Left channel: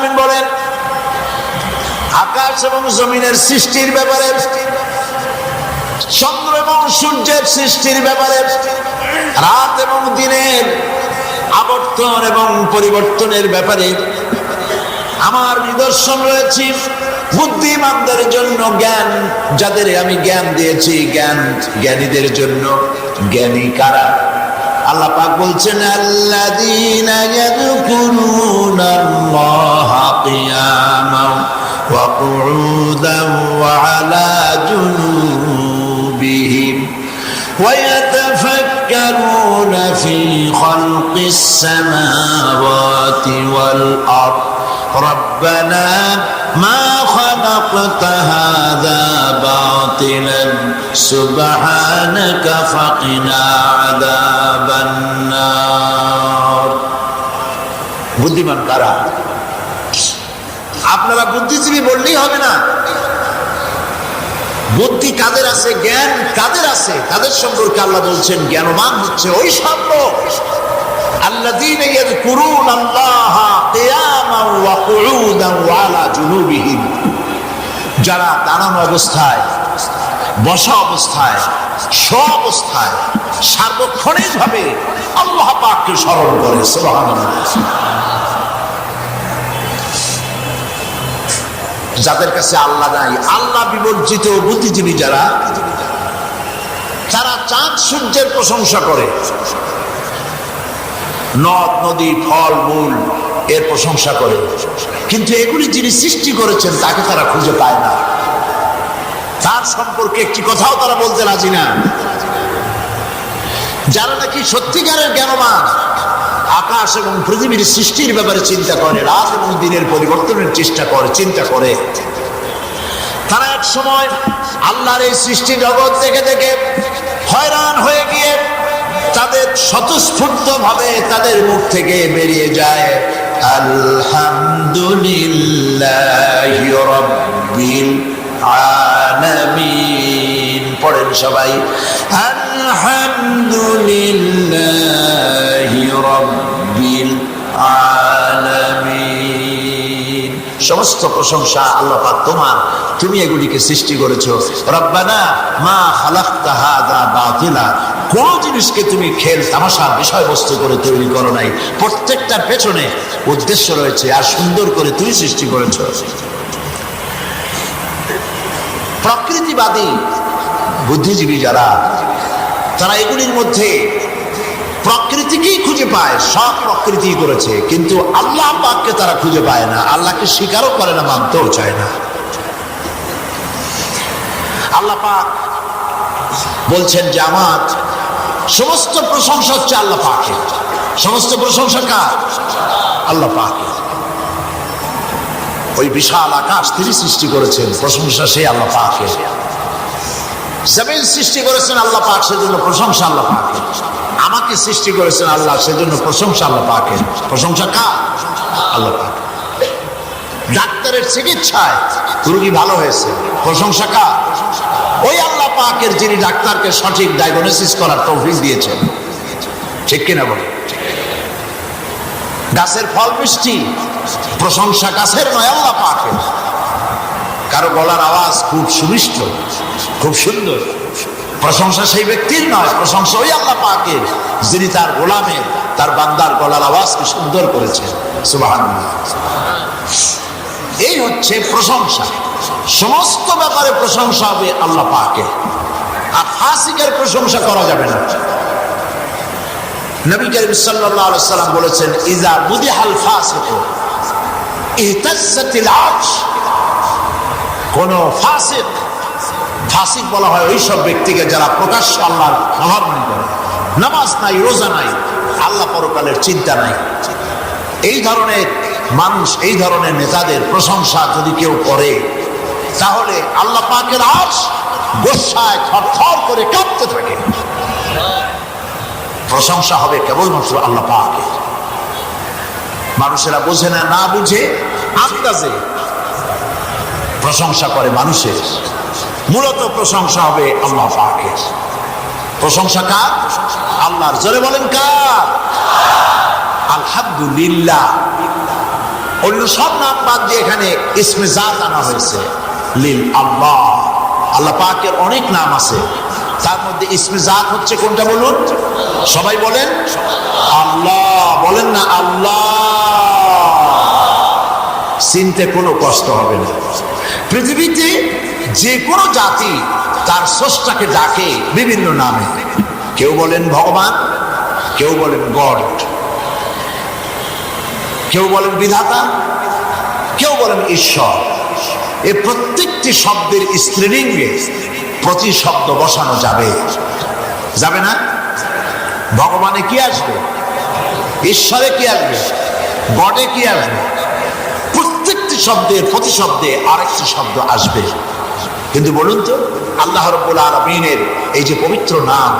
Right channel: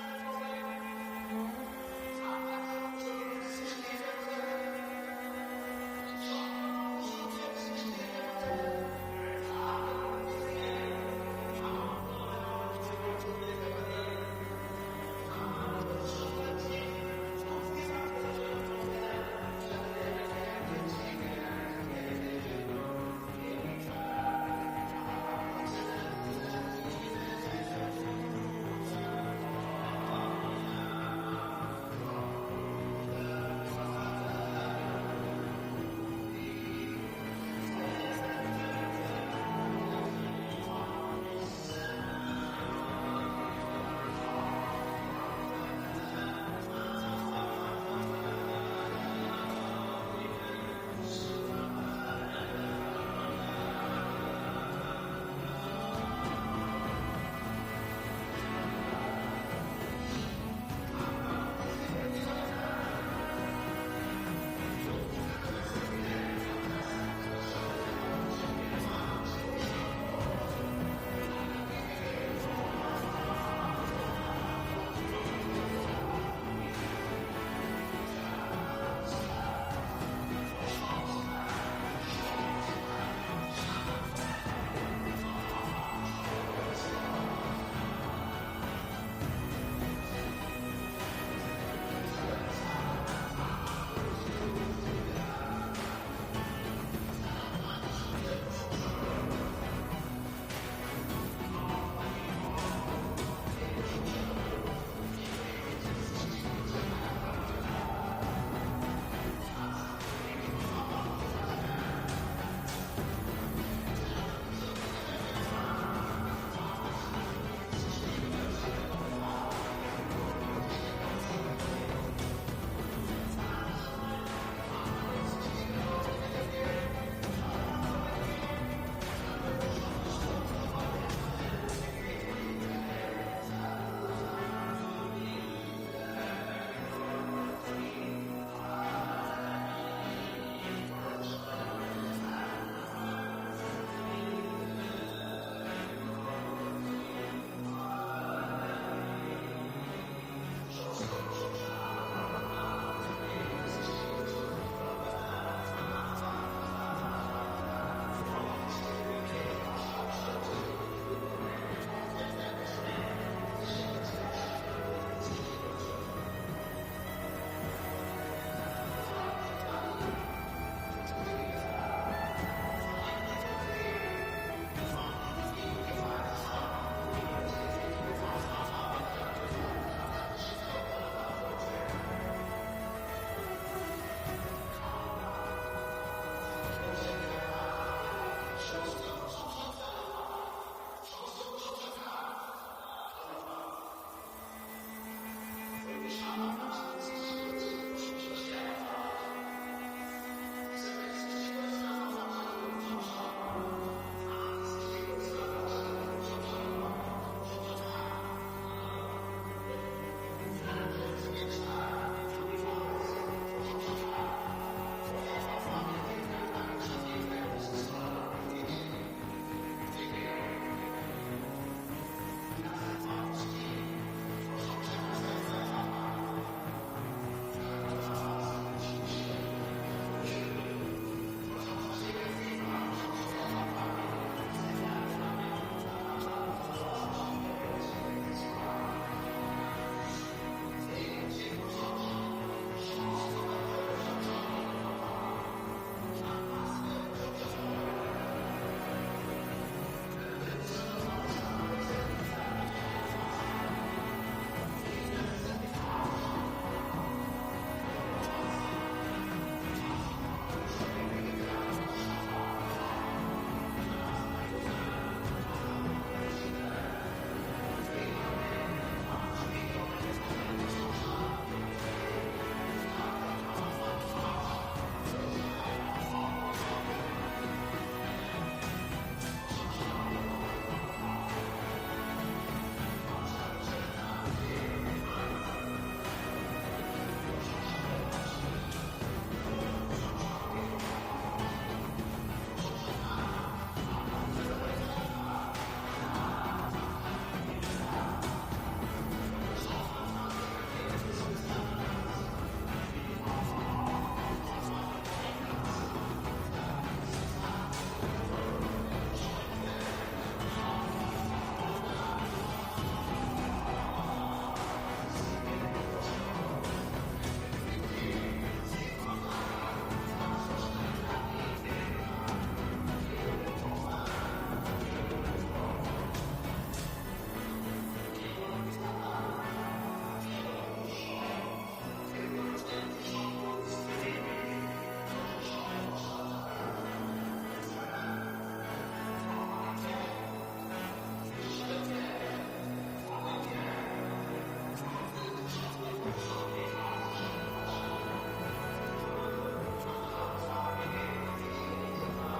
আলামিন বলেন, আকাশ এবং জমিনের সৃষ্টির ব্যাপারে, চন্দ্র এবং সূর্যের সৃষ্টির ব্যাপারে, রাত এবং দিনের আবর্তন এবং পরিবর্তনের ব্যাপারে আমার নিদর্শন রয়েছে। বুদ্ধিমানদের জন্য জ্ঞান, যাদের আমি জ্ঞান দিয়েছি, জ্ঞানীদের জন্য জ্ঞানী কারা? আল্লাহ পাক বলছেন, আল্লাযীনা ইয়াযকুরুনাল্লাহা কিয়ামান ওয়া কুউদান ওয়া আলা জুনুবিহিম ওয়া ইয়াতাফাক্কারুনা ফি খালকিস সামাওয়াতি ওয়াল আরদ রাব্বানা মা খালাকতা হাযা বাতিলান সুবহানাকা ফাকিনা আযাবান নার। বুদ্ধিমান কারা? আপনারা বুদ্ধিজীবী বললেই হবে না। বুদ্ধি কাদের আছে, জ্ঞান কাদের আছে, তাদের সম্পর্কে আল্লাহ বলছেন জ্ঞানবান হচ্ছে ওই সব লোক আল্লাযীনা ইয়াযকুরুনাল্লাহা কিয়ামান ওয়া কুউদান ওয়া আলা জুনুবিহিম, যারা দাঁড়ানো অবস্থায়, বসা অবস্থায়, শোয়া অবস্থায় সার্বক্ষণিকভাবে আল্লাহ পাককে স্মরণ করে। সুবহানাল্লাহ। যাদের কাছে আল্লাহ নাই, আল্লাহ বিবর্জিত বুদ্ধিজীবী যারা, তারা চাঁদ সূর্যের প্রশংসা করে, নদ নদী ফল মূল এর প্রশংসা করে, কিন্তু এগুলি যিনি সৃষ্টি করেছেন তাকে তারা খুঁজে পায় না। তার সম্পর্কে একটি কথাও তারা বলতে রাজি না। যারা নাকি সত্যিকারের জ্ঞানবান, আকাশ এবং পৃথিবীর সৃষ্টির ব্যাপারে চিন্তা করে, রাত এবং দিনের পরিবর্তনের চেষ্টা করে, চিন্তা করে, তারা এক সময় আল্লাহর এই সৃষ্টি জগৎ দেখে দেখে হয়রান হয়ে গিয়ে তাদের স্বতঃস্ফূর্ত ভাবে তাদের মুখ থেকে বেরিয়ে যায়, আলহামদুলিল্লাহি রাব্বিল আলামিন। পড়েন সবাই, আলহামদুলিল্লাহি রাব্বিল আলামিন। সমস্ত প্রশংসা আল্লাহ পাক তোমার, তুমি এগুলিকে সৃষ্টি করেছো। রব্বানা মা খালাকতা হাযা বাতিলা, কোন জিনিসকে তুমি খেল তামাশার বিষয়বস্তু করে তৈরি করো নাই, প্রত্যেকটার পেছনে উদ্দেশ্য রয়েছে, আর সুন্দর করে তুমি সৃষ্টি করেছো। প্রকৃতিবাদী বুদ্ধিজীবী যারা, তারা এগুলির মধ্যে প্রকৃতিকেই খুঁজে পায়, সব প্রকৃতি করেছে, কিন্তু আল্লাহ পাককে তারা খুঁজে পায় না, আল্লাহকে স্বীকারও করে না, মানতেও চায় না। আল্লাহ পাক বলছেন যে আমার সমস্ত প্রশংসা হচ্ছে আল্লাহ পাকের। সমস্ত প্রশংসা কার? আল্লাহ পাকের। ওই বিশাল আকাশ তিনি সৃষ্টি করেছেন, প্রশংসা সেই আল্লাহ পাকের। জমিন সৃষ্টি করেছেন আল্লাহ পাক, সেজন্য প্রশংসা আল্লাহ পাকের। আমাকে সৃষ্টি করেছেন আল্লাহ, সেজন্য প্রশংসা আল্লাহ পাকের। প্রশংসা কার? আল্লাহ পাক। ডাক্তারের চিকিৎসায় রোগী ভালো হয়েছে, প্রশংসা কার? ওই আল্লাহ পাকের, যিনি ডাক্তারকে সঠিক ডায়াগনোসিস করার তৌফিক দিয়েছেন। ঠিক কিনা বলে? গাছের ফল মিষ্টি, প্রশংসা গাছের নয়, আল্লাহ পাকের। কারো গলার আওয়াজ খুব সুমিষ্ট, খুব সুন্দর, প্রশংসা সেই ব্যক্তির নয়, প্রশংসা ওই আল্লাহ পাকের, যিনি তার গোলামের, তার বান্দার গলার আওয়াজকে সুন্দর করেছেন। সুবহানাল্লাহ। এই হচ্ছে প্রশংসা। সমস্ত ব্যাপারে প্রশংসা হবে আল্লাহ পাকের, আর ফাসিকের প্রশংসা করা যাবে না। নবী করিম সাল্লাল্লাহু আলাইহি সাল্লাম বলেছেন, ইযা মুদিহাল ফাসিকু ইহতাজ্জাতিল আরশ। কোন ফাসিক, ফাসিক বলা হয় ওই সব ব্যক্তিকে যারা প্রকাশ্য আল্লাহর অবমাননা করে, নামাজ নাই, রোজা নাই, আল্লাহ পরকালের চিন্তা নাই। এই ধরনের মানুষ, এই ধরনের নেতাদের প্রশংসা যদি কেউ করে, তাহলে আল্লাহ পাকের আরশ গোসায় থরথর করে কাঁপতে থাকে। প্রশংসা হবে কেবলমাত্র আল্লাহ পাকের। মানুষেরা বোঝে না, না বুঝে আন্দাজে প্রশংসা করে মানুষের, মূলত প্রশংসা হবে আল্লাহ পাকের। প্রশংসা কার? আল্লাহর। জোরে বলেন কার? আলহামদুলিল্লাহ। অন্য সব নাম বাদ দিয়ে এখানে ইসমে জাত আনা হয়েছে লিল আল্লাহ। আল্লাহ পাকের অনেক নাম আছে, তার মধ্যে ইসমে জাত হচ্ছে কোনটা বলুন? সবাই বলেন আল্লাহ। বলেন না আল্লাহ। চিনতে কোনো কষ্ট হবে না। পৃথিবীতে যে কোনো জাতি তার স্রষ্টাকে ডাকে বিভিন্ন নামে। কেউ বলেন ভগবান, কেউ বলেন গড, কেউ বলেন বিধাতা, কেউ বলেন ঈশ্বর। এই প্রত্যেকটি শব্দের স্ত্রীলিঙ্গে প্রতিশব্দ বসানো যাবে, যাবে না? ভগবানে কি আসবে? ঈশ্বরে কি আসবে? গডে কি আসবে? প্রত্যেকটি শব্দের প্রতিশব্দে আরেকটি শব্দ আসবে। কিন্তু বলুন তো, আল্লাহ রাব্বুল আলামিনের এই যে পবিত্র নাম,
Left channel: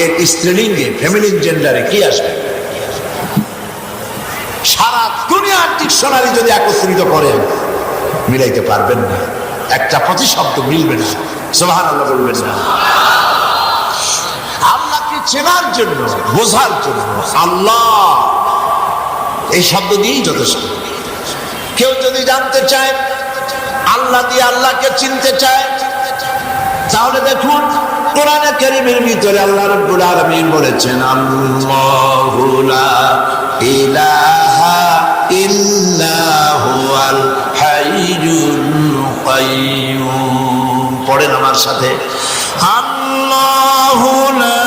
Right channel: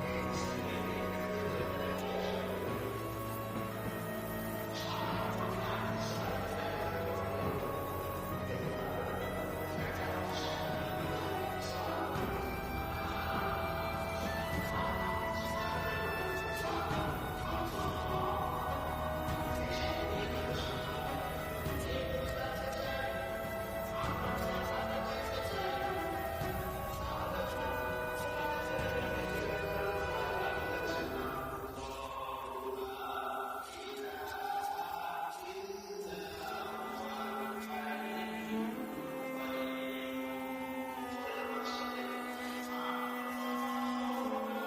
এর স্ত্রীলিঙ্গে ফেমিনিন জেন্ডারে কি আসবে? সারা দুনিয়ার ডিকশনারি যদি একত্রিত করেন মিলাইতে পারবেন না, একটা প্রতিশব্দ মিলবে না। সুবহানাল্লাহ বলবেন না? আল্লাহকে চেনার জন্য, বোঝার জন্য আল্লাহ এই শব্দ দিয়েই যথেষ্ট। কেউ যদি জানতে চায়, আল্লাহ দিয়ে আল্লাহকে চিনতে চায়, তাহলে দেখুন কোরআনে কারীমের ভিতরে আল্লাহ রাব্বুল আলামিন বলেছেন আল্লাহু লা ইলাহা ইল্লা হুয়াল হাইয়ুল কাইয়্যুম। পড়েন আমার সাথে, আল্লাহু লা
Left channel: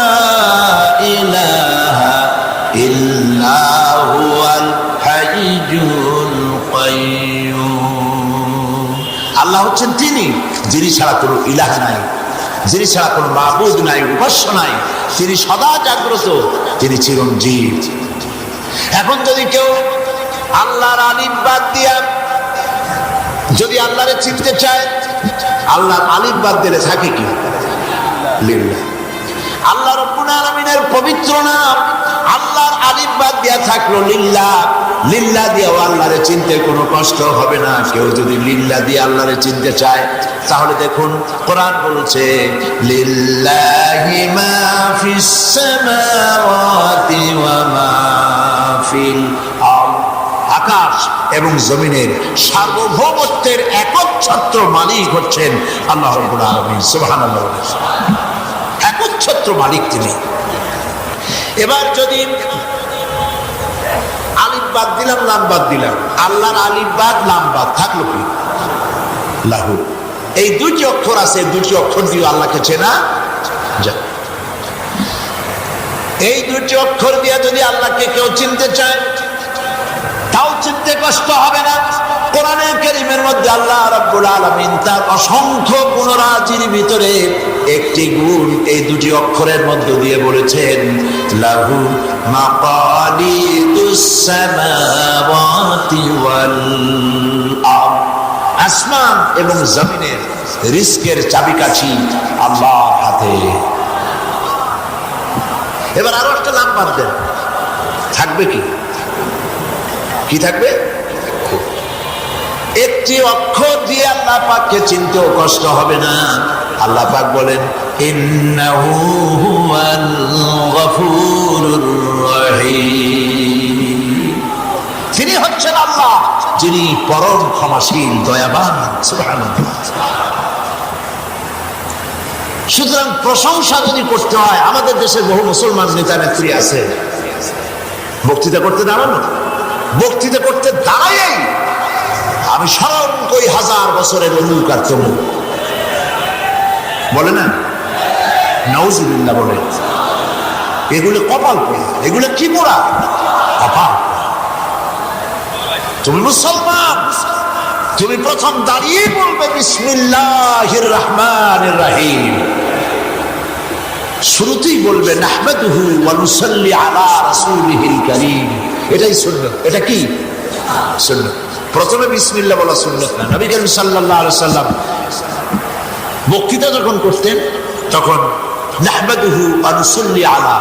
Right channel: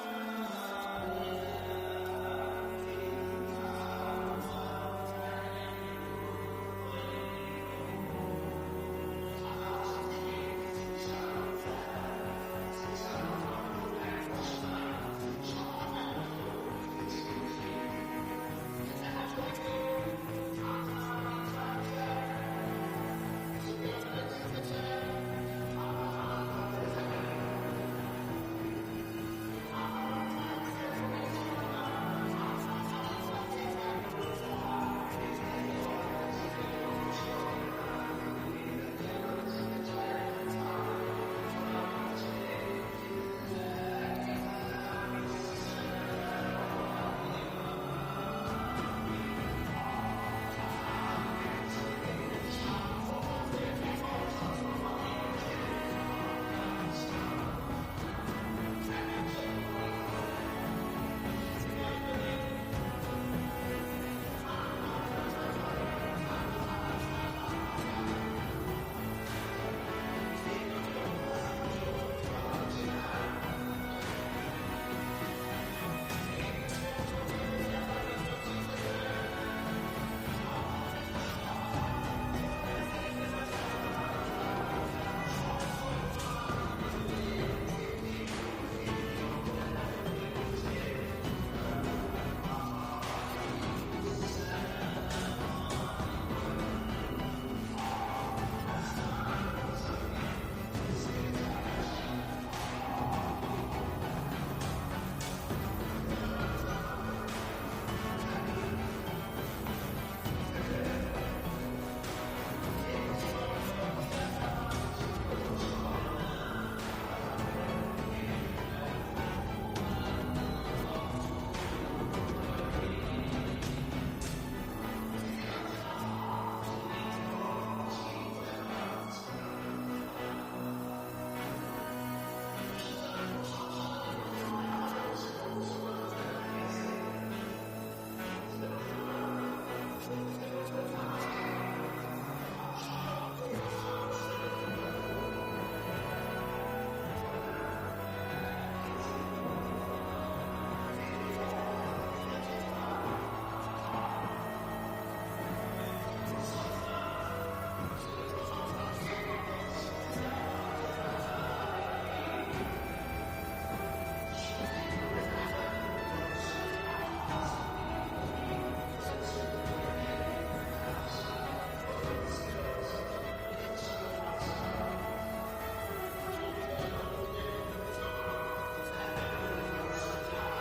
ইলাহা ইল্লা হুয়াল হাইয়ুল কাইয়্যুম। আল্লাহ হচ্ছেন তিনি যিনি ছাড়া কোনো ইলাহ নাই, যিনি ছাড়া কোনো মাবুদ নাই, উপাস্য নাই। তিনি সদা জাগ্রত, তিনি চিরঞ্জীব। এখন যদি কেউ আল্লাহর আলিফ বাদ দিয়া যদি আল্লাহরে চিনতে চায়, আল্লাহর আলিফ বাদ দিলে থাকে কি? লিল্লাহ। আল্লাহ রাব্বুল আলামিনের পবিত্র নাম, আল্লাহর আলিফ বাদ দিয়া থাকলো লিল্লাহ। লিল্লাহ দিয়েও আল্লাহরে চিনতে কোনো কষ্ট হবে না। কেউ যদি লিল্লাহ দিয়ে আল্লাহরে চিনতে চায়, তাহলে দেখুন কোরআন বলছে লিল্লাহি মা ফিস সামাওয়াতি ওয়া মা ফিল আরদ। আকাশ এবং জমিনের সার্বভৌমত্বের একচ্ছত্র মালিক হচ্ছেন আল্লাহ রাব্বুল আলামিন। সুবহানাল্লাহ। একচ্ছত্র মালিক তিনি। এবার যদি আলিফ বাদ দিলাম, লাম বাদ দিলাম, আল্লাহর আলিফ বাদ লাম বাদ থাকলো কি? লাহু। এই দুটি অক্ষর আছে, দুটি অক্ষর দিয়ে আল্লাহকে চেনা যায়। এই দুটি অক্ষর দিয়ে যদি আল্লাহকে কেউ চিনতে চায়, তাও চিনতে কষ্ট হবে না। কোরআনে কারীমের মধ্যে আল্লাহ রাব্বুল আলামিন তার অসংখ্য গুণরাজির ভিতরে একটি গুণ এই দুটি অক্ষরের মধ্য দিয়ে বলেছেন লাহু মাকালিদুস সামাওয়াতি ওয়াল আরদ। আসমান এবং জমিনের রিজকের চাবিকাঠি আল্লাহর হাতে। এবার আরো একটা নাম বাদ দেন, থাকবে কি? কি থাকবে? একটি অক্ষর দিয়ে আল্লাহ পাককে চিনতেও কষ্ট হবে না। আল্লাহ পাক বলেন ইন্নাহু হুয়াল গফুরুর রহিম। তিনি হচ্ছেন আল্লাহ যিনি পরম ক্ষমাশীল, দয়াবান। সুবহানাল্লাহ। সুতরাং প্রশংসা যদি করতে হয়, আমাদের দেশে বহু মুসলমান নেতা নেত্রী আছে, বক্তৃতা করতে দাঁড়ানো, বক্তৃতা করতে দাঁড়াই আমি স্মরণ করি 1000 বছরের অমুক আর তমুক, বলে না? নাউজুবিল্লাহ বলে। এগুলো কপাল পোড়া, এগুলো কি পোড়া? কপাল। তুমি মুসলমান, তুমি প্রথম দাঁড়িয়ে বলবে বিসমিল্লাহির রহমানির রহিম। শুরুতেই বলবে নাহমাদুহু ওয়া নুসাল্লি আলা রাসূলিহিল কারীম। এটাই সুন্নাত। এটা কি সুন্নাত? প্রথমে বিসমিল্লাহ বলা সুন্নাত না। নবী করিম সাল্লাল্লাহু আলাইহি সাল্লাম বক্তৃতা যখন করতেন তখন নাহমাদুহু ওয়া নুসাল্লি আলা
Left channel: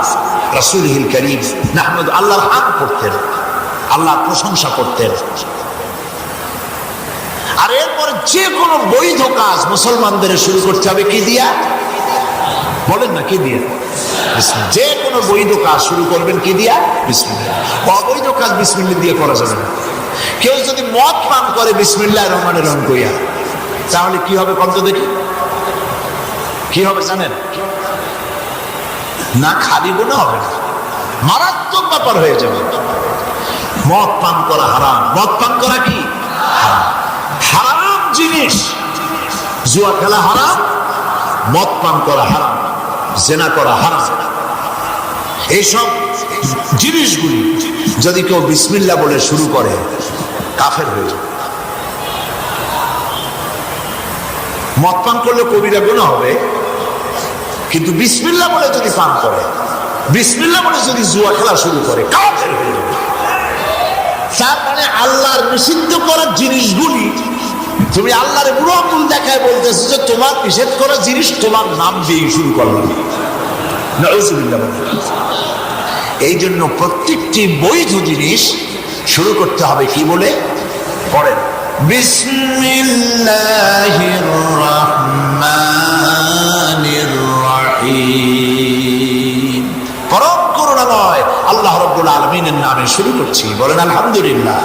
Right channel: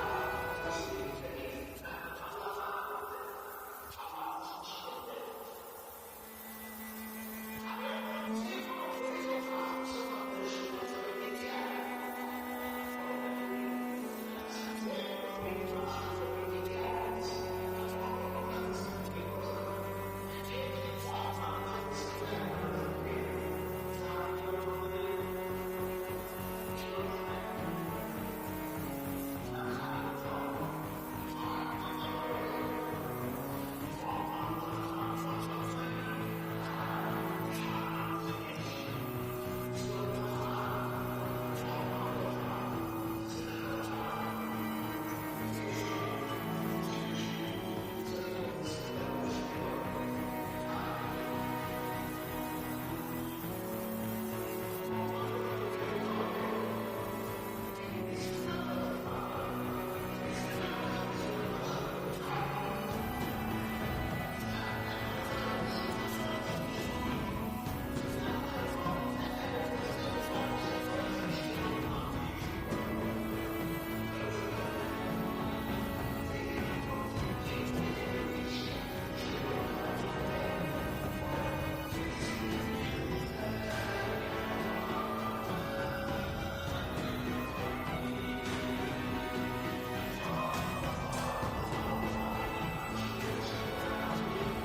রাসূলিহিল কারীম, নাহমাদ, আল্লাহর হামদ করতেন, আল্লাহর প্রশংসা করতেন। আর এরপরে যে কোনো বৈধ কাজ মুসলমানদের শুরু করতে হবে কি দিয়া? বলেন না, কি দিয়া? যে কোনো বৈধ কাজ শুরু করবেন কি দিয়া? বিসমিল্লাহ। অবৈধ কাজ বিসমিল্লাহ দিয়ে করা যাবে না। কেউ যদি মদ পান করে বিসমিল্লাহির রহমানির রহিম কইয়া, তাহলে কি হবে কত দেখি? কি হবে জানেন? না খালি গুনাহ হবে না, মারাত্মক ব্যাপার হয়ে যাবে। মদ পান করা হারাম। মদ পান করা কি হারাম? হারাম জিনিস। জুয়া খেলা হারাম, মদ পান করা হারাম, জেনা করা হারাম। এইসব জিনিসগুলি যদি কেউ বিসমিল্লাহ বলে শুরু করে, কাফের হয়ে যাবে। মদ পান করলে কবিরা গুনাহ হবে, কিন্তু বিসমিল্লাহ বলে যদি পান করে, বিসমিল্লাহ বলে যদি জুয়া খেলা শুরু করে, কাফের হয়ে যাবে। তার মানে আল্লাহর নিষিদ্ধ করার জিনিসগুলি তুমি আল্লাহর বুড়ো আঙুল দেখায় বলতেছো যে তোমার নিষেধ করা জিনিস তোমার নাম দিয়ে শুরু করলাম। নাউযুবিল্লাহ। এই জন্য প্রত্যেকটি বৈধ জিনিস শুরু করতে হবে কি বলে? পড়েন, বিসমিল্লাহির রাহমানির রাহিম। পরম করুণাময় আল্লাহ রাব্বুল আলামিনের নামে শুরু করছি। বলেন আলহামদুলিল্লাহ।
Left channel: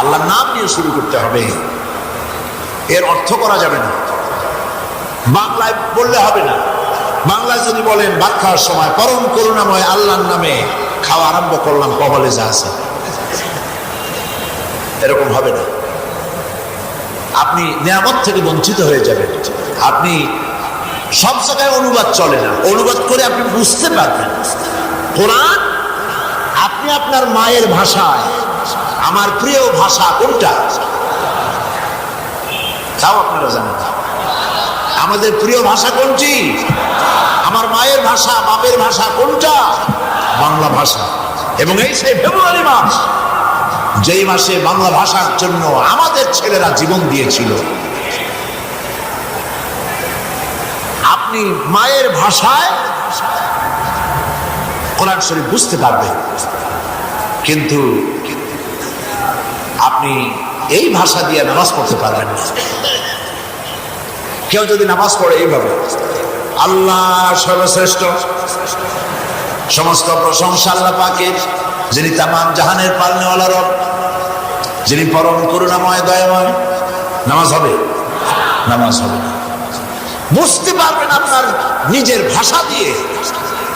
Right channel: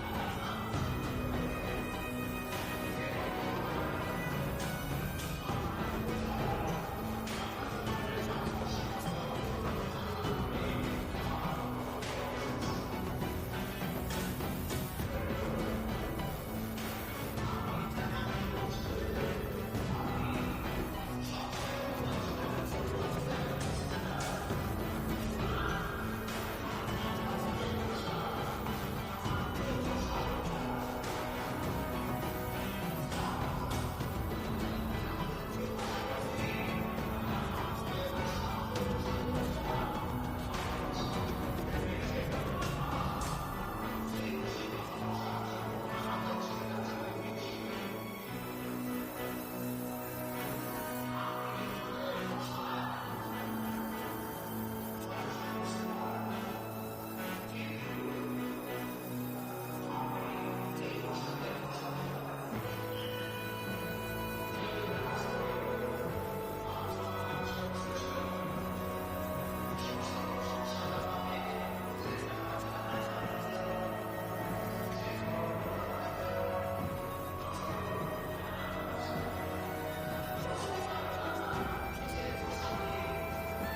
আল্লাহর নাম নিয়ে শুরু করতে হবে। এর অর্থ করা যাবে না, বাংলায় বললে হবে না। বাংলায় যদি বলেন ভাত খাওয়ার সময় পরম করুণাময় আল্লাহর নামে খাওয়া আরম্ভ করলাম, কবলে যা আছে, এরকম হবে না। আপনি নিয়ামত থেকে বঞ্চিত হয়ে যাবেন। আপনি সব জায়গায় অনুবাদ চলে না, অনুবাদ করে আপনি বুঝতে পারবেন। কোরআন আপনি আপনার মায়ের ভাষায়, আমার প্রিয় ভাষা কোনটা তাও আপনারা জানেন। আমাদের প্রিয় ভাষা কোনটি? আমার মায়ের ভাষা, বাপের ভাষা কোনটা? বাংলা ভাষা। এবং এই সেই ফেব্রুয়ারি মাস, যেই মাসে বাংলা ভাষার জন্য আমাদের ছেলেরা জীবন দিয়েছিল। আপনি মায়ের ভাষায় কোরআন শরীফ বুঝতে পারবেন, কিন্তু আপনি এই ভাষা দিয়ে নামাজ পড়তে পারবেন না। কেউ যদি নামাজ পড়ে এইভাবে, আল্লাহ সর্বশ্রেষ্ঠ, সমস্ত প্রশংসা আল্লাহ পাকের, যিনি তামাম জাহানের পালনেওয়ালা রব, যিনি পরম করুণাময় দয়াময়, নামাজ হবে? নামাজ হবে না। বুঝতে পারবেন আপনার নিজের ভাষা দিয়ে,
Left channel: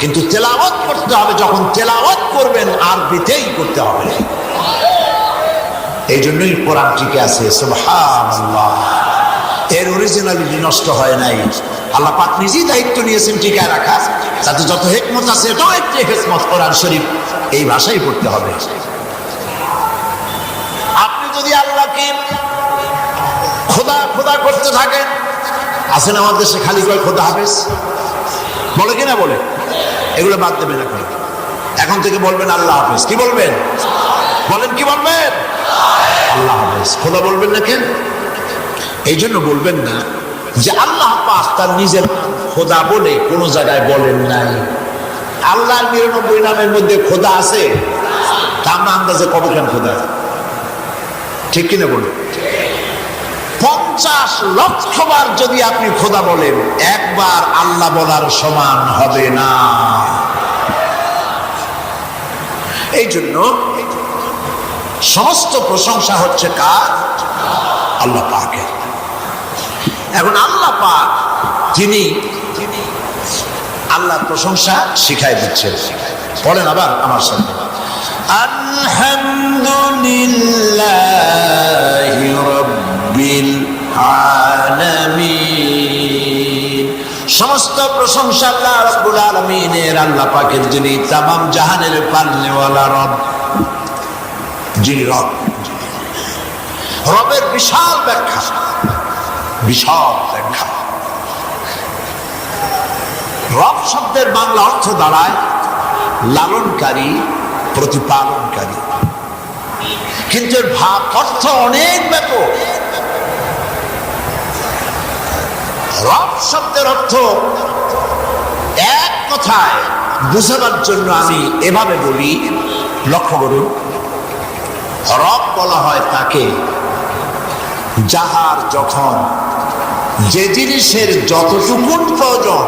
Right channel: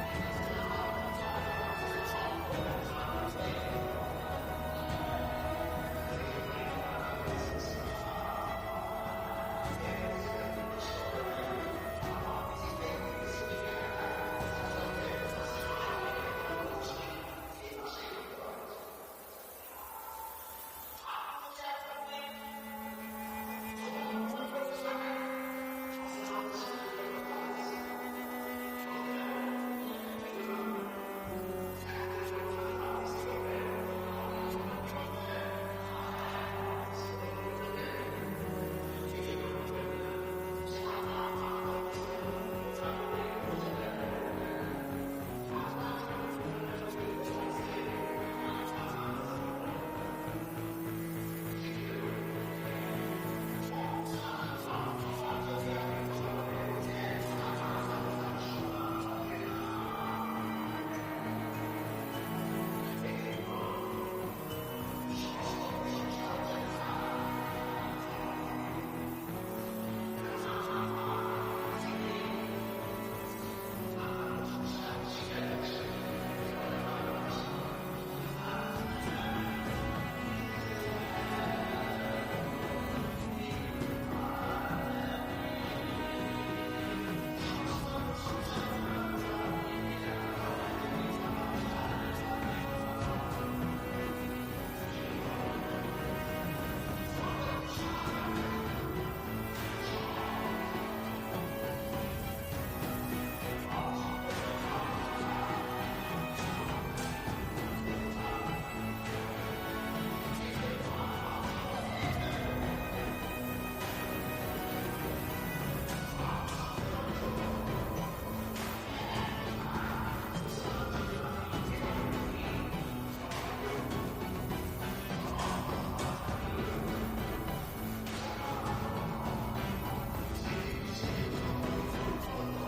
কিন্তু তেলাওয়াত করতে হবে। যখন তেলাওয়াত করবেন আরবিতেই করতে হবে। এই জন্যই কোরআন টিকে আছে। সুবহানাল্লাহ। এর অরিজিনালিটি নষ্ট হয় নাই। আল্লাহ পাক নিজেই দায়িত্ব নিয়েছেন টিকায় রাখা। তাতে যত হিকমত আছে, এটাও একটি হিকমত। কোরআন শরীফ এই ভাষাই পড়তে হবে। আপনি যদি আল্লাহকে খোদা খোদা করতে থাকেন, আছেন আমাদের দেশে খালি কয় খোদা হাফেজ, বলে কিনা বলে, এগুলো বাদ দেবেন। এখন থেকে বলবেন আল্লাহ হাফেজ। কি বলবেন? বলেন কি বলবেন? আল্লাহ হাফেজ। খোদা বলবেন না কেন? এই জন্য বলবেন না যে আল্লাহ পাক তার নিজের খোদা বলে কোনো জায়গায় বলেন নাই। আল্লাহর ৯৯ নামের মধ্যে খোদা আছে, তা আমরা আন্দাজে কবে কেন খোদা? ঠিক কিনা বলুন? ৫০ লক্ষ বার যদি আপনি খোদা বলেন, একবার আল্লাহ বলার সমান হবে না। এই জন্য সমস্ত প্রশংসা হচ্ছে কার? আল্লাহ পাকের। এখন আল্লাহ পাক যিনি আল্লাহর প্রশংসা শিখাই দিচ্ছেন। বলেন আবার আমার সাথে, আলহামদুলিল্লাহি রাব্বিল আলামিন। সমস্ত প্রশংসা আল্লাহ রাব্বুল আলামিনের, আল্লাহ পাকের, যিনি তামাম জাহানের পালনেওয়ালা রব, যিনি রব। রবের বিশাল ব্যাখ্যা, বিশাল ব্যাখ্যা। রব শব্দের বাংলা অর্থ দাঁড়ায় লালনকারী, প্রতিপালনকারী, কিন্তু এর ভাব অর্থ অনেক ব্যাপক। রব শব্দের অর্থ এক কথায় বুঝাবার জন্য আমি এভাবে বলি, লক্ষ্য করুন। রব বলা হয় তাকে যাহার যখন যে জিনিসের যতটুকুন প্রয়োজন,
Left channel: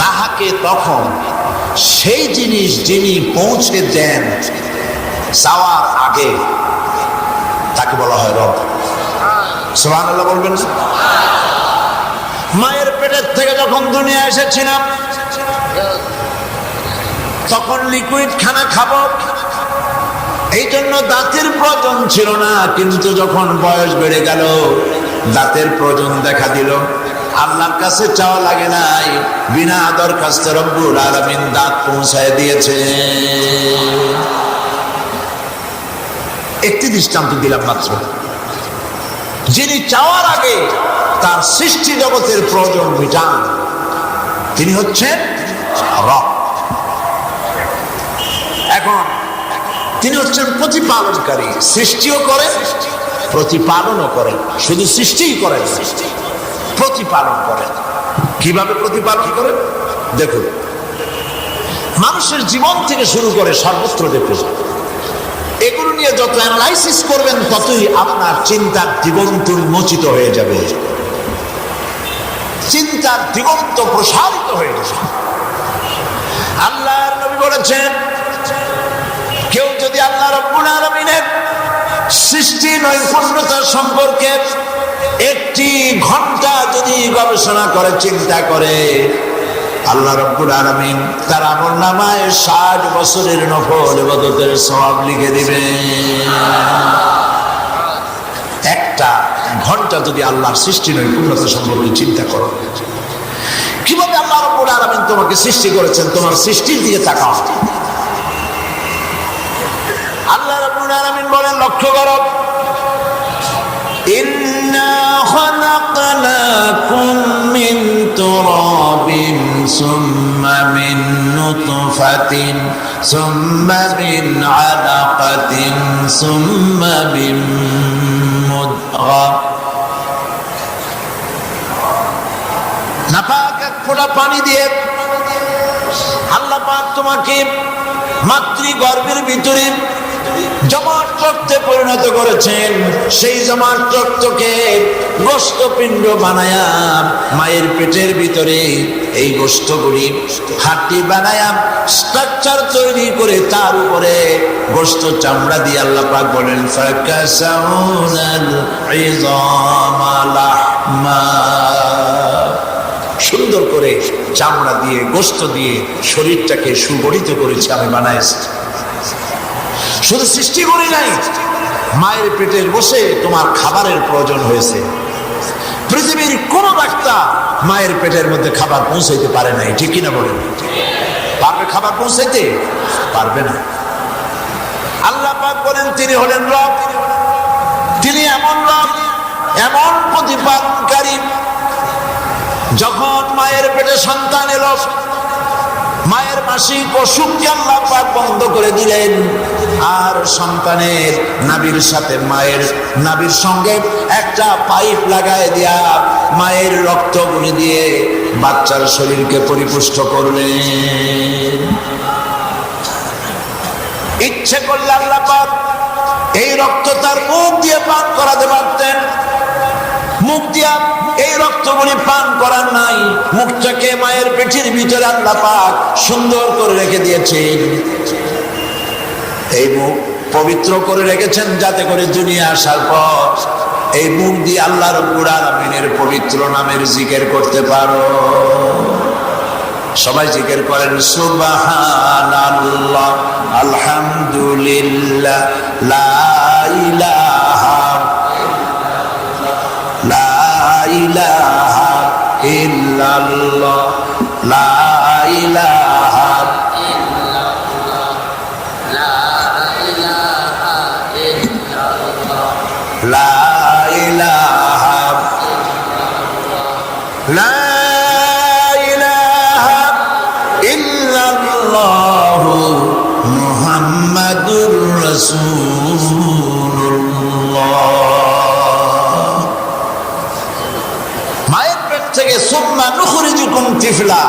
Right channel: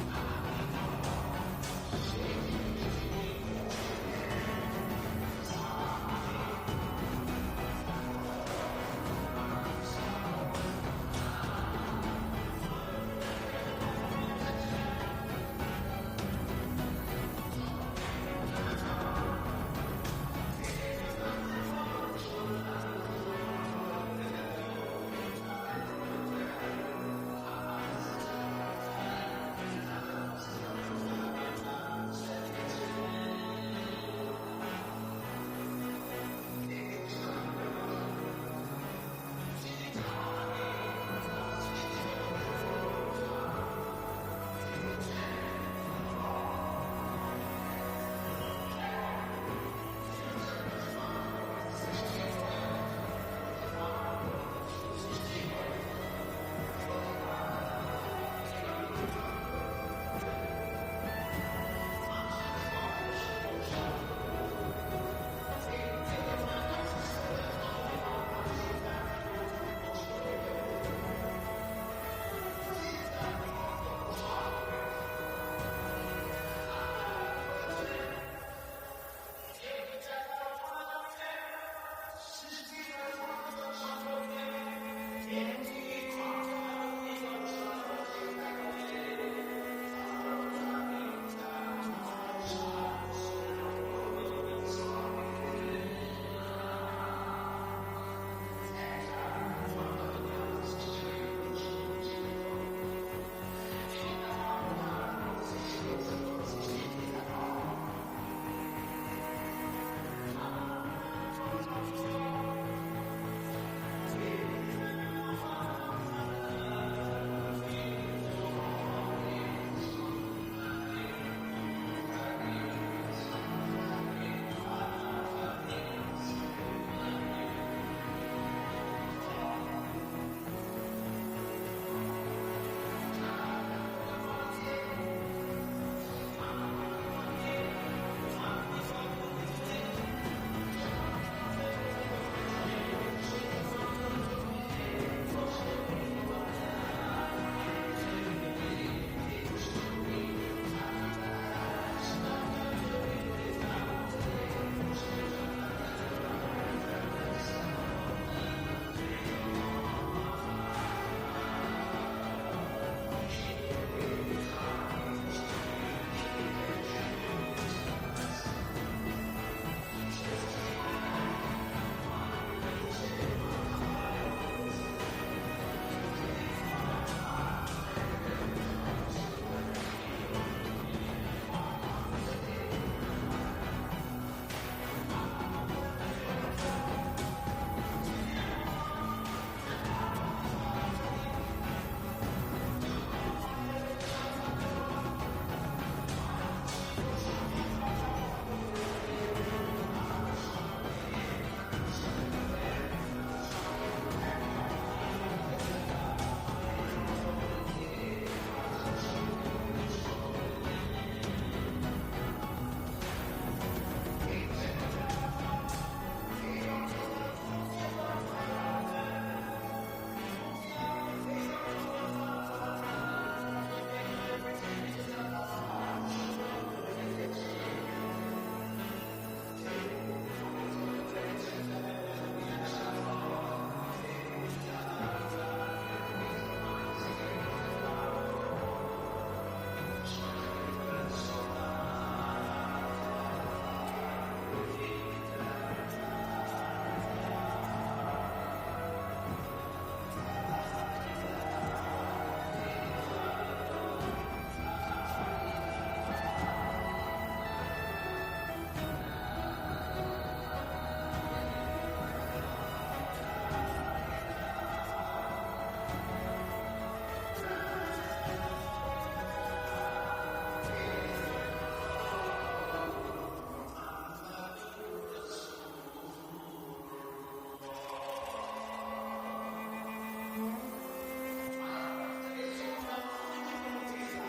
তাহাকে তখন সেই জিনিস যিনি পৌঁছে দেন চাওয়ার আগে, তাকে বলা হয় রব। সুবহানাল্লাহ বলবেন না? মায়ের পেটের থেকে যখন দুনিয়া এসেছিলাম তখন লিকুইড খানা খাবো, এই জন্য দাঁতের প্রয়োজন ছিল না। কিন্তু যখন বয়স বেড়ে গেল, দাঁতের প্রয়োজন দেখা দিল। আল্লাহর কাছে চাওয়া লাগে নাই, বিনা দরখাস্তে রব্বুল আলামিন দাঁত পৌঁছায় দিয়েছে। একটি দৃষ্টান্ত দিলাম মাত্র। যিনি চাওয়ার আগে তার সৃষ্টি জগতের প্রয়োজন মিটান, তিনি হচ্ছেন রব। এখন তিনি হচ্ছেন প্রতিপালনকারী, সৃষ্টিও করেন প্রতিপালনও করেন। শুধু সৃষ্টিই করেন, প্রতিপালন করেন। কিভাবে প্রতিপালন করেন দেখুন, মানুষের জীবন থেকে শুরু করে সর্বত্র দেখুন, এগুলো নিয়ে যত অ্যানালাইসিস করবেন ততই আপনার চিন্তার দিগন্ত উন্মোচিত হয়ে যাবে, চিন্তার দিগন্ত প্রসারিত হয়ে যাবে। আল্লাহর নবী বলেছেন, কেউ যদি আল্লাহ রাব্বুল আলামিনের সৃষ্টি নৈপুণ্যতা সম্পর্কে একটি ঘন্টা যদি গবেষণা করে, চিন্তা করে, আল্লাহ রাব্বুল আলামিন তার আমলনামায় 60 বছরের নফল ইবাদতের সওয়াব লিখে দিবে। একটা ঘন্টা যদি আল্লাহর সৃষ্টি নৈপুণ্যতা সম্পর্কে চিন্তা করো, কিভাবে আল্লাহ রাব্বুল আলামিন তোমাকে সৃষ্টি করেছেন, তোমার সৃষ্টির দিকে তাকাও। আল্লাহ রাব্বুল আলামিন বলেন, লক্ষ্য করো, ইন্না খালাকনাকুম মিন তুরাবিন সুম্মা মিন নুতফাতিন সুম্মা মিন আলাকাতিন সুম্মা মিন মুদগা। নাপাক এক ফোঁটা পানি দিয়ে আল্লাহ পাক তোমাকে মাতৃগর্ভের ভিতরে জমাট রক্তে পরিণত করেছেন। সেই জমাট রক্তকে গোশতপিণ্ড বানায়া মায়ের পেটের ভিতরে এই গোশতগুলি হাড্ডি বানায়া স্ট্রাকচার তৈরি করে তার উপরে গোশত চামড়া দিয়ে আল্লাহ পাক বলেন, ফাকাসাউনাল ইযামা লাহমা। সুন্দর করে চামড়া দিয়ে, গোশত দিয়ে শরীরটাকে সুগঠিত করেছে, আমি বানাইছি। শুধু সৃষ্টি করি নাই, মায়ের পেটে বসে তোমার খাবারের প্রয়োজন হয়েছে। পৃথিবীর কোন ডাক্তার মায়ের পেটের মধ্যে খাবার পৌঁছাইতে পারে নাই, ঠিক কিনা বলেন? পারবে খাবার পৌঁছাইতে? পারবে না। আল্লাহ পাক বলেন, তিনি হলেন রব। তিনি এমন রব, এমন প্রতিপালনকারী, যখন মায়ের পেটে সন্তান এলো, মায়ের মাসিক অসুখকে আল্লাহ পাক বন্ধ করে দিলেন। আর সন্তানের নাভির সাথে মায়ের নাভির সঙ্গে একটা পাইপ লাগায় দিয়া মায়ের রক্তগুলি দিয়ে বাচ্চার শরীরকে পরিপুষ্ট করলেন। ইচ্ছে করলে আল্লাহ পাক এই রক্ত তার মুখ দিয়ে পান করাতে পারতেন। মুখ দিয়া এই রক্তগুলি পান করার নাই, মুখটাকে মায়ের পেটের ভিতরে আল্লাহ পাক সুন্দর করে রেখে দিয়েছেন। এই মুখ পবিত্র করে রেখেছেন যাতে করে দুনিয়া আসার পর এই মুখ দিয়ে আল্লাহ রাব্বুল আলামিনের পবিত্র নামের জিকির করতে পারো। সবাই জিকির করেন, সুবহানাল্লাহ, আলহামদুলিল্লাহ, লা ইলাহা ইল্লাল্লাহ, লা ইলাহা লা ইলাহা লা ইলাহা ইল্লাল্লাহ মুহাম্মাদুর রাসূলুল্লাহ। মায়ের পেট থেকে সুম্মা নুখরিজুকুম তিফলা,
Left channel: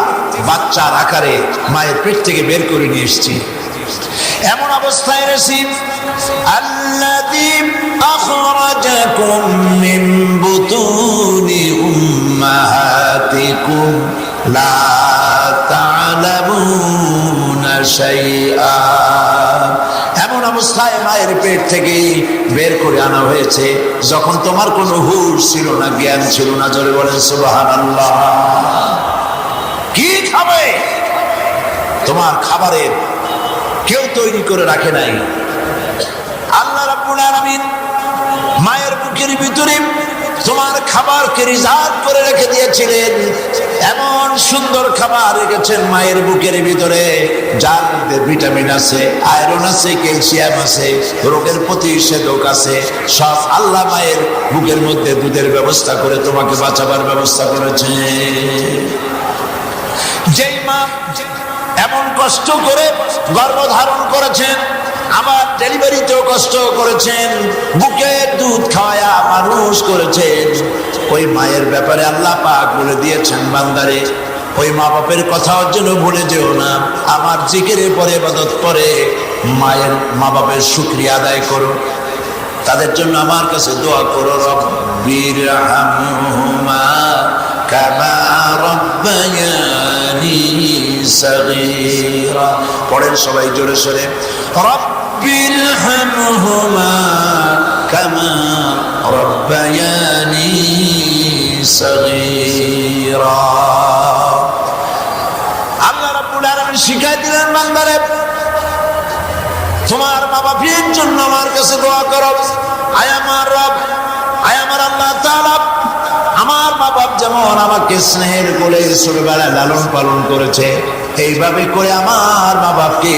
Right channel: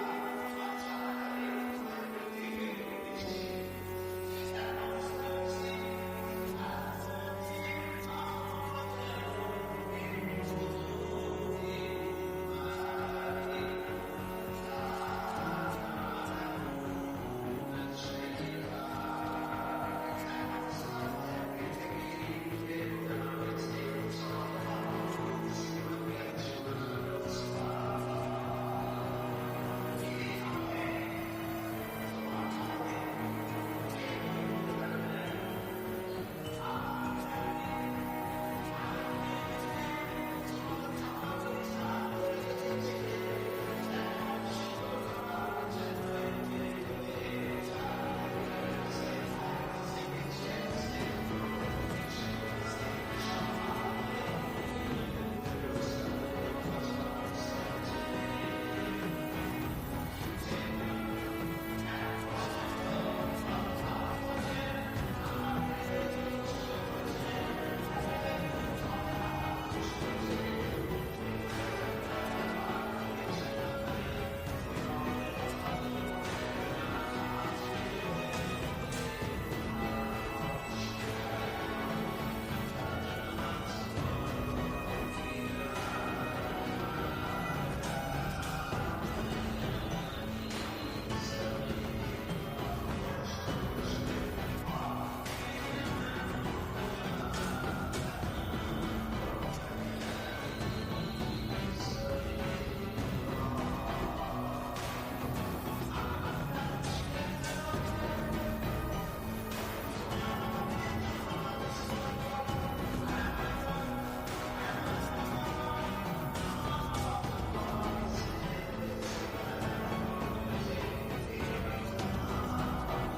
বাচ্চার আকারে মায়ের পেট থেকে বের করে নিয়ে এসেছি। এমন অবস্থায় এসেছি, আল্লাযী আখরাজাকুম মিন বুতুনি উম্মাহাতিকুম লা তা'লামুনা শাইআ। এমন অবস্থায় মায়ের পেট থেকে বের করে আনা হয়েছে। হয়েছে যখন তোমার কোনো হুঁশ ছিল না, জ্ঞান ছিল না। জোরে বলেন সুবহানাল্লাহ। কি খাবে? তোমার খাবারের কেউ তৈরি করে রাখে নাই। আল্লাহ রাব্বুল আলামিন মায়ের বুকের ভিতরে তোমার খাবারকে রিজার্ভ করে রেখে দিয়েছিলেন। এমন সুন্দর খাবার রেখেছেন মায়ের বুকের ভিতরে, যার মধ্যে ভিটামিন আছে, আয়রন আছে, ক্যালসিয়াম আছে, রোগের প্রতিষেধক আছে। সব আল্লাহ মায়ের বুকের মধ্যে দুধের ব্যবস্থা করে তোমাকে বাঁচাবার ব্যবস্থা করেছে। যেই মা এমন কষ্ট করে গর্ভধারণ করেছেন, আবার ডেলিভারিতেও কষ্ট করেছেন, বুকের দুধ খাওয়ায়া মানুষ করেছেন, ওই মায়ের ব্যাপারে আল্লাহ পাক বলে দিয়েছেন, বান্দারে ওই মা বাপের কথার জন্য ভুলে যেও না। আমার জিকিরের পরে ইবাদত করে মায়ের মা বাপের শুকরিয়া আদায় করো, তাদের জন্য আমার কাছে দোয়া করো। রব্বিরহামহুমা কামা রাব্বায়ানি সাগীরা। পড়েন সবাই জোরে সোরে, রব্বিরহামহুমা কামা রাব্বায়ানি সাগীরা। আল্লাহ রাব্বুল আলামিন শিখাই দিলেন, বান্দারে তোমার মা বাপের জন্য আমার কাছে দোয়া করো। আয় আমার রব, আয় আমার আল্লাহ তাআলা, আমার মা বাপ যেমন আমাকে স্নেহের কোলে ছোটবেলায় লালন পালন করেছে, এইভাবে করে আমার মা বাপকে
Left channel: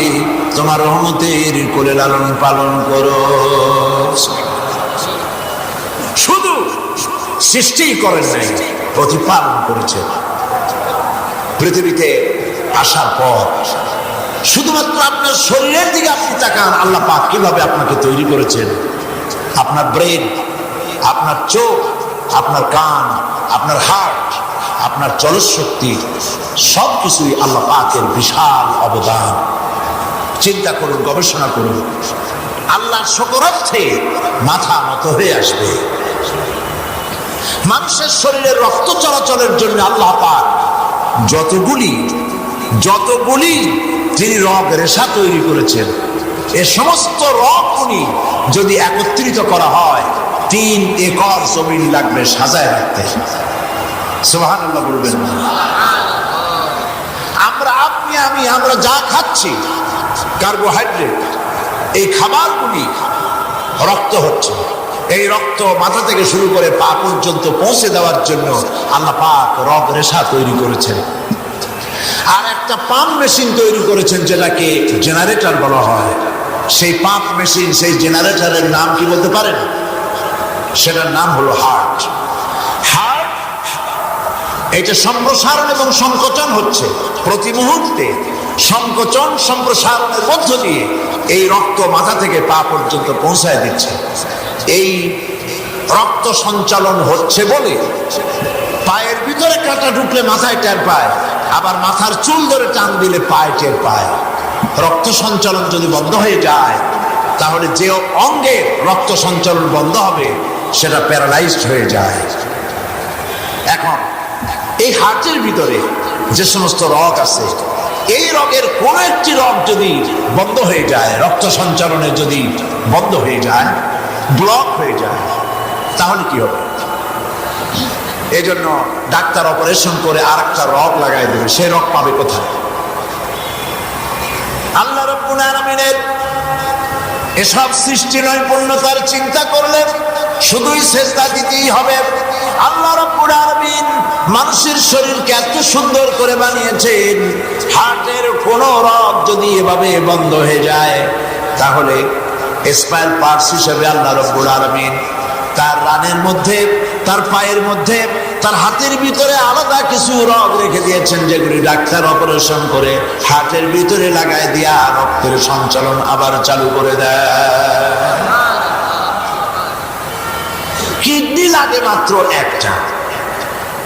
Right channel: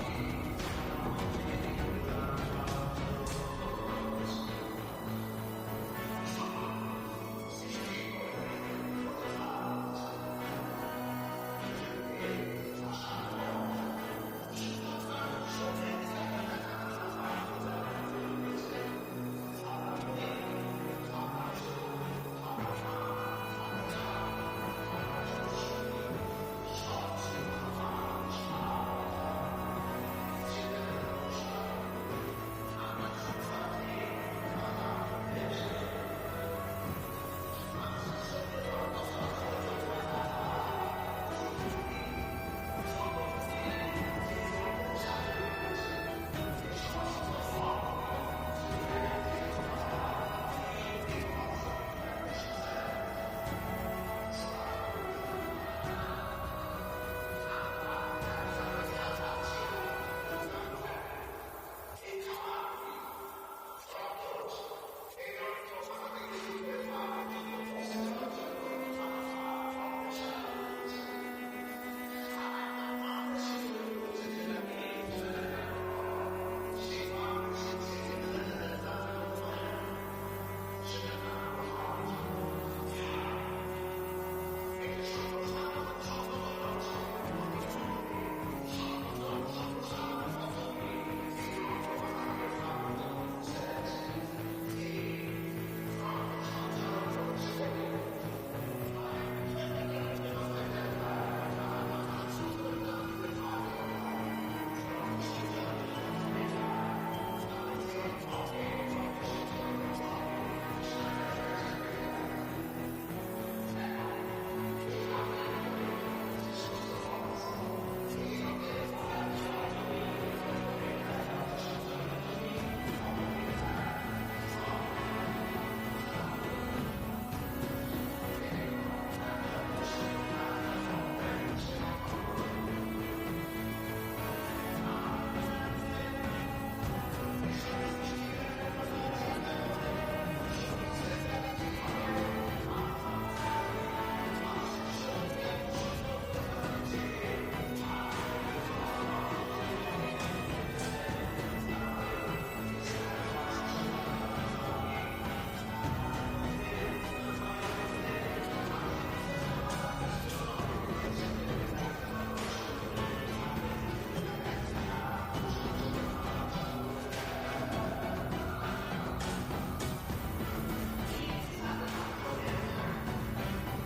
তোমার রহমতের কোলে লালন পালন করো। শুধু সৃষ্টি করেন নাই, প্রতিপালন করেছে। পৃথিবীতে আসার পর শুধুমাত্র আপনার শরীরের দিকে আপনি তাকান, আল্লাহ পাক কিভাবে আপনাকে তৈরি করেছেন। আপনার ব্রেন, আপনার চোখ, আপনার কান, আপনার হার্ট, আপনার চলশক্তি, সবকিছুই আল্লাহ পাকের বিশাল অবদান। চিন্তা করুন, গবেষণা করুন, আল্লাহর শকরার্থে মাথা নত হয়ে আসবে। মানুষের শরীরে রক্ত চলাচলের জন্য আল্লাহ পাক যতগুলি তিনি রগ রেশা তৈরি করেছেন, এ সমস্ত রগগুলি যদি একত্রিত করা হয় 3 একর জমিন লাগবে সাজায় রাখতে। সুবহানাল্লাহ বলবেন। আমরা যা খাচ্ছি কার্বোহাইড্রেট, এই খাবারগুলি রক্ত হচ্ছে। এই রক্ত মাথা থেকে শুরু করে পা পর্যন্ত পৌঁছে দেওয়ার জন্য আল্লাহ পাক রগ রেশা তৈরি করেছেন। আর একটা পাম্প মেশিন তৈরি করেছেন, যেটাকে জেনারেটর বলা হয়। সেই পাম্প মেশিন, সেই জেনারেটরের নাম কি বলতে পারেন? সেটার নাম হলো হার্ট। হার্ট এটা সম্প্রসারণ এবং সংকোচন হচ্ছে প্রতি মুহূর্তে। সংকোচন সম্প্রসারণের মধ্য দিয়ে এই রক্ত মাথা থেকে পা পর্যন্ত পৌঁছায় দিচ্ছে। এই রক্ত সঞ্চালন হচ্ছে বলে পায়ের ভিতরে কাঁটা ঢুকলে মাথায় টের পায়, আবার মাথার চুল ধরে টান দিলে পায়ে টের পায়। রক্ত সঞ্চালন যদি বন্ধ হয়ে যায়, তাহলে যে অঙ্গে রক্ত সঞ্চালন বন্ধ হবে সেটা প্যারালাইজড হয়ে যায়। এখন এই হার্টের ভিতরে যে সমস্ত রগ আছে, এই রগের কোন একটি রগ যদি বন্ধ হয়ে যায়, রক্ত সঞ্চালনে যদি বন্ধ হয়ে যায়, ব্লক হয়ে যায়, তাহলে কি হবে? এই জন্য ডাক্তার অপারেশন করে আর একটা রগ লাগাই দেবে। সেই রগ পাবে কোথায়? আল্লাহ রাব্বুল আলামিনের এসব সৃষ্টি নৈপুণ্যতার চিন্তা করলে শুধুই সেজদা দিতেই হবে। আল্লাহ রাব্বুল আলামিন মানুষের শরীরকে এত সুন্দর করে বানিয়েছেন, হার্টের কোন রগ যদি এভাবে বন্ধ হয়ে যায়, তাহলে স্পায়ার পার্টস হিসেবে আল্লাহ রাব্বুল আলামিন তার রানের মধ্যে, তার পায়ের মধ্যে, তার হাতের ভিতরে আলাদা কিছু রগ রেখে দিয়েছেন, যেগুলি ডাক্তার অপারেশন করে হাতের ভিতরে লাগাই দিয়া রক্তের সঞ্চালন আবার চালু করে দেয়। কিডনি লাগে মাত্র একটা,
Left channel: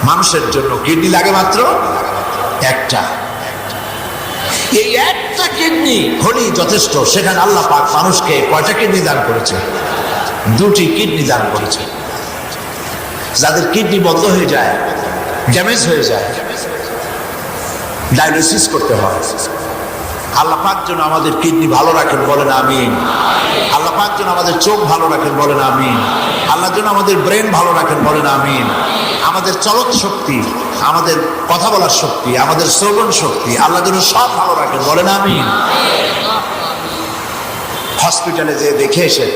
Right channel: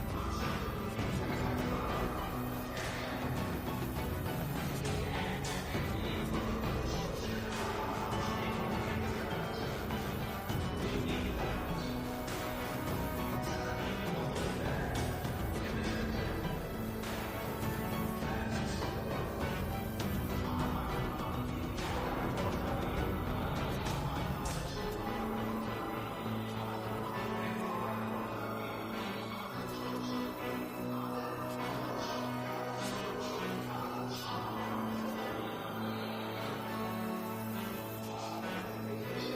মানুষের জন্য কিডনি লাগে মাত্র একটা। এই একটা কিডনি হলেই যথেষ্ট। সেখানে আল্লাহ পাক মানুষকে কয়টা কিডনি দান করেছে? 2টি কিডনি দান করেছে। যাদের কিডনি বন্ধ হয়ে যায়, ড্যামেজ হয়ে যায়, ডায়ালিসিস করতে হয়, আল্লাহ পাক যেন আমাদের কিডনি ভালো রাখেন, বলেন আমিন। আল্লাহ পাক যেন আমাদের চোখ ভালো রাখেন, বলেন আমিন। আল্লাহ যেন আমাদের ব্রেন ভালো রাখেন, বলেন আমিন। আমাদের চলৎ শক্তি, আমাদের কথা বলার শক্তি, আমাদের শ্রবণ শক্তি আল্লাহ যেন সব ভালো রাখেন, বলেন আমিন। হসপিটালে যে দেখে এসে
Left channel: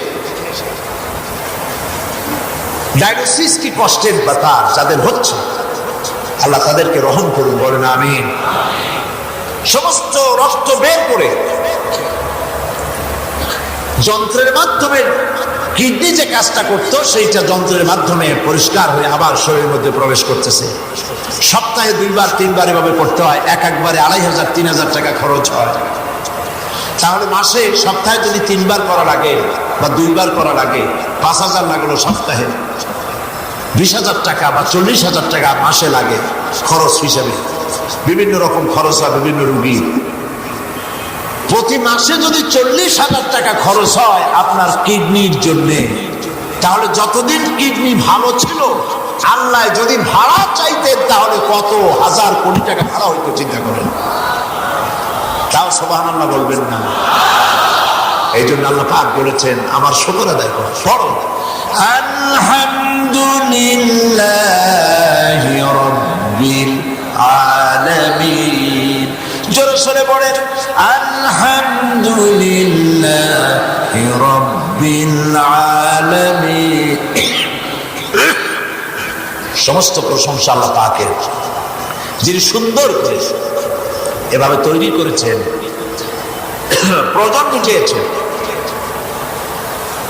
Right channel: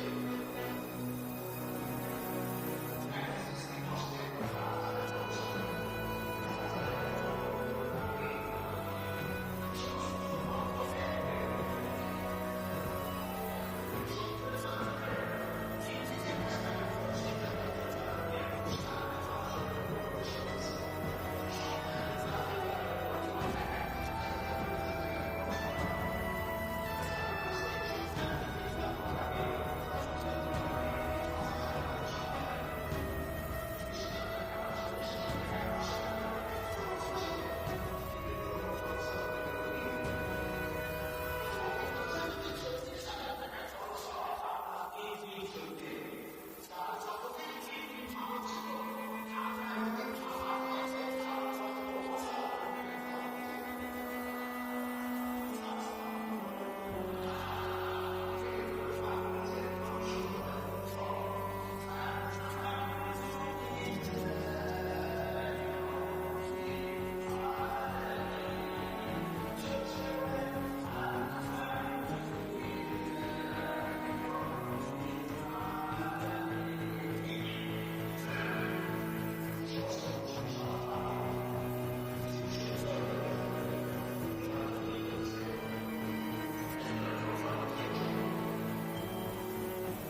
ডায়াগনোসিস কি কষ্টের ব্যাপার যাদের হচ্ছে, আল্লাহ তাদেরকে রহম করুন, বলেন আমিন। সমস্ত রক্ত বের করে যন্ত্রের মাধ্যমে কিডনি যে কাজটা করতো সেইটা যন্ত্রের মাধ্যমে পরিষ্কার হয়ে আবার শরীরের মধ্যে প্রবেশ করতেছে। সপ্তাহে 2বার 3বার এভাবে করতে হয়, একবারে 2500 3000 টাকা খরচ হয়। তাহলে মাসে সপ্তাহে যদি 3বার করা লাগে বা 2বার করা লাগে, 5000 লাগলো সপ্তাহে, 20,000 টাকা বা 40,000 টাকা মাসে লাগে খরচ হিসেবে। বিভিন্ন রকম খরচ হয় বিভিন্ন রুগী। প্রতি মাসে যদি 40,000 টাকা খরচ হয় আপনার কিডনির জন্য, তাহলে যতদিন কিডনি ভালো ছিল আল্লাহ যদি ভাড়া চাইতেন তাহলে কত হাজার কোটি টাকা ভাড়া হইতো, চিন্তা করেন। তাও সুবহানাল্লাহ বলবেন না। এই জন্য আল্লাহ পাক বলেছেন আমার শুকর আদায় করো, পড়ো আলহামদুলিল্লাহি রাব্বিল আলামিন। জোরে সরে পড়েন আলহামদুলিল্লাহি রাব্বিল আলামিন। সমস্ত প্রশংসা আল্লাহ পাকের, যিনি সুন্দর করে এভাবে তৈরি করেছেন, প্রয়োজন বুঝিয়েছেন।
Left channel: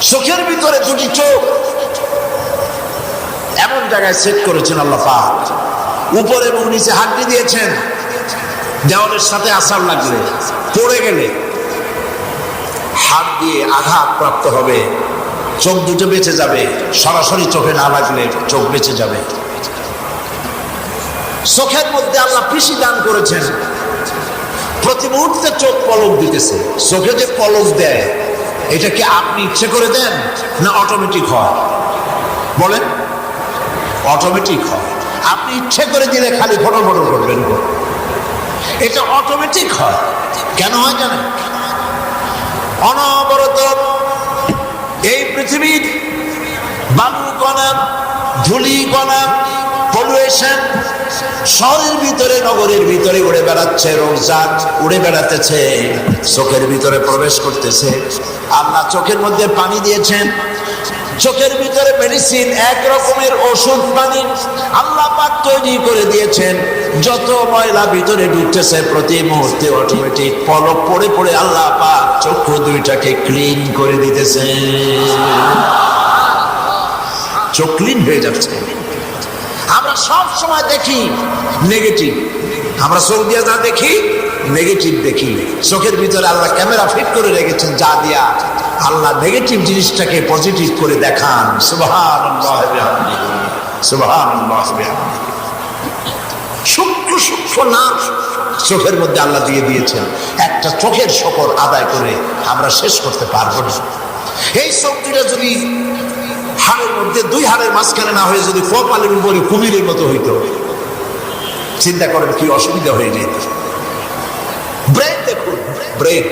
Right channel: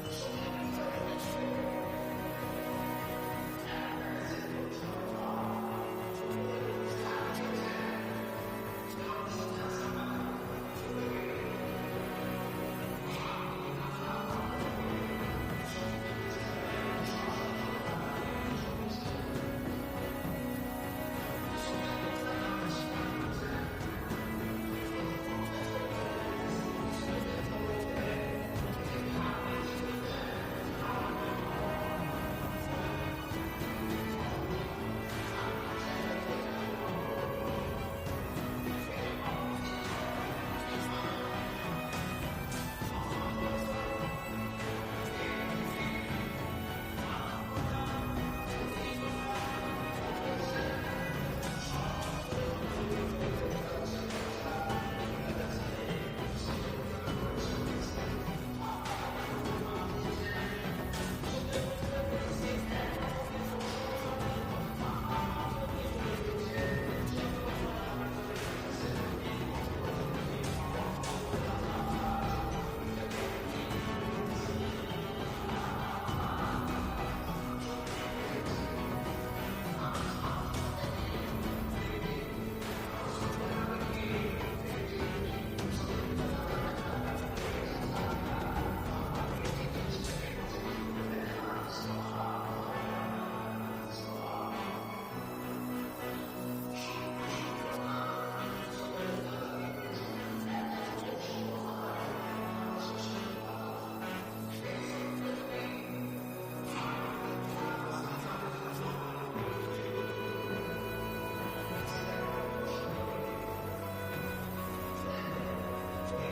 চোখের ভিতরে 2টি চোখ এমন জায়গায় সেট করেছেন আল্লাহ পাক, উপরে এবং নিচে হাড্ডি দিয়েছেন। দেওয়ালের সাথে আসার লাগলে, পড়ে গেলে হাত দিয়ে আঘাত প্রাপ্ত হবে, চোখ দুটো বেঁচে যাবে। সরাসরি চোখে না লাগলে চোখ বেঁচে যাবে। চোখের মধ্যে আল্লাহ পিসি দান করেছেন, প্রতি মুহূর্তে চোখ পলক দিতেছে। চোখে যে পলক দেয় এটা কি আপনি ইচ্ছে করে দেন না অটোমেটিক হয়? বলেন, অটোমেটিক হয়। আপনি ইচ্ছে করে দিলে খালি ফটল ফটল করবেন, এটা অটোমেটিক হয়। কেন হয় জানেন? অনবরত এই পৃথিবীর বালু কণা, ধুলি কণা, পলিউশন শহরের ভিতরে, নগরের ভিতরে উড়ে বেড়াচ্ছে, রোগজাত উড়ে বেড়াতেছে, চোখের ভিতরে প্রবেশ করতেছে। আল্লাহ চোখের মধ্যে পানি দিয়েছেন, চোখের ভিতরে মেডিসিন, এক রকমের ওষুধ পানি আল্লাহ পাক তৈরি করে দিয়েছেন। যত ময়লা ভিতরে ঢুকতেছে প্রতি মুহূর্তে অটোমেটিক পলক পড়ে পড়ে আল্লাহ পাক চক্ষু দুইটাকে ক্লিন করে দিতেছে। চোখ ক্লিন হয়ে যাচ্ছে। আমরা সব সময় দেখি নেগেটিভ, আমরা চোখ দিয়ে যা দেখি নেগেটিভ দেখি। চোখের ভিতরে আল্লাহ ক্যামেরা ফিট করে রেখেছেন, যা দিয়া আল্লাহ নেগেটিভ জিনিসটাকে পজিটিভ করে দেখান। সুবহানাল্লাহ বিহামদিহি, সুবহানাল্লাহ বিহামদিহি। সূক্ষ্ম সূক্ষ্ম নাম চোখের মধ্যে আল্লাহ দিয়ে দিয়েছেন। একটা চোখের শকর আদায় করে আমরা শেষ করতে পারবো না। এই চোখ দুটা যদি হাড়ের মধ্যে, 2 হাড়ের মাঝখানে না হয়ে যদি কপালের উপরে কুমিরের মতো হইতো, চিন্তা করেন কি অসুবিধা হয়ে যেত। ব্রেন দেখুন, ব্রেন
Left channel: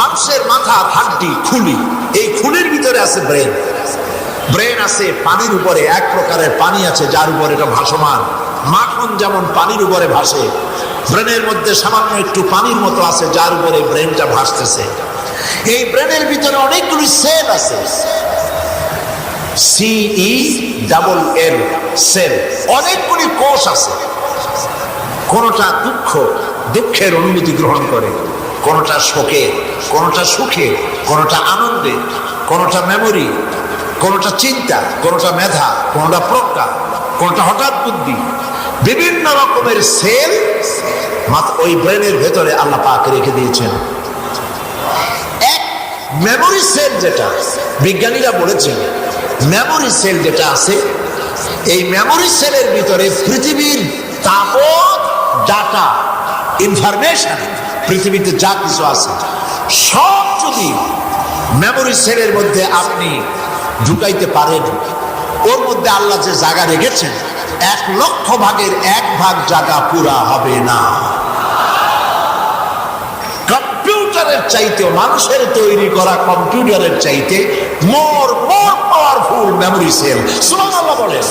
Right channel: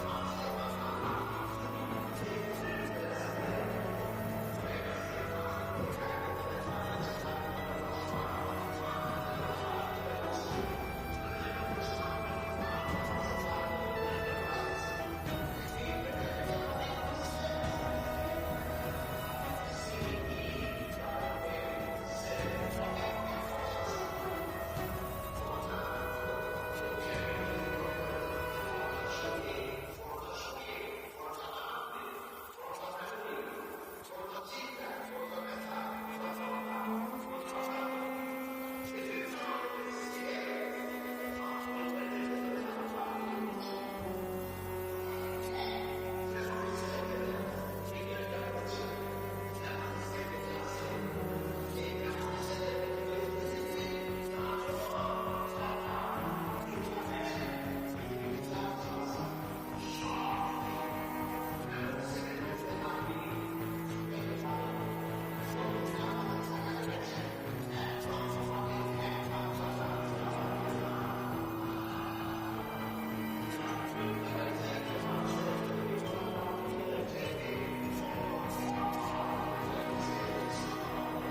মানুষের মাথা, হাড্ডি, খুলি, এই খুলির ভিতরে আছে ব্রেন। ব্রেন আছে পানির উপরে, এক প্রকারের পানি আছে যার উপরে এটা ভাসমান। মাখন যেমন পানির উপরে ভাসে, ব্রেনের মধ্যে সামান্য একটু পানির মতো আছে যার উপরে ব্রেনটা ভাসতেছে। এই ব্রেনের ভিতরে অনেকগুলি সেল আছে, CELL সেল, অনেকগুলি কোষ আছে। কোনটা দুঃখের অনুভূতি গ্রহণ করে, কোনটা শোকে, কোনটা সুখে, কোনটা আনন্দে, কোনটা মেমোরি, কোনটা চিন্তা, কোনটা মেধা, কোনটা প্রজ্ঞা, কোনটা হঠাৎ বুদ্ধি। বিভিন্ন রকমের সেল ওই ব্রেনের ভেতরে আল্লাহ পাক রেখে দিয়েছেন। এক মেমোরি সেল, যেটা বিজ্ঞানীরা বলেছেন মেমোরি সেল যেটা আছে, এই মেমোরি সেলের ভিতরে পৃথিবীর তাবৎ ডাটা, ইনফরমেশন, পৃথিবীতে যা কিছু আছে সব যদি মেমোরি সেলের মধ্যে আপনি ঢুকাইতে পারেন, ওর মধ্যে আল্লাহ যে জায়গা রেখেছেন 1,00,000 ভাগের 1 ভাগ জায়গা পুরা হবে না। কম্পিউটার কম্পিউটারের চাইতে, মানুষের তৈরি করা কম্পিউটারের চাইতে মোর পাওয়ারফুল মেমোরি সেল। সুবহানাল্লাহ বলেন।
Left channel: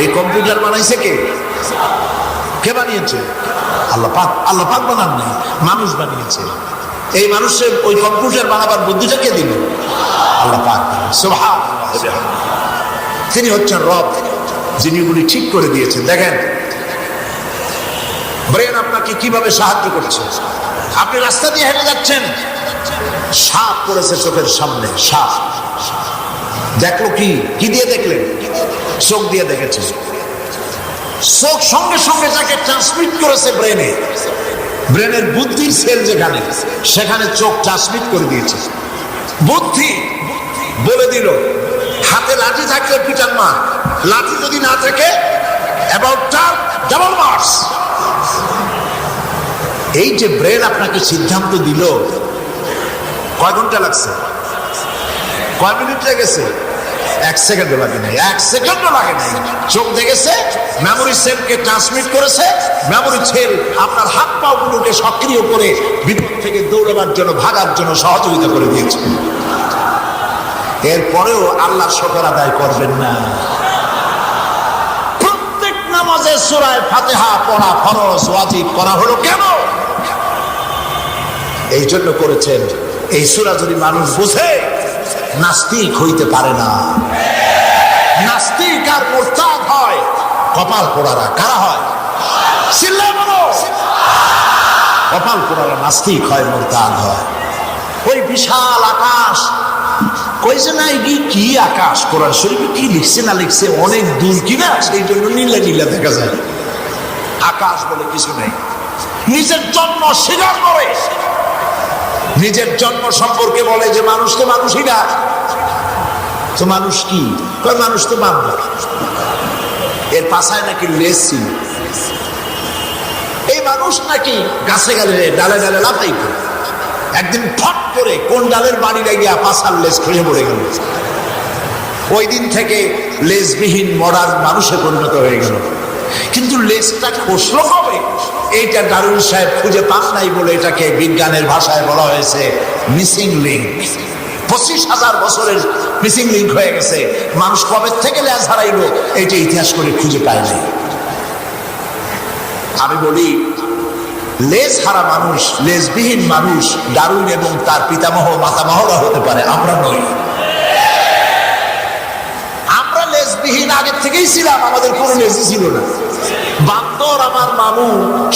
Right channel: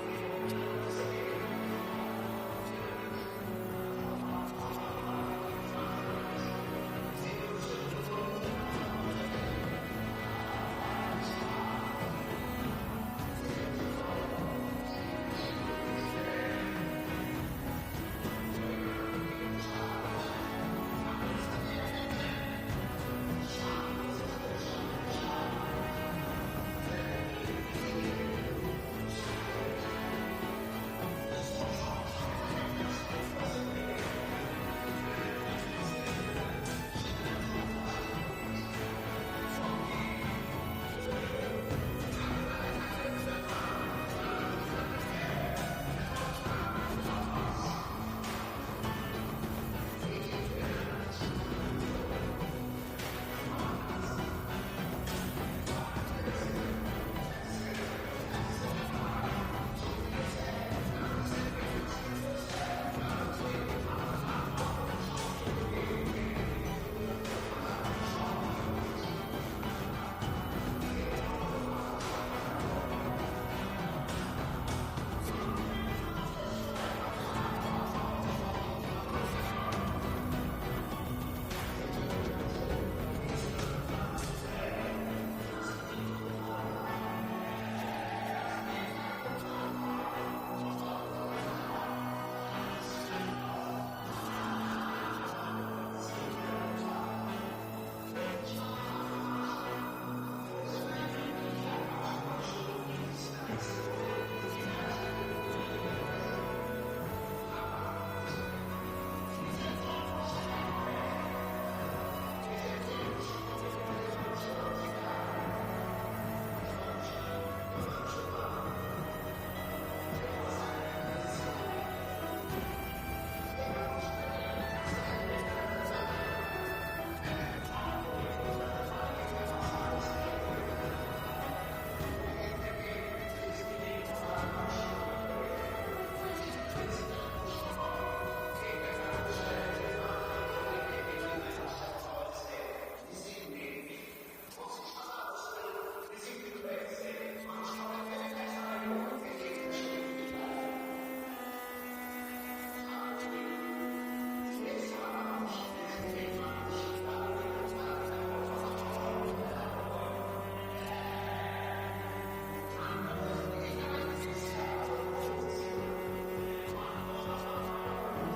এই কম্পিউটার বানাইছে কে? কে বানিয়েছে? আল্লাহ পাক। আল্লাহ পাক বানান নাই, মানুষ বানিয়েছে। এই মানুষের ওই কম্পিউটার বানাবার বুদ্ধিটা কে দিল? আল্লাহ পাক। সুবহানাল্লাহ। তিনি হচ্ছেন রব, যিনি এগুলি ঠিক করে দিয়েছেন। দেখেন ব্রেন আপনাকে কিভাবে সাহায্য করেছে। আপনি রাস্তা দিয়ে হেঁটে যাচ্ছেন, সাপ পড়েছে চোখের সামনে, সাপ দেখলো, কি দিয়ে দেখলেন? চোখ দিয়ে দেখেছে। চোখ সঙ্গে সঙ্গে তাকে ট্রান্সমিট করেছে ব্রেনে, ব্রেনের বুদ্ধির সেল যেখানে, সেখানে চোখ ট্রান্সমিট করে দিয়েছে। বুদ্ধি বলে দিল হাতে লাঠি থাকলে পিটার মার, লাঠি যদি না থাকে অ্যাবাউট ডাবল মার্কস। এই যে ব্রেন আপনাকে সিদ্ধান্ত দিল, কয় ঘন্টা লাগছে? কয় মিনিট লেগেছে? 1 সেকেন্ডও লাগে নাই, 1 সেকেন্ডও লাগে নাই। চোখ দেখেছে, মেমোরি সেলকে ট্রান্সমিট করেছে, মেমোরি সেল আপনার হাত পা গুলোকে সক্রিয় করে বিপদ থেকে দৌড়াবার জন্য, ভাগার জন্য সহযোগিতা করে দিয়েছে। এরপরেও আল্লাহ শুকর আদায় করবেন না? প্রত্যেক নামাজে সূরা ফাতিহা পড়া ফরজ, ওয়াজিব করা হলো কেন? এই জন্য করেছেন, এই সূরা যদি মানুষ বুঝে নাস্তিক হইতে পারে না। নাস্তিক আর মুরতাদ হয় কপাল পোড়ারা। কারা হয়? চিল্লায় বলো। কপাল পোড়ারা নাস্তিক হয়, মুরতাদ হয়। ওই বিশাল আকাশ কইছে না, কি আকাশ? কোরআন শরীফে কি লিখছে না লিখছে অনেক দূর কিনা, সেই জন্য নীলা নীলা দেখা যায়। আকাশ বলে কিছু নেই। নিজের জন্ম স্বীকার করে, নিজের জন্ম সম্পর্কে বলে যে মানুষ তো মানুষই না। তো মানুষ কি? মানুষ তো বান্দর। এর পাশায় নাকি লেজ ছিল। এই মানুষ নাকি গাছে গেলে ডালে ডালে লাফাইত। একদিন ফট করে কোন ডালের বাড়ি লাগিয়া পাশার লেজ খুঁজে পড়ে গেল। ওই দিন থেকে লেজবিহীন মডার্ন মানুষে পরিণত হয়ে গেল। কিন্তু লেজটা খসলো কবে? এইটা দারুন সাহেব খুঁজে পান নাই বলে এটাকে বিজ্ঞানের ভাষায় বলা হয়েছে মিসিং লিঙ্ক। 25,000 বছরের মিসিং লিঙ্ক হয়ে গেছে। মানুষ কবে থেকে লেজ হারাইল এইটা ইতিহাস করে খুঁজে পায় নাই। আমি বলি, লেজ হারা মানুষ, লেজবিহীন মানুষ ডারউইন এবং তার পিতামহ মাতামহরা হতে পারে, আমরা নই। আমরা লেজবিহীন আগের থেকেই ছিলাম, আমাদের কোনো লেজই ছিল না। বান্দর আমার মামু,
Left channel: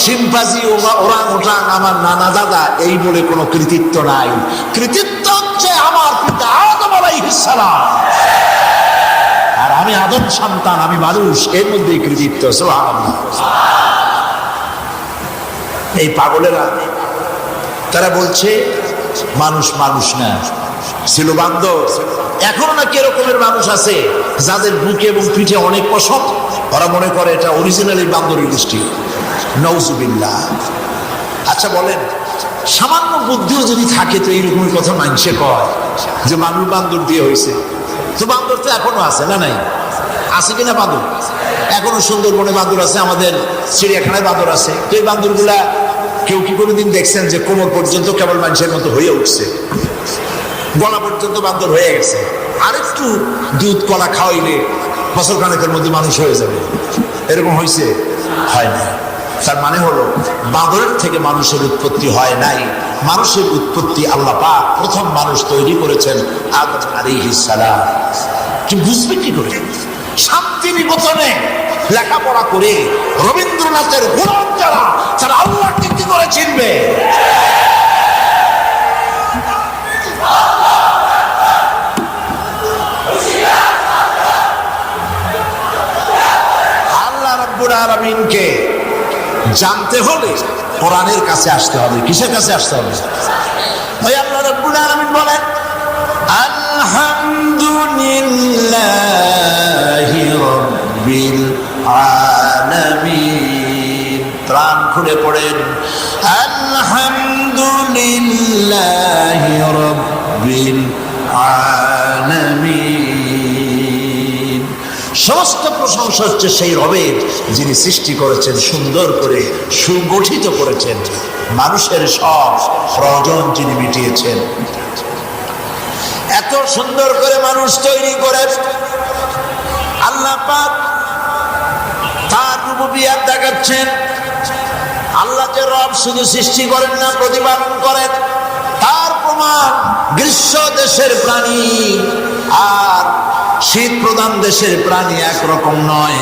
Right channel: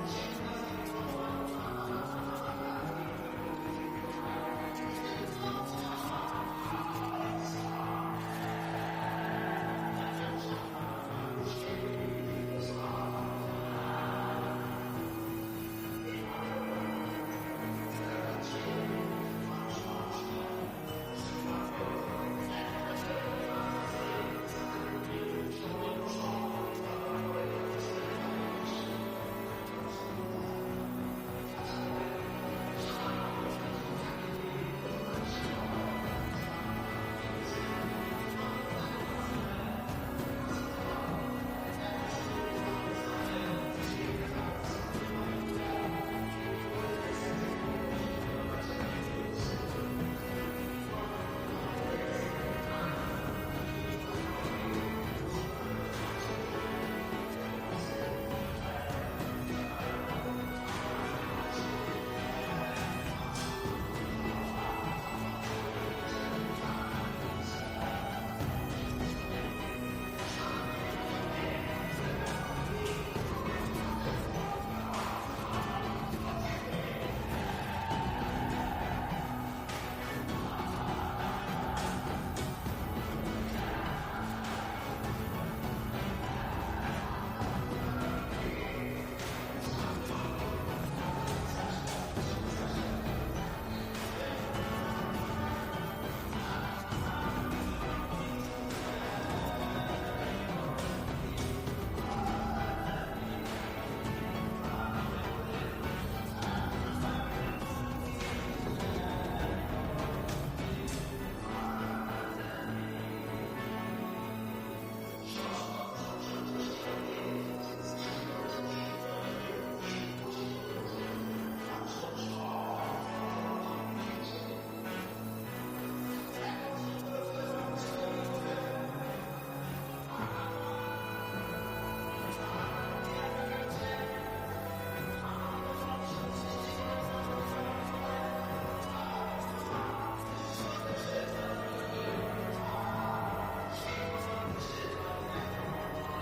শিম্পাজি, ওরাং ওটাং আমার নানা দাদা, এই বলে কোনো কৃতিত্ব নাই। কৃতিত্ব হচ্ছে আমার পিতা আদম আলাইহিস সালাম, আর আমি আদম সন্তান, আমি মানুষ, এর মধ্যেই কৃতিত্ব। সুবহানাল্লাহ। এই পাগলেরা তারা বলছে মানুষ মানুষ না, ছিল বান্দর। এখনো নাকি এরকমের মানুষ আছে যাদের বুকে এবং পিঠে অনেক পশম, ওরা মনে করে এটা অরিজিনালি বান্দরের গোষ্ঠী। নাউজুবিল্লাহ। আচ্ছা বলেন, সামান্য বুদ্ধিও যদি থাকে তো এইরকমের কথা মানুষে কয় যে মানুষ বান্দর দিয়ে হয়েছে। তো বান্দর তো এখনো আছে না? নাই? আছে কিনা বান্দর? এখনো সুন্দরবনে বান্দর আছে, আমাদের চিড়িয়াখানায় বান্দর আছে। তো এই বান্দরগুলা কেউ কি কোনোদিন দেখছেন যে কোমর পর্যন্ত কেবল মানুষের মতো হয়ে উঠছে, গলা পর্যন্ত বান্দর হয়ে গেছে? আরেকটু দুধ কলা খাওয়াইলে বছর খানেকের মধ্যে মানুষ হয়ে যাবে, এরকম হয়েছে? হয় না। তার মানে হলো বান্দরের থেকে মানুষের উৎপত্তি হয় নাই। মানুষের উৎপত্তি আল্লাহ পাক প্রথম মানুষ তৈরি করেছেন আদম আলাইহিস সালাম। কি বুঝবে কি করে? শান্তিনিকেতনে লেখাপড়া করে রবীন্দ্রনাথের গোলাম যারা, তারা আল্লাহকে কি করে চিনবে? আল্লাহ রাব্বুল আলামিনকে জানতে হলে কোরআনের কাছে আসতে হবে। কিসের কাছে আসতে হবে? ভাই আল্লাহ রাব্বুল আলামিন বলেন আলহামদুলিল্লাহি রাব্বিল আলামিন। প্রাণ খুলে পড়েন আলহামদুলিল্লাহি রাব্বিল আলামিন। সমস্ত প্রশংসা হচ্ছে সেই রবের যিনি সৃষ্টি করেছেন, সুন্দর করে সুগঠিত করেছেন। মানুষের সব প্রয়োজন যিনি মিটিয়েছেন। এত সুন্দর করে মানুষ তৈরি করে আল্লাহ পাক তার রুবুবিয়ত দেখাচ্ছেন। আল্লাহ যে রব শুধু সৃষ্টি করেন না, প্রতিপালন করেন, তার প্রমাণ গ্রীষ্ম দেশের প্রাণী আর শীত প্রধান দেশের প্রাণী একরকম নয়।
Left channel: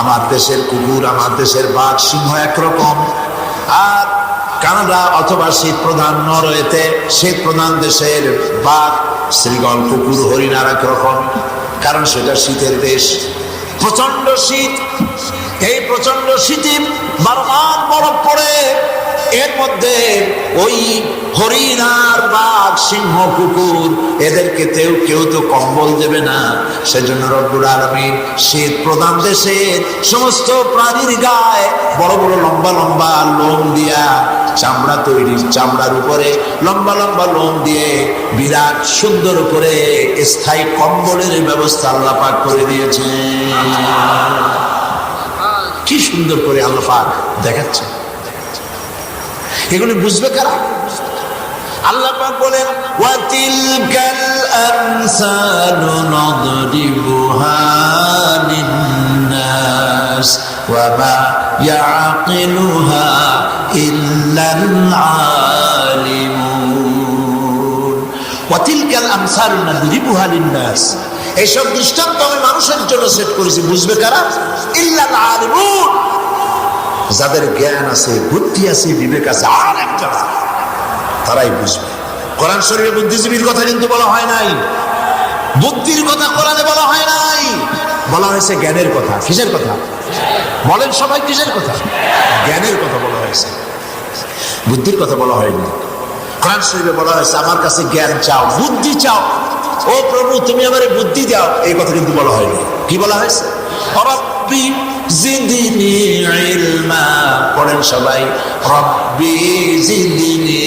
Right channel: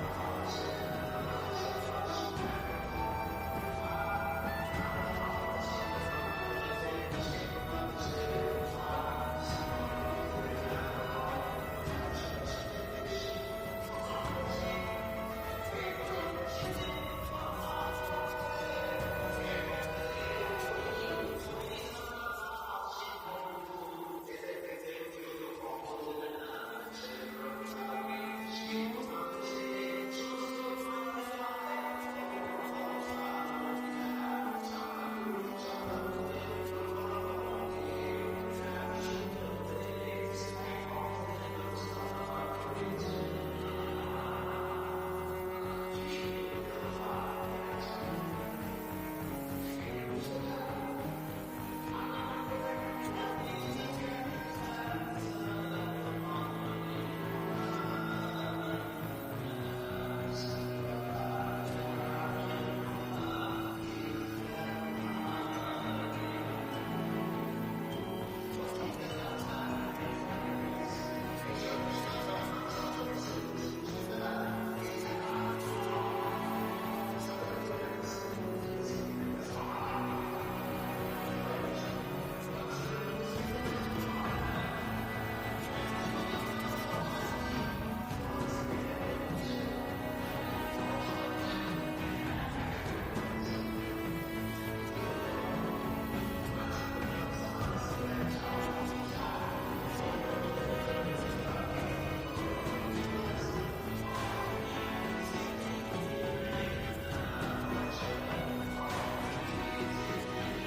আমার দেশের কুকুর, আমার দেশের বাঘ, সিংহ একরকম, আর কানাডা অথবা শীত প্রধান নরওয়েতে শীত প্রধান দেশের বাঘ, শ্রীগল, কুকুর, হরিণ আর একরকম, কারণ সেটা শীতের দেশ। প্রচন্ড শীত, এই প্রচন্ড শীতে বারবার বরফ পড়ে, এর মধ্যে ওই হরিণ আর বাঘ, সিংহ, কুকুর এদেরকে কেউ তো কম্বল দেবে না। সেজন্য রব্বুল আলামিন শীত প্রধান দেশের সমস্ত প্রাণীর গায়ে বড় বড় লম্বা লম্বা লোম দিয়া চামড়া তৈরি, চামড়ার উপরে লম্বা লম্বা লোম দিয়ে বিরাট সুন্দর করে স্থায়ী কম্বলের ব্যবস্থা আল্লাহ পাক করে দিয়েছে। কি সুন্দর করে আল্লাহ পাক দেখাচ্ছে। এগুলো বুঝবে কারা? আল্লাহ পাক বলেন ওয়া তিলকাল আমসালু নাদরিবুহা লিন-নাস ওয়া মা ইয়াকিলুহা ইল্লাল আলিমুন। ওয়া তিলকাল আমসালু নাদরিবুহা লিন-নাস, এইসব দৃষ্টান্ত আমি মানুষের জন্য সেট করেছি, বুঝবে কারা? ইল্লাল আলিমুন, যাদের জ্ঞান আছে, বুদ্ধি আছে, বিবেক আছে, আর একটা তারাই বুঝবে। কোরআন শরীফে বুদ্ধিজীবীর কথা কিন্তু বলা হয় নাই, বুদ্ধির কথা কোরআনে বলা হয় নাই, বলা হয়েছে জ্ঞানের কথা। কিসের কথা বলেন সবাই? কিসের কথা? জ্ঞানের কথা বলা হয়েছে, বুদ্ধির কথা বলা হয়নি। কোরআন শরীফে বলা হয়েছে আমার কাছে জ্ঞান চাও, বুদ্ধি চাও, ও প্রভু তুমি আমারে বুদ্ধি দাও, এই কথা কিন্তু বলা হয়নি। কি বলা হয়েছে? রব্বি জিদনি ইলমা, পড়েন সবাই, রব্বি জিদনি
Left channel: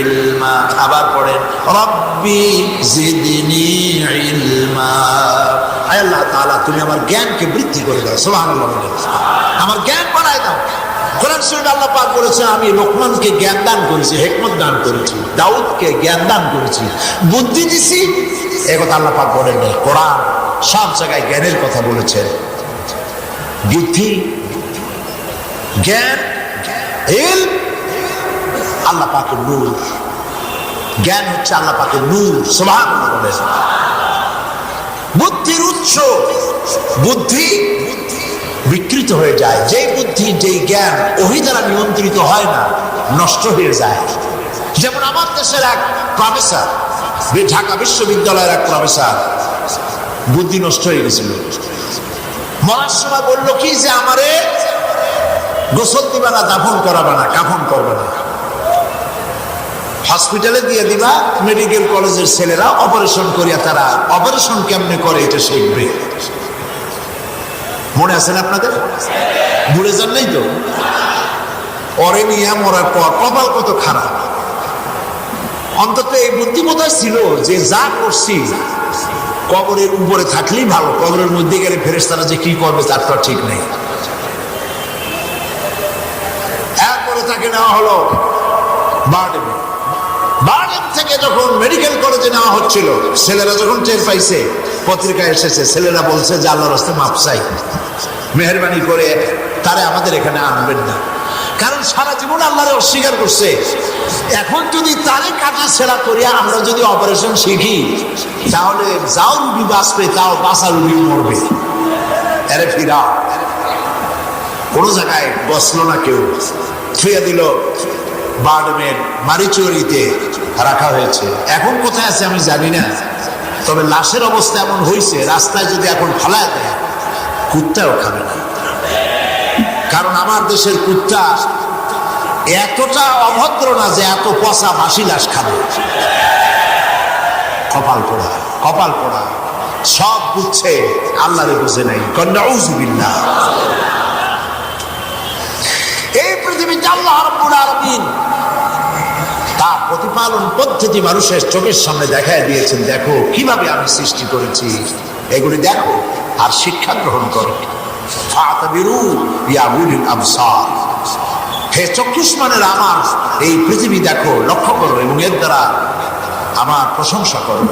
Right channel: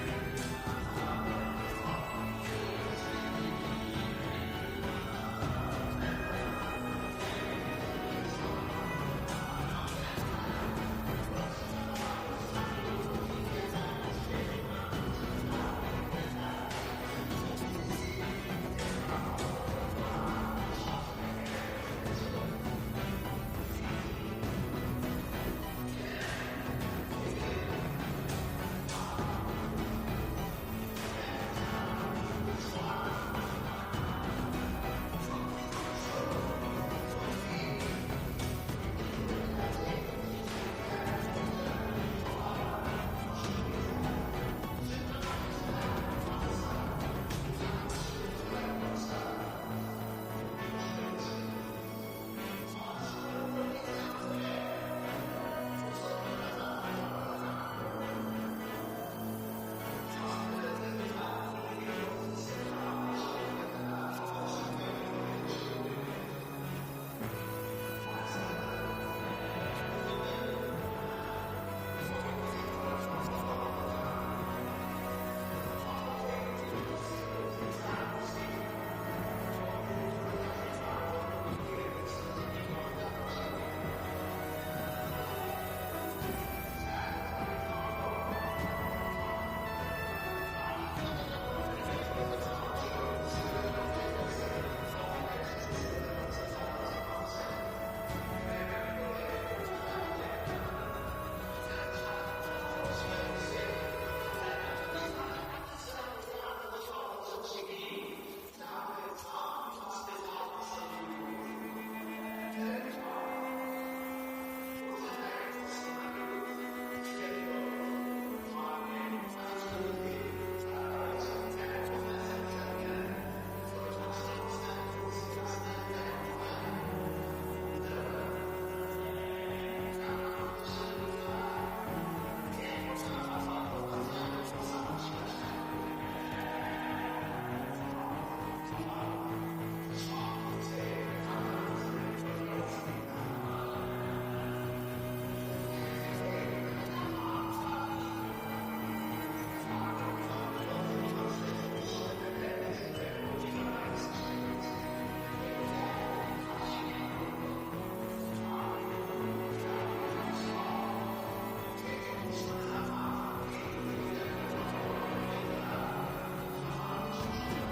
ইলমা। আবার পড়েন, রব্বি জিদনি ইলমা। আয় আল্লাহ তাআলা তুমি আমার জ্ঞানকে বৃদ্ধি করে দাও। সুবহানাল্লাহ, আমার জ্ঞান বাড়ায় দাও। কোরআন শরীফে আল্লাহ পাক বলেছে আমি লোকমানকে জ্ঞান দান করেছি, হিকমত দান করেছি, দাউদকে জ্ঞান দান করেছি, বুদ্ধি দিছি। এই কথা আল্লাহ পাক বলেন না। কোরআন সব জায়গায় জ্ঞানের কথা বলেছে। বুদ্ধি, জ্ঞান, ইলম আল্লাহ পাকের নূর। জ্ঞান হচ্ছে আল্লাহ পাকের নূর। সুবহানাল্লাহ বলেন। বুদ্ধির উৎস, বুদ্ধি বিকৃত হয়ে যায়। যেই বুদ্ধি, যেই জ্ঞান ওহী দ্বারা নিয়ন্ত্রিত হয় না, নষ্ট হয়ে যায়। যেমন আমার দেশের এক প্রফেসর, ঢাকা বিশ্ববিদ্যালয়ের এক প্রফেসর, বুদ্ধি নষ্ট হয়ে গেছিল। মরার সময় বললো কি যে আমারে গোসল দিবা না, দাফন করাবা না, কাফন করবে না, হসপিটালে দিয়ে দিবা, মেডিকেল কলেজের ছেলেরা অপারেশন করিয়া তারা অপারেশন কেমনে করে এটা শিখবে। মনে আছে না আপনাদের? ভুলে যান নাই তো? অরে নিয়ে মরার পর কপাল কত খারাপ। অন্তত এই বুদ্ধিমত্তা ছিল যে যা করছি কবরের উপরে থাকলেই ভালো, কবরের মধ্যে গেলে ফেরেশতারা যে কি করবে তার তো ঠিক নেই। এরপরে তাকে নেওয়া হলো বারডেমে। বারডেম থেকে যখন মেডিকেল কলেজে নেওয়া হচ্ছিল, ছেলেরা যখন টের পাইছে, পত্রিকায় এসেছে, ছেলেরা বলছে যে আল্লাহর রাস্তায় মাপ চাই, মেহেরবানি করে তারে আমাদের এখানে আনবেন না। কারণ সারা জীবন আল্লাহরে অস্বীকার করছে। এখন যদি তারে কাটা ছেড়া করিয়া আমরা যদি অপারেশন শিখি, তাহলে যাও রুগী বাঁচবে, তাও বাঁচা রুগী মরবে। এরে ফিরা কোনো জায়গায় বসলো না, কেউ ছুঁয়ে দিল। বারডেমের মারিচুরিতে রাখা হয়েছে। এখন কোথায় আছে আমি জানি না, তবে লাশের অবস্থা এমন হয়েছে রাস্তায় যদি এখন ফেলায় দেয় কুত্তাও খাবে না। কারণ আমার দেশের কুত্তা এতটা অভদ্র না যে এত পচা মাসি লাশ খাবে। কপাল পোড়া, কপাল পোড়া, সব বুঝছে, আল্লাহরে বুঝে নাই। নাউযুবিল্লাহ। এই পৃথিবীতে আল্লাহ রাব্বুল আলামিন তার প্রতিপালন পদ্ধতি মানুষের চোখের সামনে দেখায় দিয়েছেন। দেখো কিভাবে আমি সৃষ্টি করেছি, এগুলি দেখো আর শিক্ষা গ্রহণ করো। ফাতাবিরু ইয়া উলিল আবসার, হে চক্ষুষ্মানের আমার এই পৃথিবী দেখো, লক্ষ্য করো এবং এর দ্বারা আমার প্রশংসা করো।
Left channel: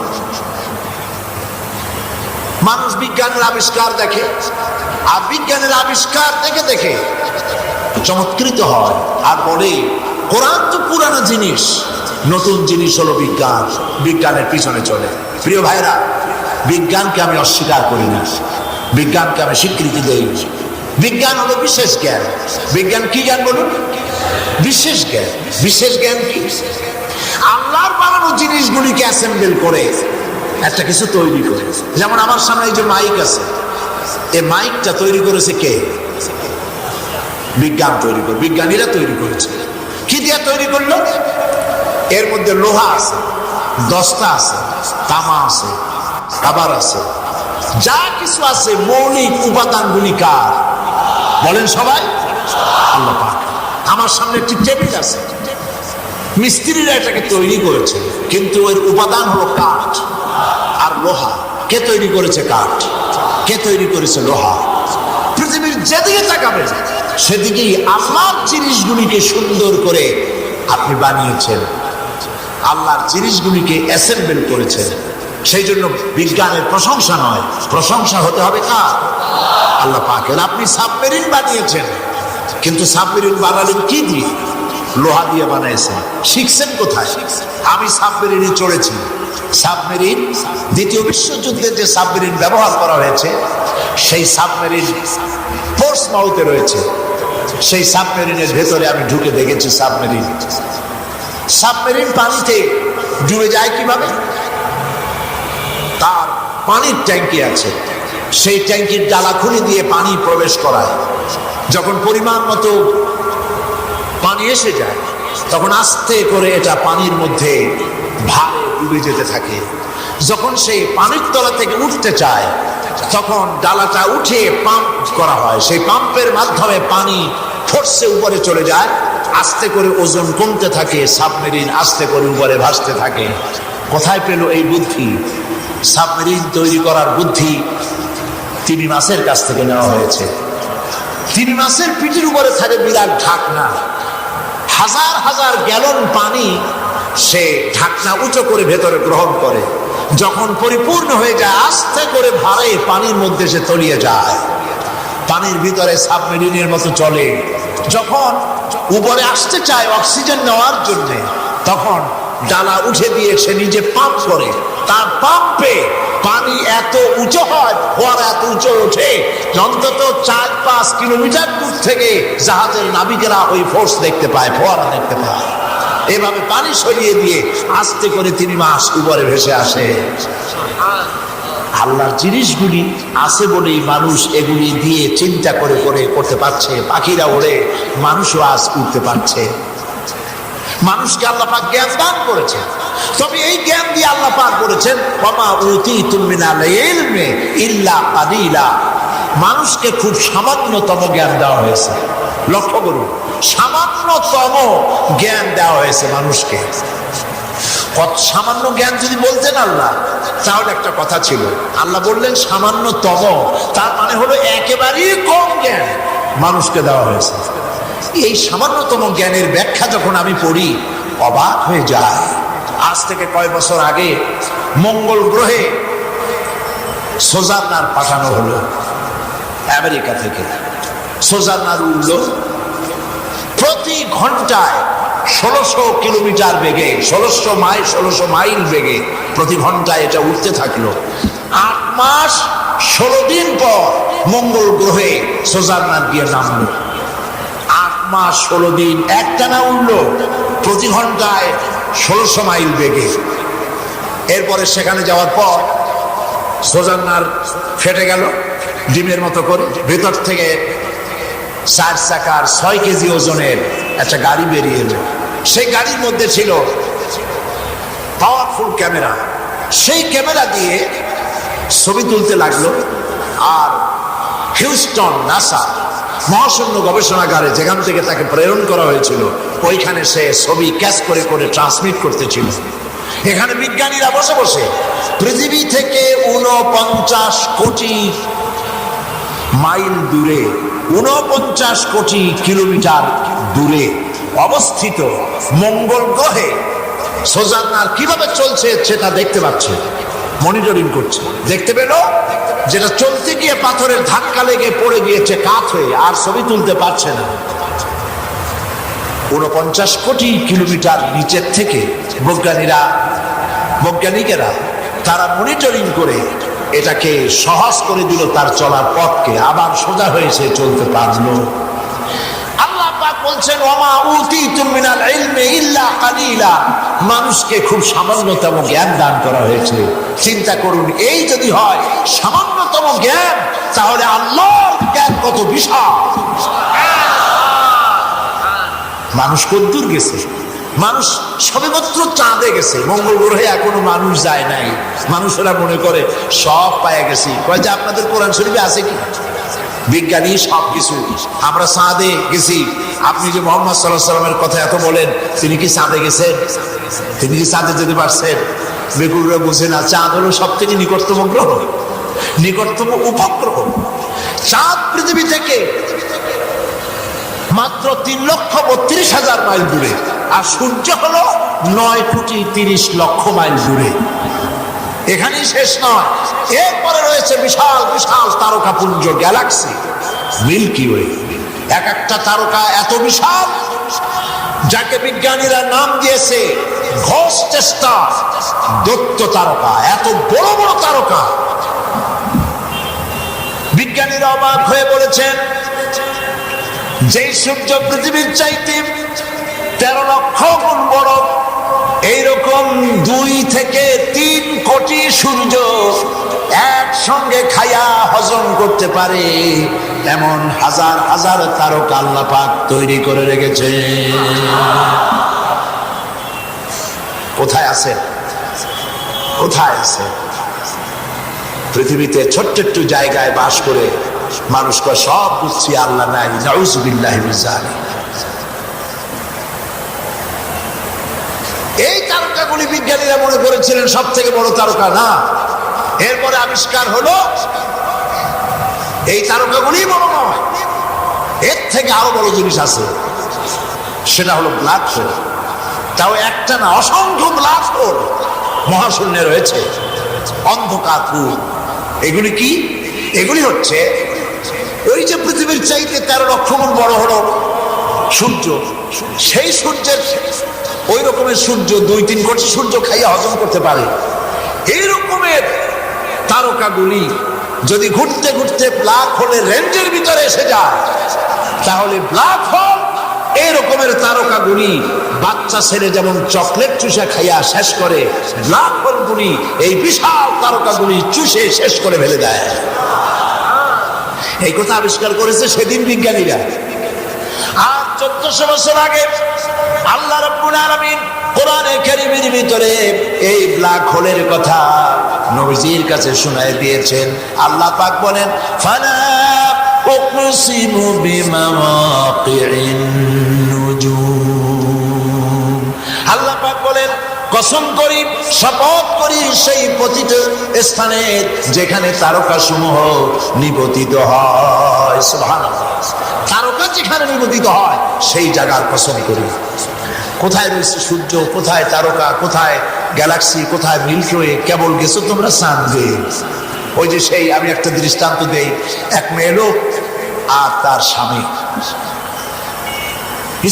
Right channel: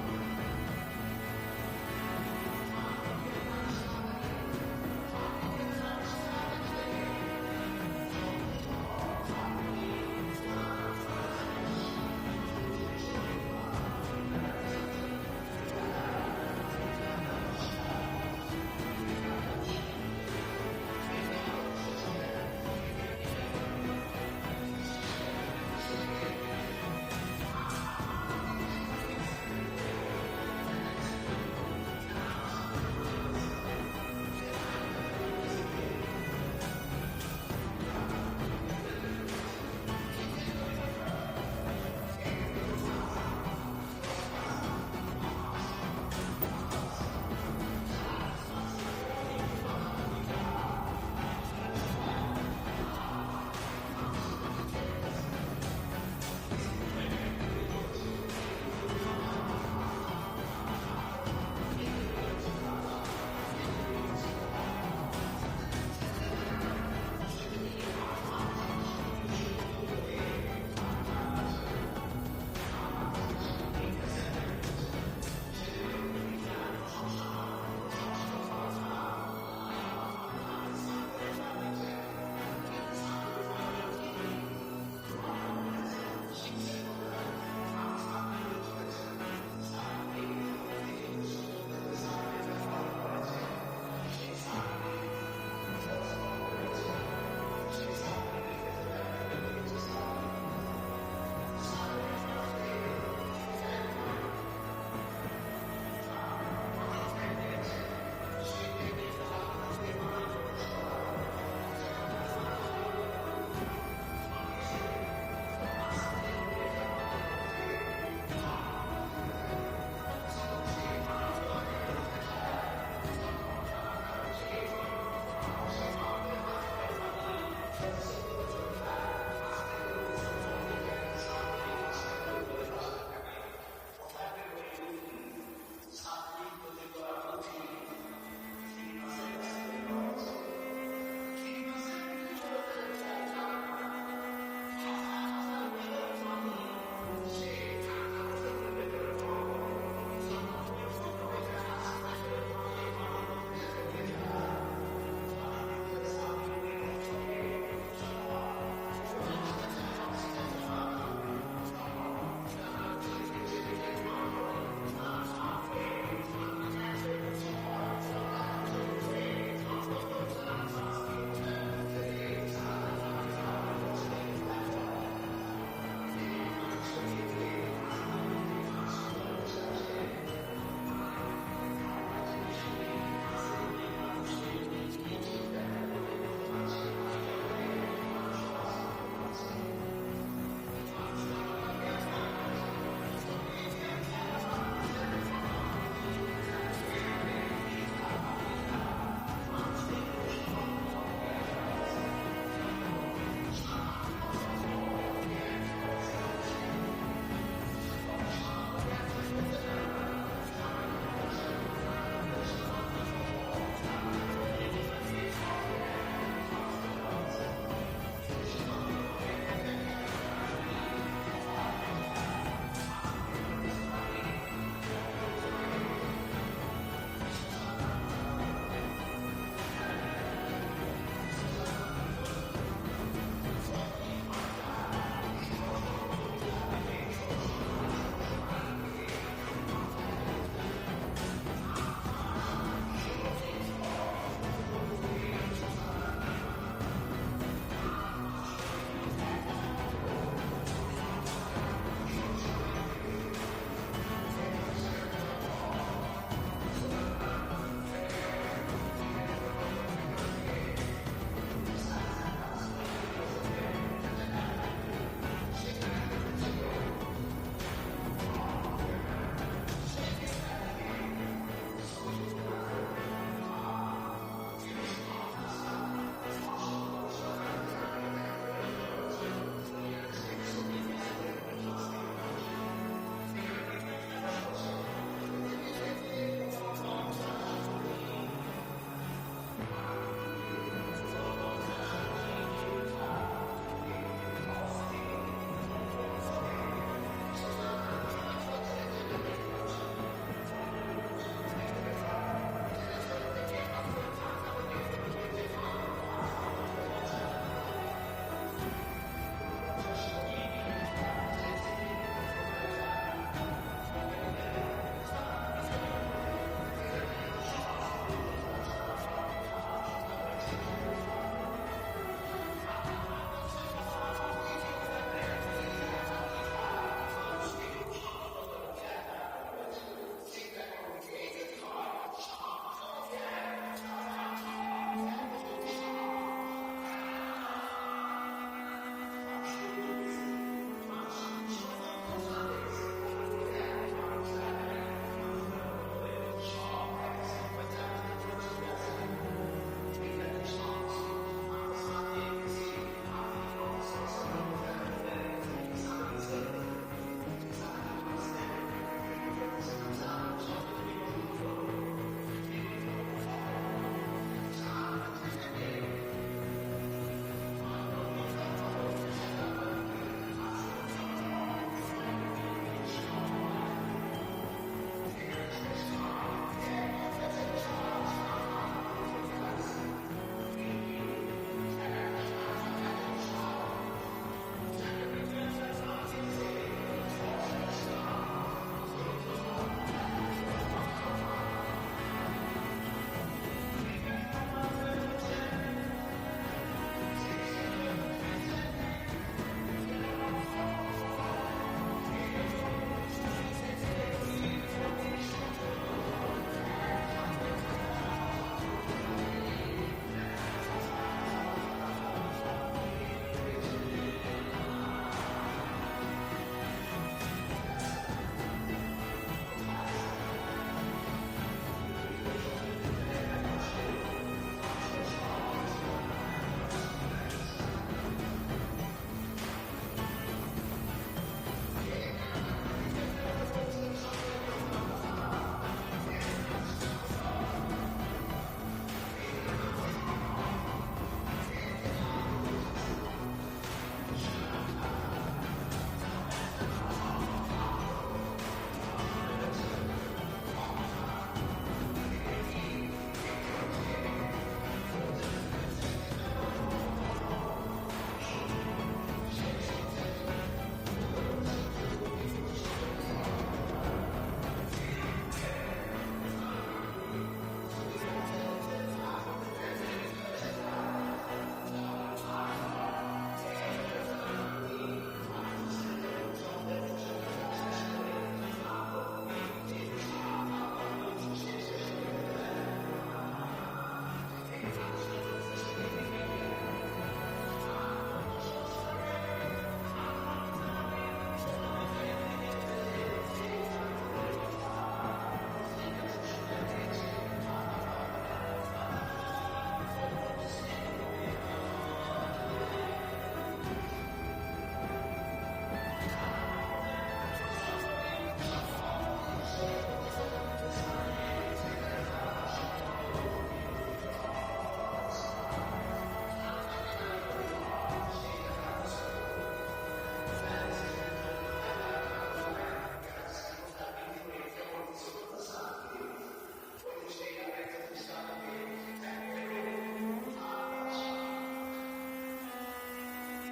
মানুষ বিজ্ঞানের আবিষ্কার দেখে, আর বিজ্ঞানের আবিষ্কার দেখে দেখে চমৎকৃত হয় আর বলে কোরআন তো পুরানো জিনিস, নতুন জিনিস হলো বিজ্ঞান, বিজ্ঞানের পিছনে চলে। প্রিয় ভাইরা, বিজ্ঞানকে আমি অস্বীকার করি না, বিজ্ঞানকে আমি স্বীকৃতি দেই। বিজ্ঞান হলো বিশেষ জ্ঞান। বিজ্ঞান কি জ্ঞান বলুন? বিশেষ জ্ঞান। বিশেষ জ্ঞান কি? আল্লাহর বানানো জিনিসগুলিকে অ্যাসেম্বল করে একটা কিছু তৈরি করে। যেমন আমার সামনে এই যে মাইক আছে, এই মাইকটা তৈরি করেছে কে? বিজ্ঞান তৈরি করে, বিজ্ঞানীরা তৈরি করেছে। কি দিয়ে তৈরি করলো? এর মধ্যে লোহা আছে, দস্তা আছে, তামা আছে, রাবার আছে, যা কিছু আছে মৌলিক উপাদানগুলি কার? বলেন সবাই, আল্লাহ পাক। আমার সামনে একটি টেবিল আছে, মিস্ত্রিরা এটাকে তৈরি করেছে, কিন্তু এর উপাদান হলো কাঠ আর লোহা। কে তৈরি করেছে কাঠ? কে তৈরি করেছে লোহা? পৃথিবীর যেদিকে তাকাবেন সেদিকেই আল্লাহর জিনিসগুলিকে সুন্দর করে আপনি বানিয়েছেন, আল্লাহর জিনিসগুলিকে অ্যাসেম্বল করেছেন। সেই জন্য বিজ্ঞানের প্রশংসা নয়, প্রশংসা হতে হবে কার? আল্লাহ পাকের। আপনি সাবমেরিন বানিয়েছেন, কিন্তু সাবমেরিন বানালেন কি দিয়ে? লোহা দিয়ে বানাইছেন। শিখছেন কোথায়? আমি সাবমেরিনে চড়েছি। সাবমেরিন দ্বিতীয় বিশ্বযুদ্ধে যে সাবমেরিন ব্যবহার করা হয়েছে, সেই সাবমেরিন পোর্টসমাউথে রয়েছে। সেই সাবমেরিনের ভেতরে আমি ঢুকে দেখেছি সাবমেরিন। সাবমেরিন পানিতে ডুবে যায় কিভাবে? তার পানির ট্যাঙ্কি আছে, সেই ট্যাঙ্কির ডালা খুলে দিয়ে পানি প্রবেশ করায়। যখন পরিমাণ মতো পানি এসে যায়, তখন আস্তে করে এটা পানির মধ্যে ভারে ডুবে যেতে থাকে। যখন সেই পানির তলা থেকে উঠতে চায়, তখন ডালাটা উঠে পাম্প করা হয়। সেই পাম্পের মাধ্যমে পানি ফোর্সে উপরে চলে যায়। আস্তে করে ওজন কমতে থাকে, সাবমেরিন আস্তে করে উপরে ভাসতে থাকে। কোথায় পেল এই বুদ্ধি? সাবমেরিন তৈরি করার বুদ্ধি তিমি মাছের কাছ থেকে নেওয়া হয়েছে। তিমি মাছের পিঠের উপরে থাকে বিরাট ঢাকনা, হাজার হাজার গ্যালন পানি সে ঢাকনা উঁচু করে ভেতরে গ্রহণ করে। যখন পরিপূর্ণ হয়ে যায়, আস্তে করে ভারে পানির মধ্যে সে তলিয়ে যায়। পানির ভিতরে সাবমেরিনের মতো চলে। যখন উপরে আসতে চায় অক্সিজেন নেওয়ার জন্য, তখন ডালা উঠে দিয়ে সে নিজে পাম্প করে। তার পাম্পে পানি এত উঁচু হয়, ফোয়ারা এত উঁচু ওঠে, অন্তত 4-5 কিলোমিটার দূর থেকে জাহাজের নাবিকেরা ওই ফোর্স দেখতে পায়, ফোয়ারা দেখতে পায়। এভাবে পানি সরিয়ে দিয়ে আস্তে করে 3 মাস উপরে ভেসে আসে। আল্লাহর জিনিসগুলি আছে বলেই মানুষ এগুলি দিয়ে চিন্তা করে করে করতে পারছে। পাখিরা ওড়ে, মানুষও আজ উঠতে পারছে। মানুষকে আল্লাহ পাক জ্ঞান দান করেছে, তবে এই জ্ঞান দিয়ে আল্লাহ পাক বলেছেন ওয়ামা উতীতুম মিনাল ইলমি ইল্লা কালিলা। মানুষকে খুব সামান্যতম জ্ঞান দেওয়া হয়েছে। লক্ষ্য করুন, সামান্যতম জ্ঞান দেওয়া হয়েছে মানুষকে। কত সামান্য জ্ঞান যদি বলতেন আল্লাহ, তাহলে একটা কথা ছিল। আল্লাহ বললেন সামান্যতম, তার মানে হলো একেবারেই কম জ্ঞান মানুষকে দেওয়া হয়েছে। এই সামান্যতম জ্ঞানের ব্যাখ্যা যখন আমি পড়ি, অবাক হয়ে যায়। আজ থেকে কয়েক বছর আগে মঙ্গল গ্রহে সোজারনার পাঠানো হলো আমেরিকা থেকে। সোজারনার উড়ল প্রতি ঘন্টায় 1600 কিলোমিটার বেগে, 1600 মাইল বেগে প্রতি ঘন্টায় এটা উঠতে থাকলো। 8 মাস 16 দিন পর মঙ্গল গ্রহে সোজারনার গিয়ে নামলো। 8 মাস 16 দিন একটানা উঠলো প্রতি ঘন্টায় 1600 মাইল বেগে। এরপরে সেখানে যাওয়ার পর সোজারনার ফেটে গেল ডিমের মতো করে। ভেতর থেকে 4 চাকার 6 কেজি ওজনের একটা গাড়ি বেরিয়ে এলো। সেই গাড়ির মধ্যে ছিল পাওয়ারফুল ক্যামেরা। সেই ক্যামেরা দিয়ে ছবি তুলতে লাগলো। আর হিউস্টন নাসা মহাশূন্য গবেষণাগারে, যেখান থেকে তাকে প্রেরণ করা হয়েছিল, ওইখানে সে ছবি ক্যাচ করে করে ট্রান্সমিট করতেছিল। এখানে বিজ্ঞানীরা বসে বসে পৃথিবী থেকে 49 কোটি মাইল দূরে, 49 কোটি কিলোমিটার দূরে অবস্থিত মঙ্গল গ্রহে সোজান্নার কিভাবে চলছে সেটা দেখতে পাচ্ছে, মনিটরিং করছে। দেখতে পেল যেটা চলতে গিয়ে পাথরের ধাক্কা লেগে পড়ে গিয়েছে কাত হয়ে, আর ছবি তুলতে পারছে না। 49 কোটি কিলোমিটার নিচের থেকে বৈজ্ঞানিকেরা তারা মনিটরিং করে এটাকে সহজ করে দিল, তার চলার পথকে আবার সোজা হয়েছে চলতে পারলো। আল্লাহ পাক বলছেন ওমা উতিতুম মিনাল ইলমি ইল্লা কালিলা, মানুষকে খুব সামান্যতম জ্ঞান দান করা হয়েছে। চিন্তা করুন, এই যদি হয় সামান্যতম জ্ঞান, তাহলে আল্লাহর জ্ঞান কত বিশাল। মানুষ কদ্দূর গেছে, মানুষ সবেমাত্র চাঁদে গেছে, মঙ্গল গ্রহে এখনো মানুষ যায় নাই। মানুষেরা মনে করে সব পায়ে গেছি, কয় যে আপনাদের কোরআন শরীফে আছে কি? বিজ্ঞানী সব কিছু, আমরা চাঁদে গেছি। আপনি যে মোহাম্মদ সাল্লাল্লাহু আলাইহি সাল্লামের কথা এত বলেন, তিনি কি চাঁদে গেছেন? তিনি কি চাঁদে যেতে পারছেন? বেকুলরা বুঝে না, চাঁদ হলো সব থেকে নিকটতম গ্রহ, নিকটতম উপগ্রহ। চাঁদ পৃথিবী থেকে মাত্র 3,32,000 মাইল দূরে, আর সূর্য হলো 9,30,00,000 মাইল দূরে। এখানেই শেষ নয়, এরপরে রয়েছে বিশাল বিশাল তারকাপুঞ্জ, গ্যালাক্সি, মিল্কি ওয়ে। এক একটা তারকা এত বিশাল, যাকে বিজ্ঞানীরা নাম দিয়েছে ঘোস্ট স্টার, দৈত্য তারকা। এত বড় বড় তারকা, বিজ্ঞানীরা অবাক হয়ে বলেছেন যেই সূর্য পৃথিবীর চাইতে 13 লক্ষ গুণ বড়, এইরকম 2 থেকে 3 কোটি সূর্য একসঙ্গে খায়া হজম করতে পারে এমন হাজার হাজার তারকা আল্লাহ পাক তৈরি করে রেখেছে। কোথায় আছে? কোথায় আছে? পৃথিবীতে ছোট্ট একটু জায়গায় বাস করে মানুষকে সব বুঝছি, আল্লাহ নাই, নাউযুবিল্লাহি মিন যালিক। এই তারকাগুলি বিজ্ঞানীরা মনে করেছিলেন সব থেকে বড় তারকা, না। এরপরে আবিষ্কার হলো এই তারকাগুলি বড় নয়, এর থেকে আরো বড় জিনিস আছে, সেটা হলো ব্ল্যাক হোল। তাও একটা না, অসংখ্য ব্ল্যাক হোল মহাশূন্যে রয়েছে, অন্ধকার কূপ। এগুলি কি? এগুলি হচ্ছে ওই যে পৃথিবীর চাইতে 13 লক্ষ গুণ বড় হলো সূর্য, সেই সূর্যের ওই রকমের সূর্য 2-3 কোটি সূর্য খাইয়া হজম করতে পারে। এই রকমের তারকাগুলি যদি ঘুরতে ঘুরতে ব্ল্যাক হোলের রেঞ্জের ভিতরে এসে যায়, তাহলে ব্ল্যাক হোল এই রকমের তারকাগুলি বাচ্চা ছেলে যেমন চকলেট চুষে খাইয়া শেষ করে, ব্ল্যাক হোলগুলি এই বিশাল তারকাগুলি চুষে শেষ করে ফেলে দেয়। এই কথা আবিষ্কার করেছে সেদিন বিজ্ঞানীরা। আর 1400 বছর আগে আল্লাহ রাব্বুল আলামিন কোরআনে কারীমের ভিতরে এই ব্ল্যাক হোলের কথা নবীজির কাছে শোনায় দিয়েছেন। আল্লাহ পাক বলেন, ফালা উকসিমু বিমাওয়াকিন নুজুম। আল্লাহ পাক বলেন, কসম করি, শপথ করি সেই পতিত স্থানে যেখানে তারকা সমূহ নিপতিত হয়। সুবহানাল্লাহ, তারকা যেখানে নিপতিত হয় সেই জায়গার কসম করি। কোথায় রয়েছে সূর্য, কোথায় তারকা, কোথায় গ্যালাক্সি, কোথায় মিল্কি ওয়ে? কেবল গেছো তোমরা চাঁদে। ওই যে সেই, আমি একটা দৃষ্টান্ত দেই, এক মেয়ে লোক আর তার স্বামী,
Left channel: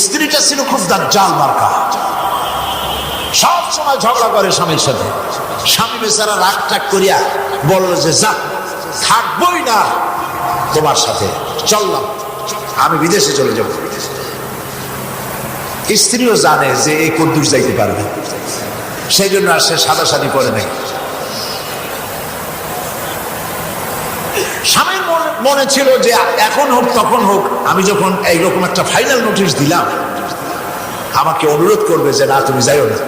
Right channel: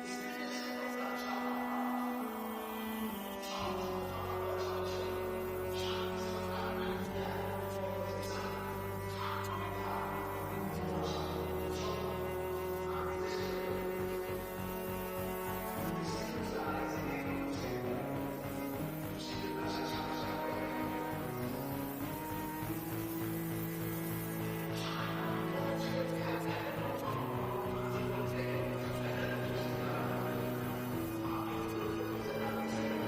স্ত্রীটা ছিল খুব দাজ্জাল মার্কা, সব সময় ঝগড়া করে স্বামীর সাথে। স্বামী বেচারা রাগ টাগ করিয়া বলল যে যা, থাকবোই না তোমার সাথে, চললাম, আমি বিদেশে চলে যাব। স্ত্রীও জানে যে এই কদ্দুর যাইতে পারবে, সেই জন্য আর সে সাদাসাদি করে নাই। স্বামীর মনে ছিল যে এখন হোক তখন হোক, আমি যখন এইরকম একটা ফাইনাল নোটিশ দিলাম, আমাকে অনুরোধ করবে যে না তুমি যাইও না।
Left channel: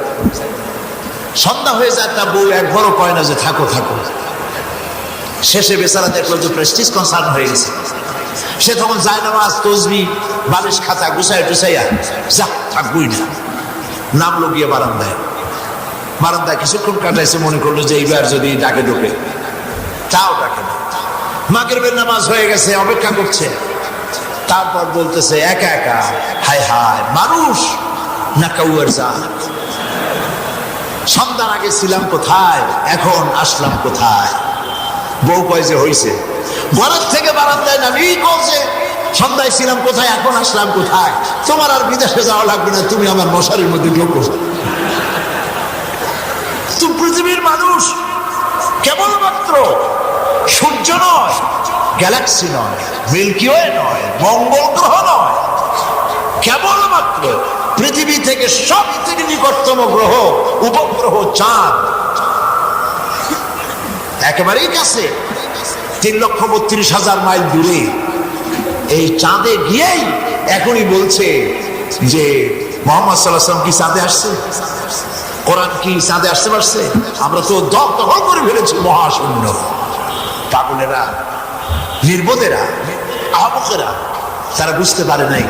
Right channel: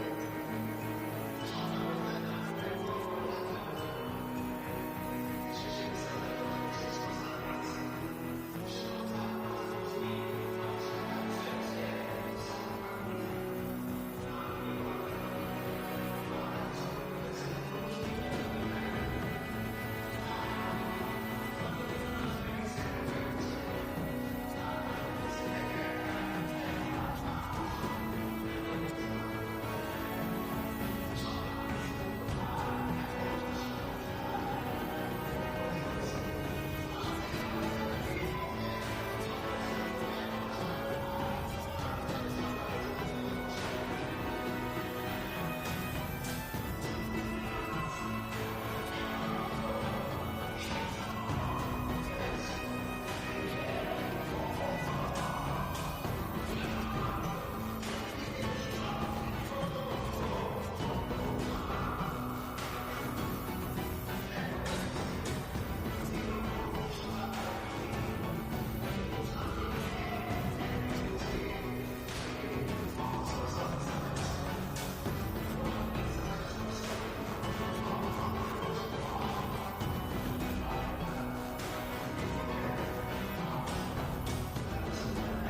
সন্ধ্যা হয়ে যায়, তা বউ একবারও কয় না যে থাকো থাকো। শেষে বেচারা দেখলো যে প্রেস্টিজ কনসার্ন হয়ে গেছে। সে তখন যায় নামাজ, তসবি, বালিশ খাতা গুছাই টুসাইয়া যা, থাকবই না। নামলো গিয়ে বারান্দায়। বারান্দায় কিছুক্ষণ কাটাইছে, মনে করলো যে এইবার যদি ডাকে ঢোকে, তাও ডাকে না। মাগরিবের নামাজ হয়ে গেছে, অপেক্ষা করছে। তারপর বলতেছে একা একা, হায় হায় মানুষ না কাউয়ার জাত। সন্তান আগে ছিলাম কোথায়, এখন আসলাম কোথায়। বউ কয় যে হইছে, ঘরের থেকে বারান্দায় নামিয়ে কইছে সন্ধ্যায় ছিলাম কোথায়, এখন আসলাম কোথায়। তোমার আর বিদেশে যাওয়া লাগবে না, তুমি আমার মশারির মধ্যে ঢোকো। তুমি পৃথিবীর মানুষ, কেবলমাত্র সূর্য নয়, গ্যালাক্সি নয়, মিল্কি ওয়ে নয়, মঙ্গল গ্রহ নয়, কেবলমাত্র পৃথিবী থেকে সব থেকে নিকটতম গ্রহ উপগ্রহ চাঁদ, একেবারেই কাছে, 3,32,000 মাইল দূরে। এই চাঁদে গিয়েই এখনই বলছে যে মুহাম্মদ সাল্লাল্লাহু আলাইহি ওয়াসাল্লাম কি চাঁদে আসছে, কোরআন কি চাঁদে আসতে পারছে? আমরা তো দখল করে ফেলেছি মহাশূন্য। পাগলেরা, নির্বোধেরা, আহমকেরা, তারা বুঝতে পারে নাই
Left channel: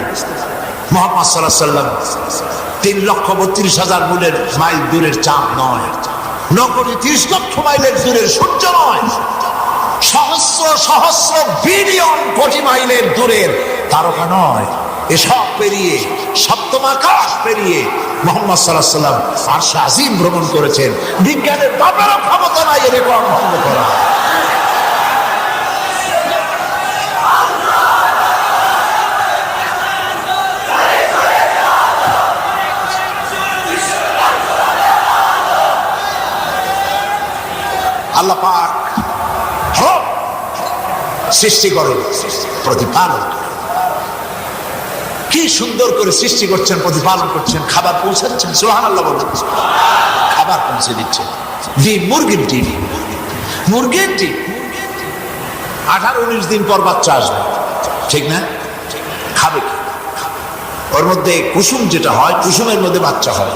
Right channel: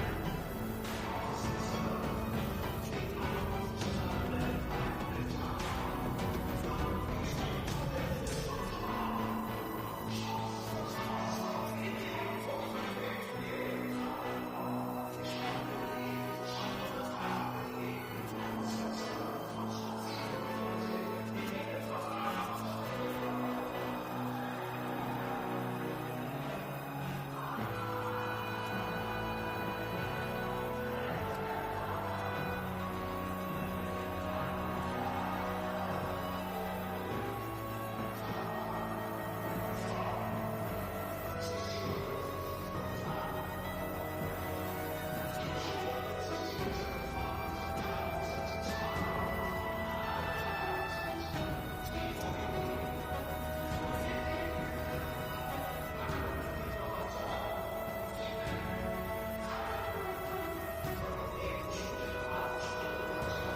মুহাম্মদ সাল্লাল্লাহু আলাইহি ওয়াসাল্লাম 3,32,000 মাইল দূরের চাঁদ নয়, 9,30,00,000 মাইলের দূরের সূর্য নয়, সহস্র সহস্র বিলিয়ন কোটি মাইলের দূরের তারকা নয়। এসব পেরিয়ে, সপ্তম আকাশ পেরিয়ে মুহাম্মদ সাল্লাল্লাহু আলাইহি ওয়াসাল্লাম আরশে আজিম ভ্রমণ করেছেন। বিজ্ঞানের বাবারও ক্ষমতা নাই এর রেকর্ড ভঙ্গ করা। আল্লাহ পাক সৃষ্টি করে, প্রতিপালন করে। কি সুন্দর করে সৃষ্টি করছেন, প্রতিপালন করছেন, খাবার পৌঁছাচ্ছেন। সুবহানাল্লাহ বলছেন, খাবার পৌঁছে দিচ্ছেন। ডিম, মুরগির ডিম, মুরগির ডিম 18-19 দিন পর বাচ্চা আসবে, ঠিক না? খাবে কি? ওর মধ্যে কুসুম যেটা হয়, কুসুমের মধ্যে বাচ্চা হয়,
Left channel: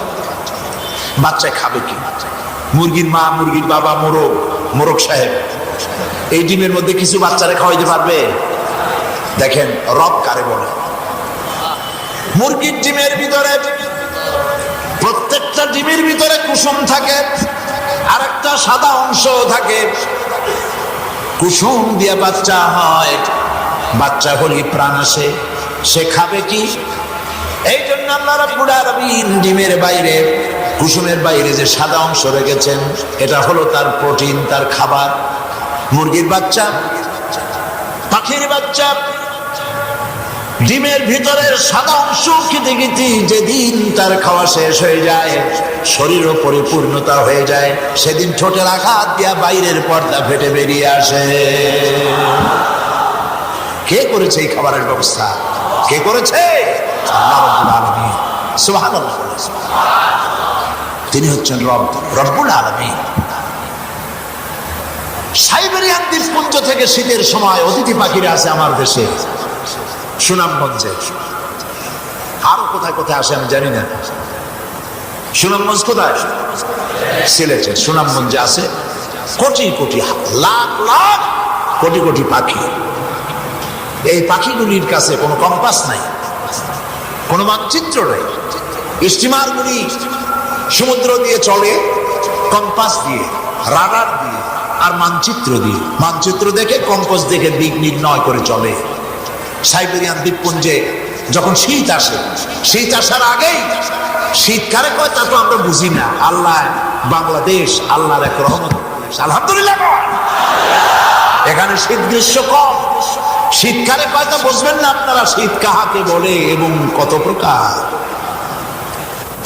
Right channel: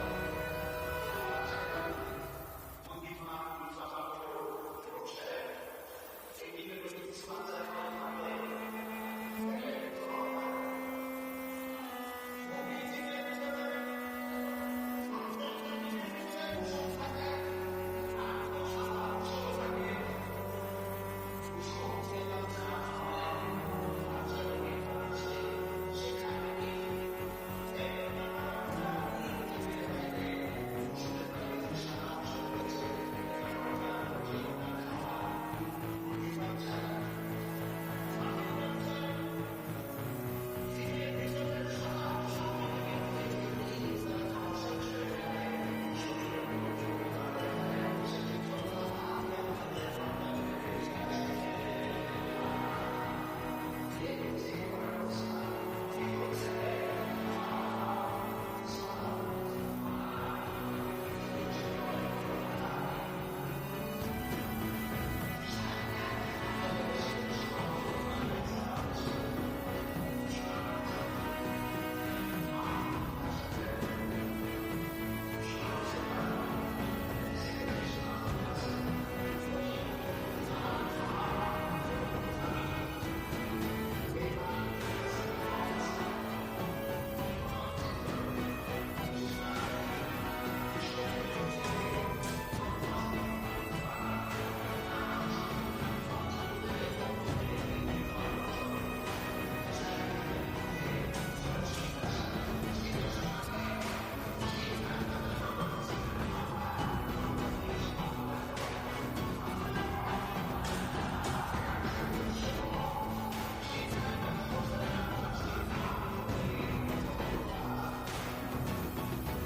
বাচ্চায় খাবে কি? মুরগির মা, মুরগির বাবা, মোরগ সাহেব এই ডিমের মধ্যে কিছু বাচ্চারে খাওয়াইতে পারবে? দেখেন রব কারে বলে। মুরগির ডিমের ভিতরে, প্রত্যেকটা ডিমের ভিতরে কুসুম থাকে, আর একটা সাদা অংশ থাকে। কুসুম দিয়ে বাচ্চা হয়, বাচ্চা হলে প্রাণ আসে। সে খাবে কি? এই জন্য আল্লাহ রাব্বুল আলামিন ডিমের বাইরে, কুসুমের বাইরে যে সাদা অংশ রেখেছেন, এটা হলো তার প্রোটিন, তার খাবার। মুরগির বাচ্চা, পাখির বাচ্চা ডিমের ভিতরের সাদা অংশ খেতে খেতে যেদিন তার খাওয়া শেষ হয়ে যায়, শরীরও পরিপূর্ণতা হয়ে যায়, সেদিন ঠোঁটের আঘাত দিয়া বাইরের পর্দা ফেটে বেরিয়ে আসে। কে করেছে এই খাবারের ব্যবস্থা? কে করেছে? আল্লাহ রাব্বুল আলামিন। সুবহানাল্লাহ। তিনি হচ্ছেন রব, রব্বুল আলামিন। সাইবেরিয়ান দ্বীপপুঞ্জ থেকে শীতের সময় অতিথি পাখিরা আছে আমার দেশে, সুনামগঞ্জে। আরো কোথায় কোথায় আসে আমি জানি না। সুনামগঞ্জ কোথায়? সিলেটের সুনামগঞ্জে আছে কোটি কোটি, লাখ লাখ কোটি কোটি পাখি। এই পাখিগুলির কাছে কোনো কম্পাস নাই, কোনো মানচিত্র নাই। স্টিমারগুলি সমুদ্র দিয়ে চলে কম্পাস দিয়ে, রাডার দিয়ে আর মানচিত্র দিয়ে। মানচিত্র দেখে, কম্পাস দেখে দিক নির্ণয় করে চলে। সাইবেরিয়ান দ্বীপপুঞ্জে যখন শীত আসে, শীত আসার আগেই, শীতকালে কয় তা তো আমরা বুঝি না। আল্লাহ, বাংলাদেশ আল্লাহর এক রহমত, আলহামদুলিল্লাহ। এখানে শীত গ্রীষ্ম কম, শীতকালে কয় তা বুঝবেন না আপনারা শীত কাহাকে বলে এবং কত প্রকার।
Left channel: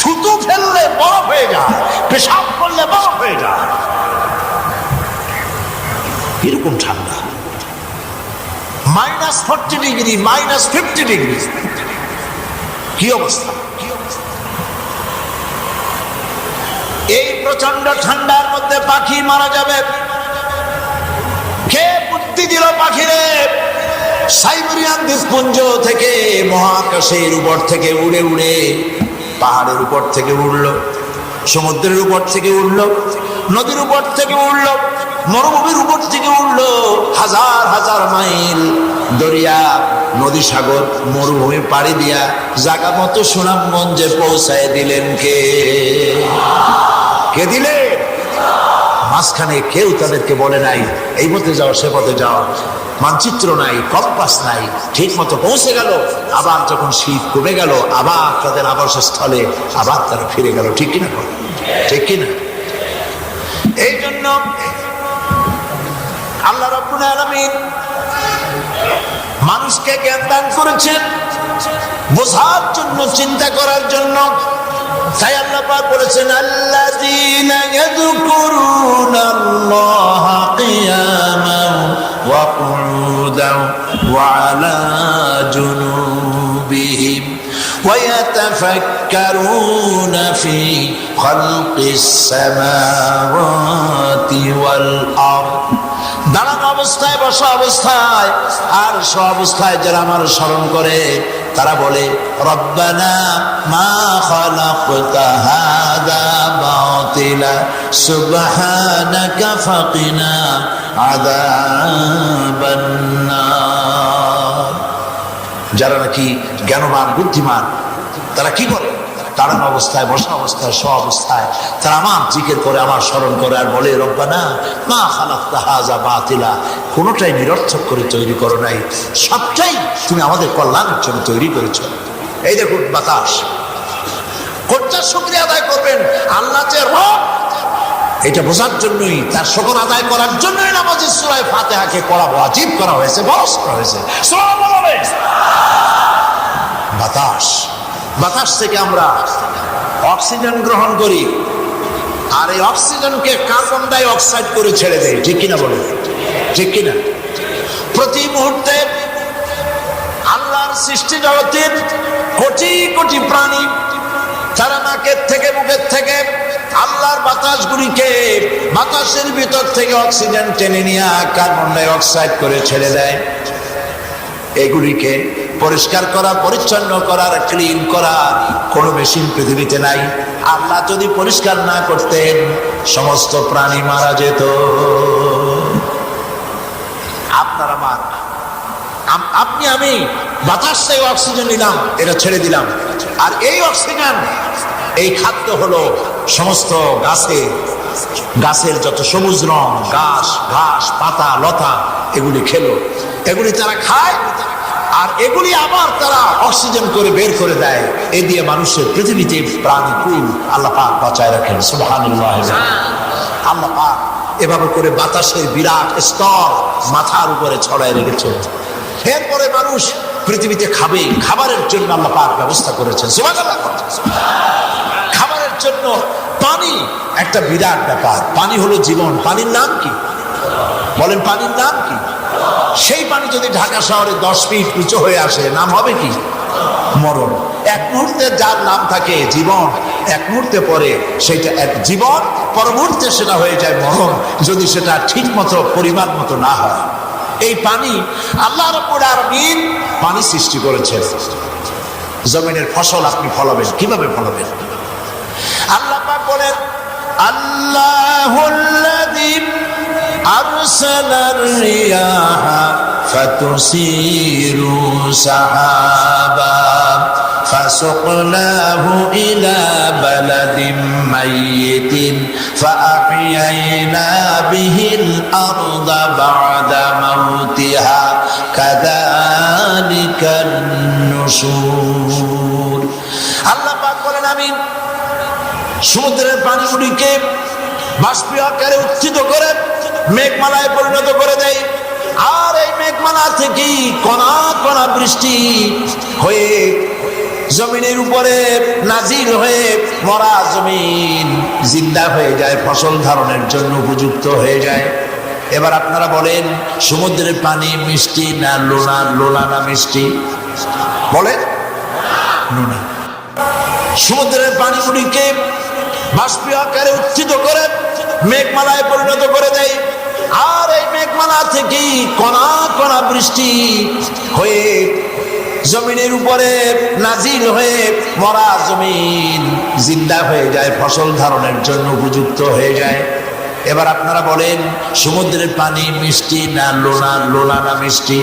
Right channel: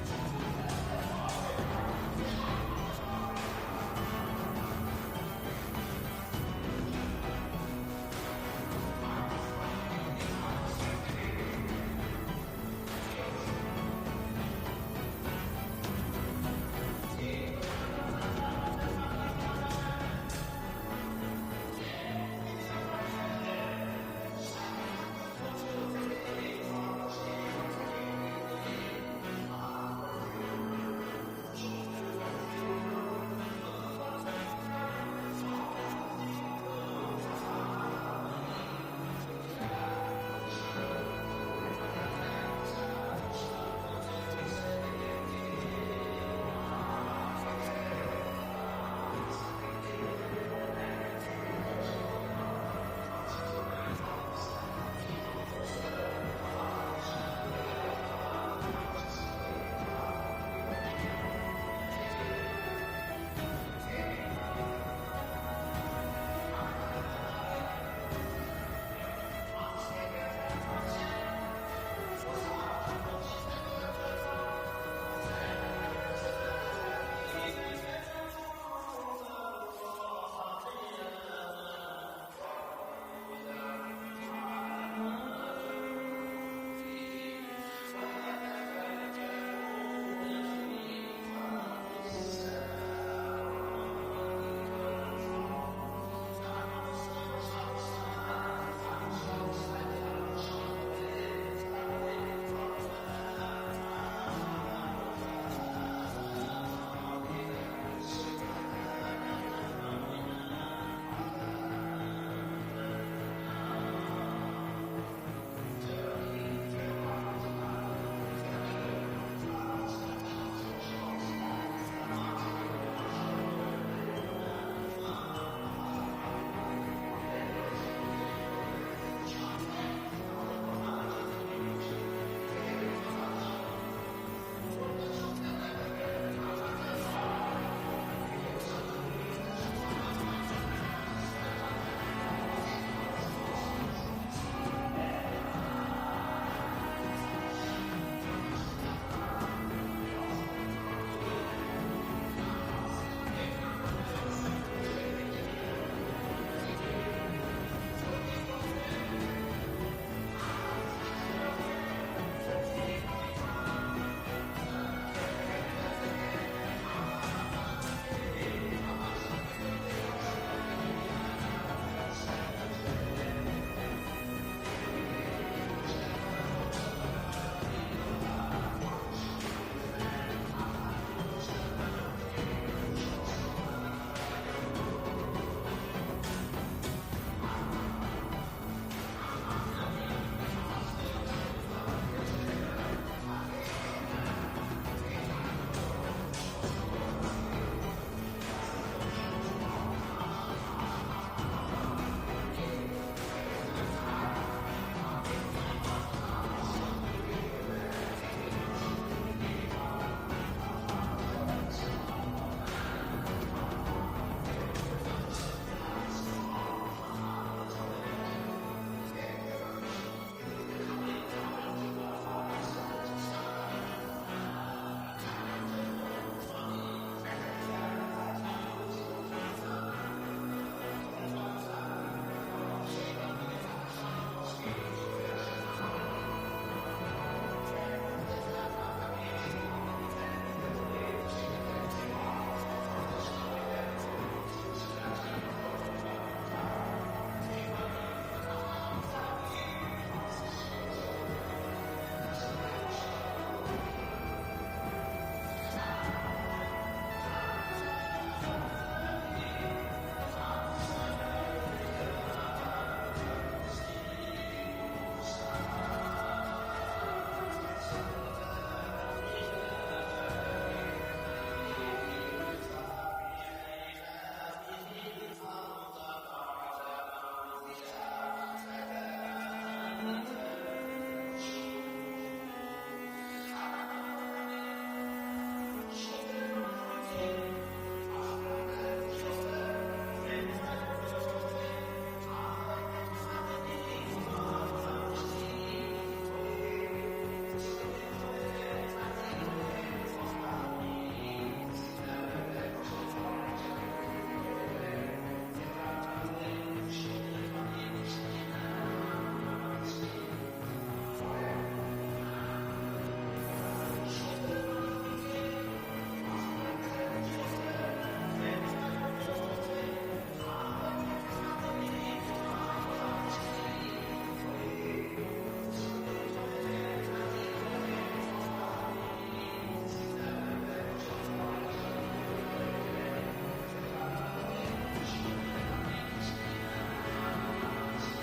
থুতু ফেললে বরফ হয়ে যায়, পেশাব করলে বরফ হয়ে যায়, এরকম ঠান্ডা। -40 ডিগ্রি, -50 ডিগ্রি, কি অবস্থা! এই প্রচন্ড ঠান্ডার মধ্যে পাখি মারা যাবে। কে বুদ্ধি দিল পাখিরে? সাইবেরিয়ান দ্বীপপুঞ্জ থেকে, মহাকাশের উপর থেকে উড়ে উড়ে, পাহাড়ের উপর থেকে উড়লো, সমুদ্রের উপর থেকে উড়লো, নদীর উপর থেকে উড়লো, মরুভূমির উপর থেকে উড়লো, হাজার হাজার মাইল দরিয়া, নদী, সাগর, মরুভূমি পাড়ি দিয়া জায়গা মতো সুনামগঞ্জে পৌঁছায় দিলেন কে? কে দিলে? মাঝখানে কেউ তাদেরকে বলে নাই এই পথে যাও সে পথে যাও, মানচিত্র নাই, কম্পাস নাই, ঠিক মতো পৌঁছে গেল। আবার যখন শীত কমে গেল আবার তাদের আবাসস্থলে আবার তারা ফিরে গেল। ঠিক কিনা? ঠিক কিনা? এই জন্য আল্লাহ রাব্বুল আলামিন মানুষকে জ্ঞান দান করেছেন বোঝার জন্য, চিন্তা করার জন্য। তাই আল্লাহ পাক বলেছেন আল্লাযীনা ইয়াযকুরুনাল্লাহা কিয়ামান ওয়া কুউদান ওয়া আলা জুনুবিহিম ওয়া ইয়াতাফাক্কারুনা ফি খালকিস সামাওয়াতি ওয়াল আরদ। দাঁড়ানো অবস্থায়, বসা অবস্থায় আর শোয়া অবস্থায় যারা আমার স্মরণ করে তারা বলে রব্বানা মা খালাকতা হাযা বাতিলা সুবহানাকা ফাকিনা আযাবান নার। যারা নাকি জ্ঞানবান, বুদ্ধিমান, তারা কি করে? দাঁড়ানো অবস্থায়, বসা অবস্থায়, শোয়া অবস্থায় তারা আমার জিকির করে, আমার স্মরণ করে আর বলে রব্বানা মা খালাকতা হাযা বাতিলা, কোনোটাই নিরর্থক করে তৈরি করো নাই, সবটাই তুমি আমাদের কল্যাণের জন্য তৈরি করেছ। এই দেখুন বাতাস, কোনটা শুকরিয়া আদায় করবেন? আল্লাহ যে রব, এটা বোঝার জন্যই, তার শুকর আদায় করার জন্যই নামাজে সূরা ফাতিহাকে পড়া ওয়াজিব করা হয়েছে, ফরজ করা হয়েছে। বাতাস, বাতাস থেকে আমরা অক্সিজেন গ্রহণ করি আর এই অক্সিজেনকে কার্বন ডাই অক্সাইড করে ছেড়ে দেয়। ঠিক কিনা বলুন? ঠিক কিনা? প্রতি মুহূর্তে আল্লাহর সৃষ্টি জগতের কোটি কোটি প্রাণী তারা নাকের থেকে, মুখের থেকে আল্লাহর বাতাসগুলিকে, বাতাসের ভিতর থেকে অক্সিজেন টেনে নিয়ে কার্বন ডাই অক্সাইড করে ছেড়ে দেয়। এগুলিকে পরিষ্কার করা, পরিচ্ছন্ন করার, ক্লিন করা কোনো মেশিন পৃথিবীতে নাই। আল্লাহ যদি পরিষ্কার না করতেন সমস্ত প্রাণী মারা যেত। আপনার আমার, আপনি আমি বাতাস থেকে অক্সিজেন নিলাম, এটা ছেড়ে দিলাম, আর এই অক্সিজেন, এই খাদ্য হলো সমস্ত গাছের যত সবুজ রং, ঘাস, পাতা, লতা, এগুলি খেলো, এগুলি তারা খায় আর এগুলি আবার তারা অক্সিজেন করে বের করে দেয়। এ দিয়ে মানুষের পৃথিবীতে প্রাণীকুল আল্লাহ পাক বাঁচায় রাখেন। সুবহানাল্লাহ। আল্লাহ পাক এভাবে করে বাতাসের বিরাট স্তর মাথার উপরে ছড়ায় রেখেছে। এরপরে মানুষ পৃথিবীতে খাবে, খাবারের জন্য আল্লাহ পাক ব্যবস্থা করেছেন। সুবহানাল্লাহ। খাবারের জন্য পানি একটা বিরাট ব্যাপার। পানি হলো জীবন। পানির নাম কি বলেন? পানির নাম কি? সেই পানি যদি ঢাকা শহরে 10 ফিট উঁচু হয়ে আসে, নাম হবে কি? মরণ। এক মুহূর্তে যার নাম থাকে জীবন, এক মুহূর্তে পরে সেটা এক জীবন, পর মুহূর্তে সেটা হয়ে যায় মরণ, যদি সেটা ঠিক মতো, পরিমাণ মতো না হয়। এই পানি আল্লাহ রাব্বুল আলামিন পানি সৃষ্টি করেছেন। জমিনের ফসল আপনি ফলাবেন, কিভাবে ফলাবেন? আল্লাহ পাক বলেন আল্লাহুল্লাযী আরসালার রিয়াহা ফাতুসিরু সাহাবা ফাসুকনাহু ইলা বালাদিন মাইয়িতিন ফাআহইয়ানা বিহিল আরদা বা'দা মাউতিহা কাযালিকান নুশুর। আল্লাহ পাক বলেন আমি সমুদ্রের পানিগুলিকে বাষ্পীয় আকারে উত্থিত করে মেঘমালায় পরিণত করে দেয়, আর এই মেঘমালা থেকেই কণা কণা বৃষ্টি হয়ে জমিনের উপরে নাজিল হয়ে মরা জমিন জিন্দা হয়ে যায়, ফসল ধারণের জন্য উপযুক্ত হয়ে যায়। এবার আপনারা বলেন সমুদ্রের পানি মিষ্টি না লোনা? লোনা না মিষ্টি? বলেন লোনা। সমুদ্রের পানিগুলিকে বাষ্পীয় আকারে উত্থিত করে মেঘমালায় পরিণত করে দেয়, আর এই মেঘমালা থেকেই কণা কণা বৃষ্টি হয়ে জমিনের উপরে নাজিল হয়ে মরা জমিন জিন্দা হয়ে যায়, ফসল ধারণের জন্য উপযুক্ত হয়ে যায়। এবার আপনারা বলেন সমুদ্রের পানি মিষ্টি না লোনা? লোনা না মিষ্টি?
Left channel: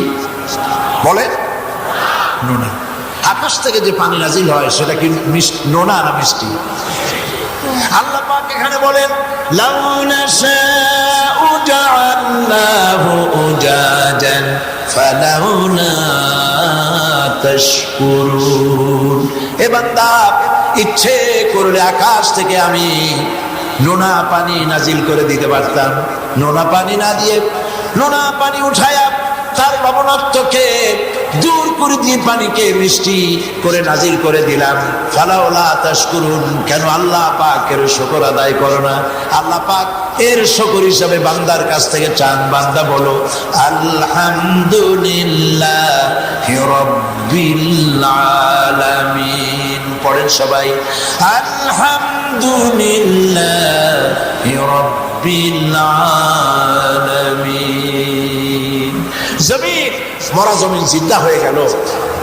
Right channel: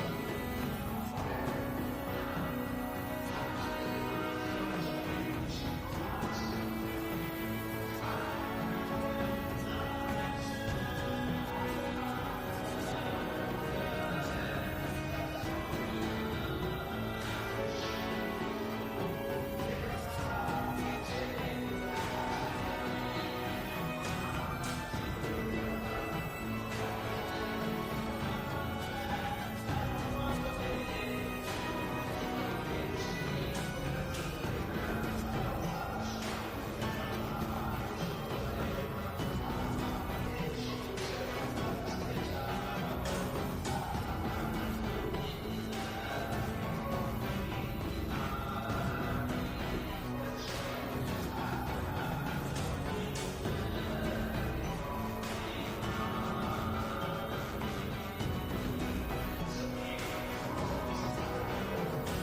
বলেন লোনা। আকাশ থেকে যে পানি নাজিল হয় সেটা কি নোনা না মিষ্টি? আল্লাহ পাক এখানে বলেন লাউ নাশাউ জাআলনাহু উজাজান ফালাউলা তাশকুরুন। হে বান্দা, ইচ্ছে করলে আকাশ থেকে আমি নোনা পানি নাজিল করে দিতে পারতাম। নোনা পানি না দিয়ে নোনা পানি উঠায়া তার লবণাক্তকে দূর করে দিয়ে পানিকে মিষ্টি করে নাজিল করে দিলাম। ফালাউলা তাশকুরুন, কেন আল্লাহ পাকের শুকর আদায় করো না? আল্লাহ পাক এর শুকর হিসাবে বান্দার কাছ থেকে চান, বান্দা বলো আলহামদুলিল্লাহি রাব্বিল আলামিন। পড়েন সবাই আলহামদুলিল্লাহি রাব্বিল আলামিন। জমিন, মরা জমিন জিন্দা হয়ে গেল,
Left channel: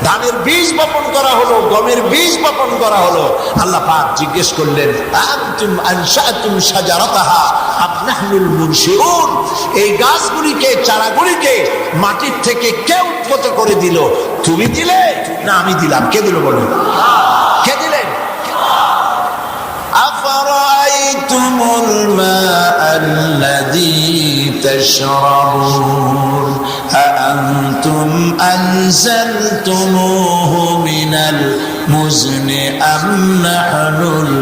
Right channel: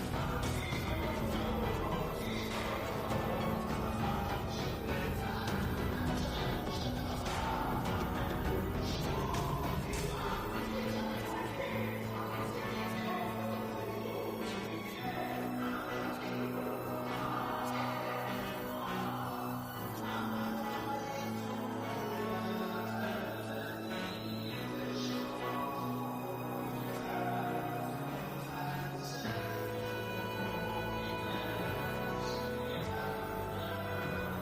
ধানের বীজ বপন করা হলো, গমের বীজ বপন করা হলো। আল্লাহ পাক জিজ্ঞেস করলেন আনতুম আনশাতুম শাজারাতাহা আম নাহনুল মুনশিউন, এই গাছগুলিকে, চারাগুলিকে মাটির থেকে কে উৎপত্ত করে দিল? তুমি দিলে না আমি দিলাম? কে দিল বলো? কে দিলেন? আফরাআইতুমুল মাআল্লাযী তাশরাবুন আআনতুম আনজালতুমূহু মিনাল মুজনি আম নাহনুল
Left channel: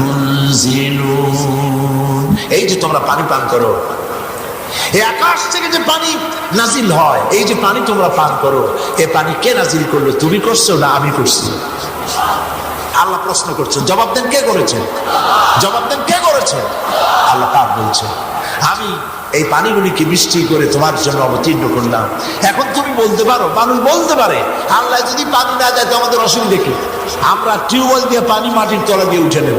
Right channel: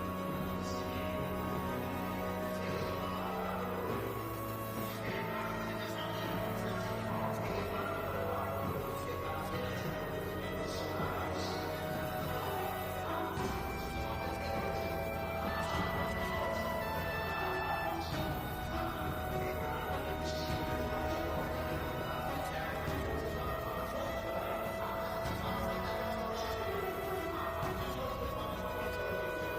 মুনজিলুন। এই যে তোমরা পানি পান করো, এই আকাশ থেকে যে পানি নাজিল হয়, এই যে পানি তোমরা পান করো, এই পানি কে নাজিল করলো? তুমি করছো না আমি করছি? আল্লাহ প্রশ্ন করছেন, জবাব দেন কে করেছেন? জবাব দেন কে করেছেন? আল্লাহ পাক বলছেন আমি এই পানিগুলিকে মিষ্টি করে তোমার জন্য অবতীর্ণ করলাম। এখন তুমি বলতে পারো, মানুষ বলতে পারে আল্লাহ যদি পানি না যায় তো আমাদের অসুবিধা কি? আমরা টিউবওয়েল দিয়ে পানি মাটির তলা দিয়ে উঠে নেব,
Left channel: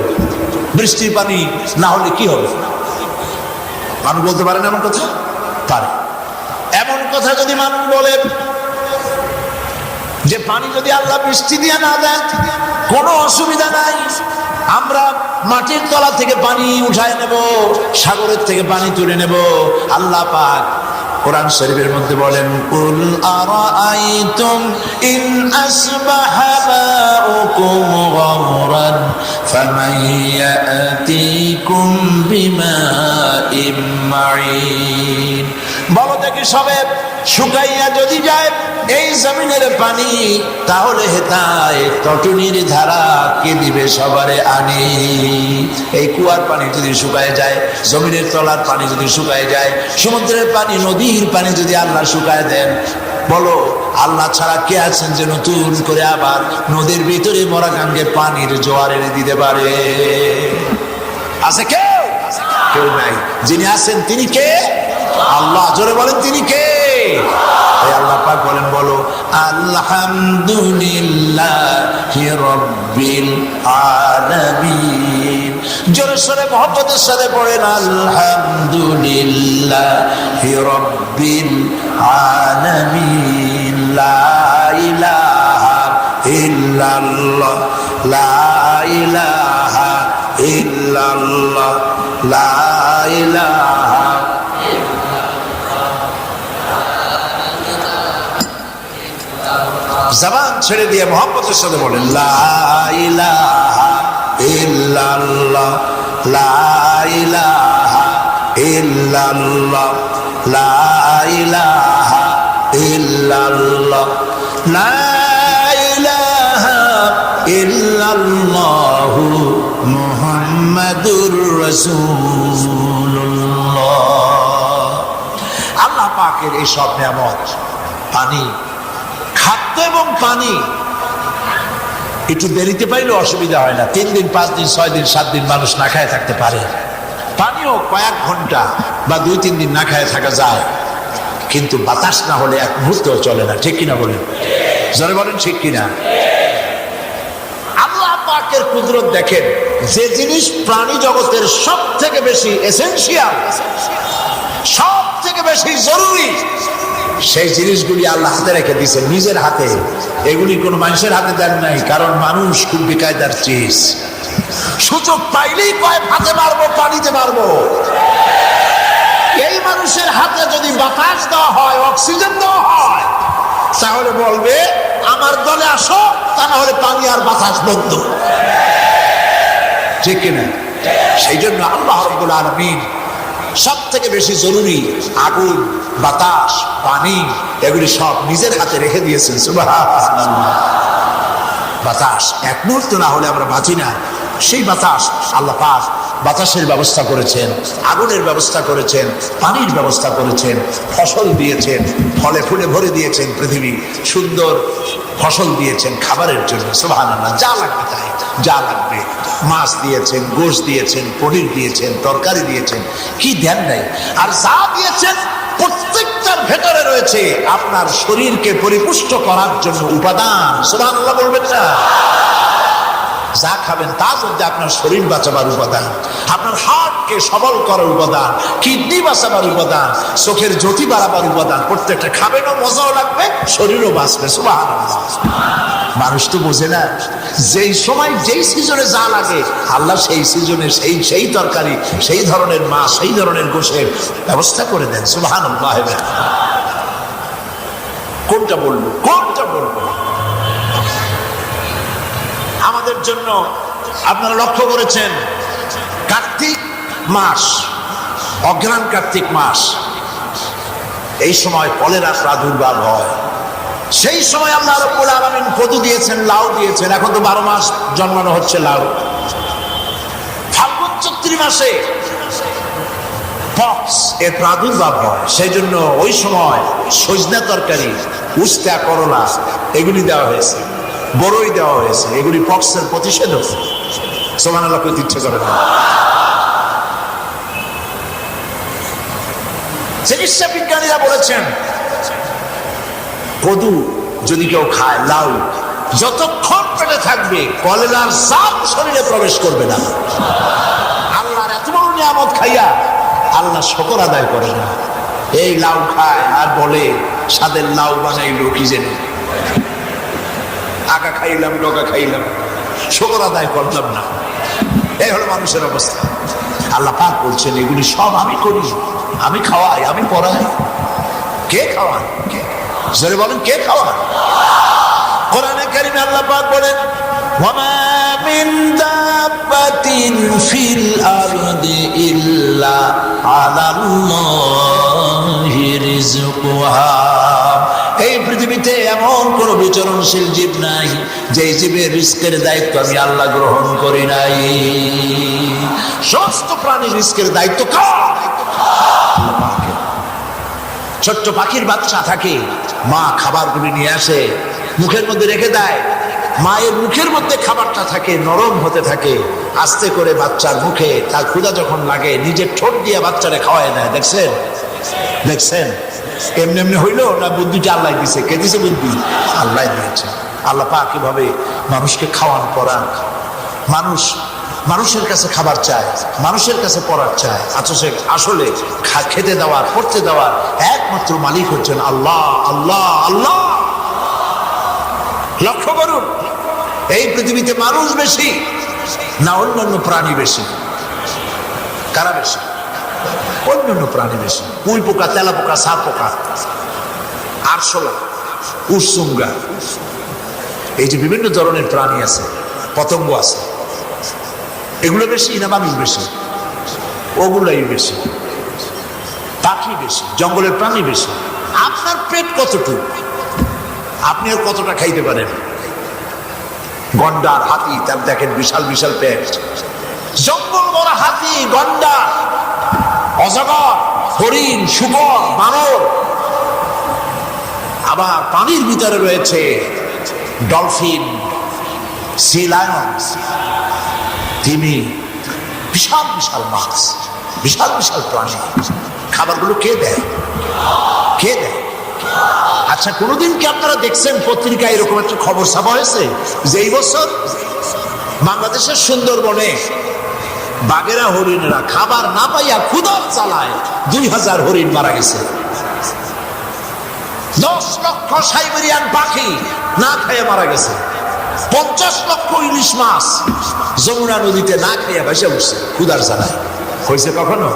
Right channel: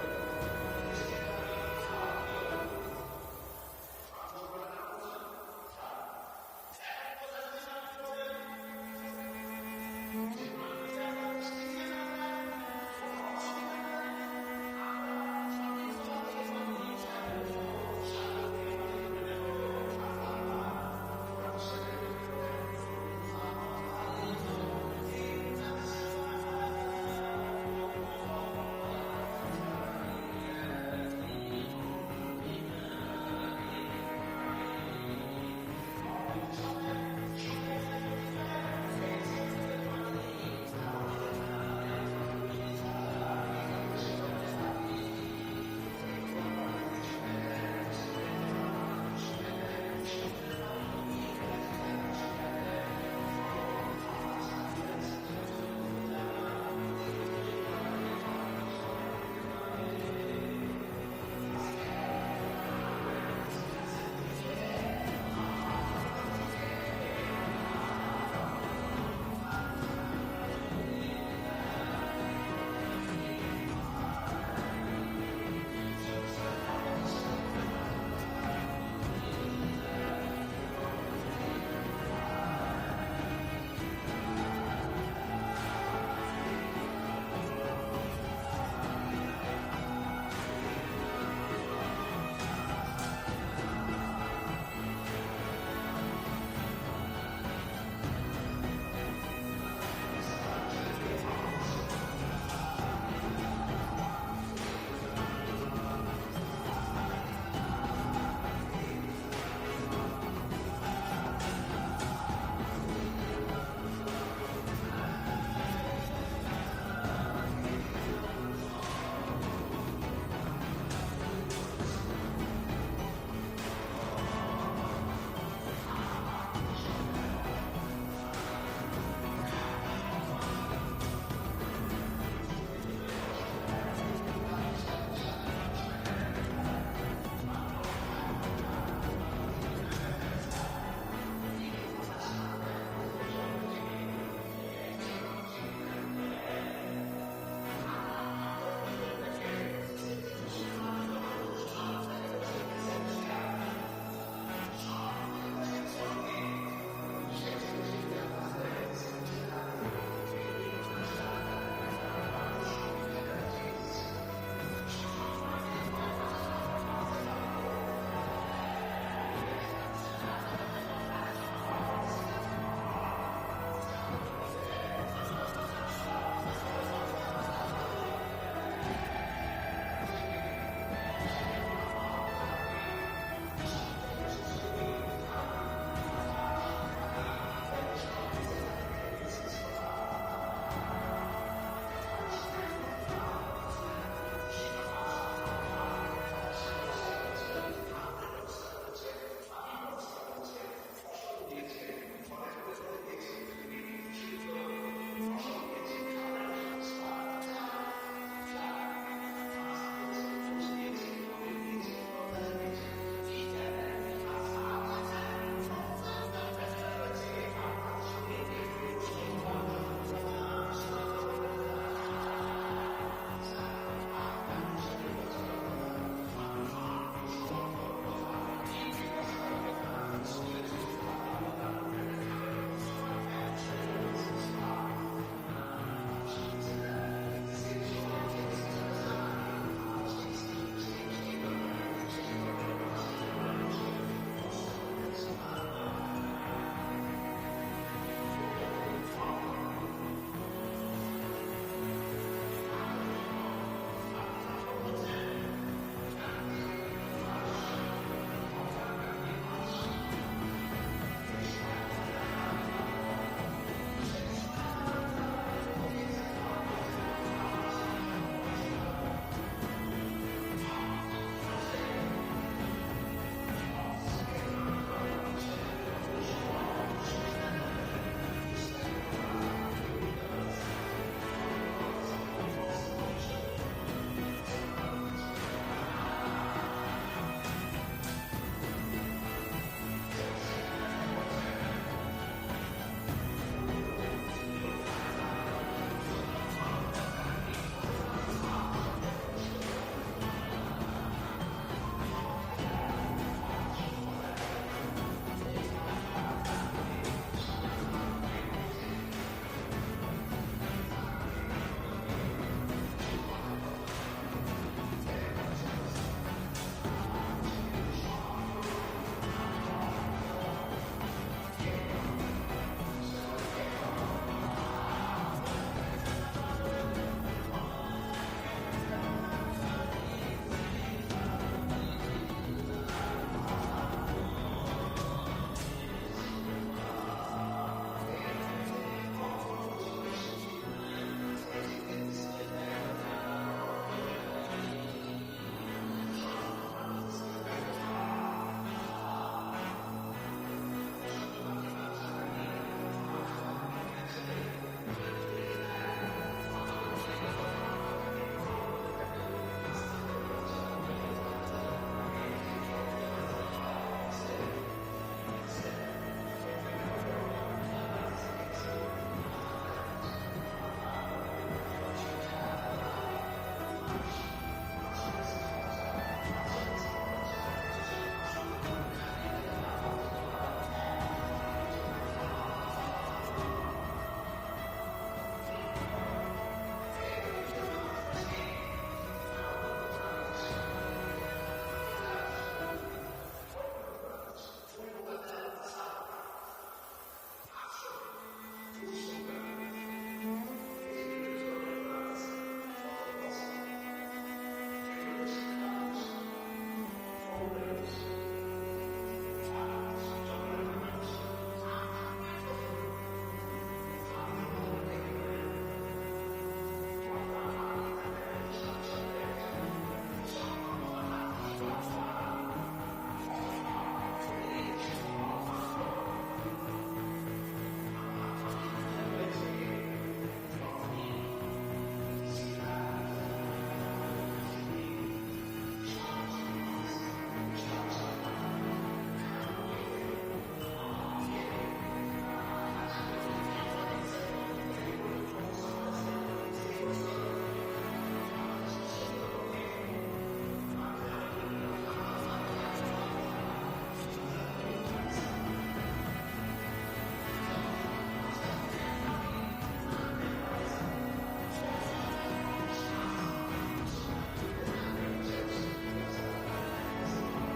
বৃষ্টির পানি না হলে কি হবে? মানুষ বলতে পারে না এমন কথা? পারে। এমন কথা যদি মানুষ বলে যে পানি যদি আল্লাহ বৃষ্টি দিয়ে না দেন কোনো অসুবিধা নাই, আমরা মাটির তলা থেকে পানি উঠায় নেব, সাগরের থেকে পানি তুলে নেব। আল্লাহ পাক কোরআন শরীফের মধ্যে বলেন কুল আরাআইতুম ইন আসবাহা মাউকুম গাওরান ফামান ইয়াতিকুম বিমাইম মাঈন। বলো দেখি সবে শুকাইয়া যদি যায় এই জমিনের পানি, তাহলে হেতায় টটুনির ধারা কে দিবে সবারে আনি? এই কুয়ার পানি যদি শুকায় যায়, জমিনের তলার পানি যদি শুকায় যায়, সমুদ্রের পানি, নদীর পানি যদি আল্লাহ শুকায় দেন, বলো আল্লাহ ছাড়া কে আছেন যে নতুন করে আবার নদীর ভিতরে মরা গাঙ্গে পানির জোয়ার এনে দিতে পারে? আছে কেউ? কেউ নাই। যিনি আছেন তিনি কে? আল্লাহ। জোরে বলেন তিনি কে? আল্লাহ পাক বলেন বলো আলহামদুলিল্লাহি রাব্বিল আলামিন। জোরে সোরে মহব্বতের সাথে পড়েন আলহামদুলিল্লাহি রাব্বিল আলামিন। লা ইলাহা ইল্লাল্লাহ, লা ইলাহা ইল্লাল্লাহ, লা ইলাহা। জবান ছেড়ে দিয়ে মোহাম্মতের সাথে বলেন লা ইলাহা ইল্লাল্লাহ, লা ইলাহা ইল্লাল্লাহ, লা ইলাহা ইল্লাল্লাহ, লা ইলাহা ইল্লাল্লাহ মুহাম্মাদুর রাসূলুল্লাহ। আল্লাহ পাকের এই সব নিয়ামত, পানি, খাদ্য এবং পানি, একটু দেরিতে পাইলে অসুবিধা হয় না। 3 দিন 5 দিন 6 দিন 7 দিন মানুষ না খায় থাকতে পারে। পানিও কয়েক ঘন্টা বা 2-3 দিন না খায় থাকা যায়, কিন্তু বাতাস না হলে এক মুহূর্তও চলে না। ঠিক কিনা বলেন? জোরে বলেন ঠিক কিনা? আল্লাহ পাকের কুদরত দেখেন, যে জিনিস প্রাণী জগতের সব থেকে বেশি এসেনশিয়াল, সব থেকে বেশি জরুরি, সেই জিনিসগুলি আল্লাহ হাতে রেখে দিয়েছেন, নিজের হাতে। এগুলি কোনো মানুষের হাতে দেন নাই, কারণ মানুষ খুব বেকায়দার চিজ। সুযোগ পাইলেই কয় হাতে মারবো, পানিতে মারবো। এই মানুষের হাতে যদি বাতাস দেওয়া হয়, অক্সিজেন দেওয়া হয়, তাহলে বলবে আমার দলে আসো, তা না হলে পানি আর বাতাস বন্ধ। ঠিক কিনা? সেই জন্য আল্লাহ রাব্বুল আলামিন সব থেকে বেশি জরুরি আগুন, বাতাস, পানি এগুলি সব নিজের হাতে রেখে দিয়েছেন। সুবহানাল্লাহ। বাতাস এক মুহূর্ত না হলে আমরা বাঁচি না। সেই বাতাস আল্লাহ পাক বাতাসের ব্যবস্থা করেছেন, আগুনের ব্যবস্থা করেছেন, পানির ব্যবস্থা করেছেন, ফসল দিয়েছেন, ফলে ফুলে ভরে দিয়েছেন পৃথিবী, সুন্দর ফসল দিয়েছেন খাবারের জন্য। সুবহানাল্লাহ। যা লাগবে তাই, যা লাগবে মাছ দিয়েছেন, গোশ দিয়েছেন, পনির দিয়েছেন, তরকারি দিয়েছেন, কি দেন নাই। আর যা দিয়েছেন প্রত্যেকটার ভেতরে রয়েছে আপনার শরীরকে পরিপুষ্ট করার জন্য উপাদান। সুবহানাল্লাহ বলবেন না? যা খাবেন তার মধ্যে আপনার শরীর বাঁচাবার উপাদান, আপনার হার্টকে সবল করার উপাদান, কিডনি বাঁচাবার উপাদান, চোখের জ্যোতি বাড়াবার উপাদান। প্রত্যেকটা খাবেনও মজাও লাগবে, শরীরও বাঁচবে। সুবহানাল্লাহ। মানুষ তো বোঝে না, যেই সময় যেই সিজনে যা লাগে আল্লাহ সেই সিজনে সেই তরকারি, সেই ধরনের মাছ, সেই ধরনের গোশের ব্যবস্থা করে দেন। সুবহানাল্লাহ। কোনটা বলবো, কোনটা বলবো? আমাদের জন্য আপনারা লক্ষ্য করেছেন কার্তিক মাস, অগ্রহায়ণ কার্তিক মাস, এই সময় কলেরার প্রাদুর্ভাব হয়। সেই সময় আল্লাহ রাব্বুল আলামিন কদু দিয়েছেন, লাউ দিয়েছেন। এখন তো 12 মাস জন্মানো হচ্ছে লাউ। ফাল্গুন চৈত্র মাসে পক্স এর প্রাদুর্ভাব হয়। সেই জন্য ওই সময় সজনা তরকারি, উস্তা, করলা এগুলি দেওয়া হয়েছে, বড়ই দেওয়া হয়েছে। এগুলি পক্সের প্রতিষেধক। সুবহানাল্লাহ করতে ইচ্ছে করে না। চিকিৎসা বিজ্ঞানীরা বলেছেন কদু যদি কেউ খায়, লাউ যতক্ষণ পেটে থাকবে কলেরার সাপ শরীরে প্রবেশ করবে না। আল্লাহর এত বড় নিয়ামত খাইয়া আল্লাহ শুকর আদায় করে না। এই লাউ খায় আর বলে স্বাদের লাউ বানাইলো কি জানি, আগা খাইলাম, লগা খাইলাম, শুকর আদায় করলাম না। এই হলো মানুষের অবস্থা। আল্লাহ পাক বলছেন এগুলি সব আমি করি, আমি খাওয়াই, আমি পড়াই। কে খাওয়ান? জোরে বলেন, কে খাওয়ান? কোরআনে কারিমে আল্লাহ পাক বলেন ওয়ামা মিন দাব্বাতিন ফিল আরদি ইল্লা আলাল্লাহি রিজকুহা। এই পৃথিবীতে এমন কোন বিচরণশীল জীব নাই যে জীবের রিস্কের দায়িত্ব আমি আল্লাহ গ্রহণ করি নাই। সমস্ত প্রাণীর রিস্কের দায়িত্ব কার? ছোট্ট পাখির বাচ্চা থাকে, মা খাবারগুলি নিয়ে আসে, মুখের মধ্যে রেখে দেয়। মায়ের মুখের মধ্যে খাবারটা থাকে, নরম হতে থাকে। আস্তে করে বাচ্চার মুখে তার ক্ষুধা যখন লাগে নিজের ঠোঁট দিয়ে বাচ্চারে খাওয়ায় নেয়। দেখছেন? দেখছেন? এমনি এমনি হইলো না? বুদ্ধিটা আল্লাহ দিছে। কে দিছে বুদ্ধি? আল্লাহ দিয়েছে। আল্লাহ পাক কিভাবে মানুষকে খাওয়ান পড়ান। মানুষের কাছে খাবার চায়, মানুষের কাছে পড়ার চায়। আসলে খেতে দেওয়ার, পড়তে দেওয়ার একমাত্র মালিক হচ্ছেন আল্লাহ। আল্লাহ আল্লাহ। লক্ষ্য করুন, এই পৃথিবীতে মানুষ বেশি না অন্যান্য প্রাণী বেশি? কারা বেশি? অন্যান্য প্রাণী বেশি। কুই পোকা, তেলা পোকা, সাপ পোকা, আরশোলা, উড়সুঙ্গা, এই যে বিভিন্ন ধরনের প্রাণী আছে, পতঙ্গ আছে, এগুলো বেশি না মানুষ বেশি? ওগুলাই বেশি। পাখি বেশি, জঙ্গলের প্রাণী বেশি। আপনার পেট কতটুকু, আপনি আর কতটা খাইতে পারেন? গন্ডার, হাতি, তার দেখেন বিশাল বিশাল পেট। জঙ্গল বড় হাতি, গন্ডার, অজগর, হরিণ, শুকর, বানর। আবার পানির ভিতরে রয়েছে ডলফিন, সি লায়ন, তিমি, বিশাল বিশাল মাছ, বিশাল বিশাল প্রাণী। খাবারগুলো কে দেয়? কে দেয়? আচ্ছা, কোনোদিন কি আপনারা দেখছেন পত্রিকায় এরকম একটা খবর ছাপা হয়েছে যে এই বছর বাংলাদেশের সুন্দরবনে বাঘেরা, হরিণেরা খাবার না পাইয়া ক্ষুধার জ্বালায় 2000 হরিণ মারা গেছে। 10 লক্ষ সাইবেরিয়ান পাখি না খেয়ে মারা গেছে। 50 লক্ষ ইলিশ মাছ যমুনা নদীতে না খেয়ে ভেসে উঠছে ক্ষুধার জ্বালায়। হয়েছে কখনো?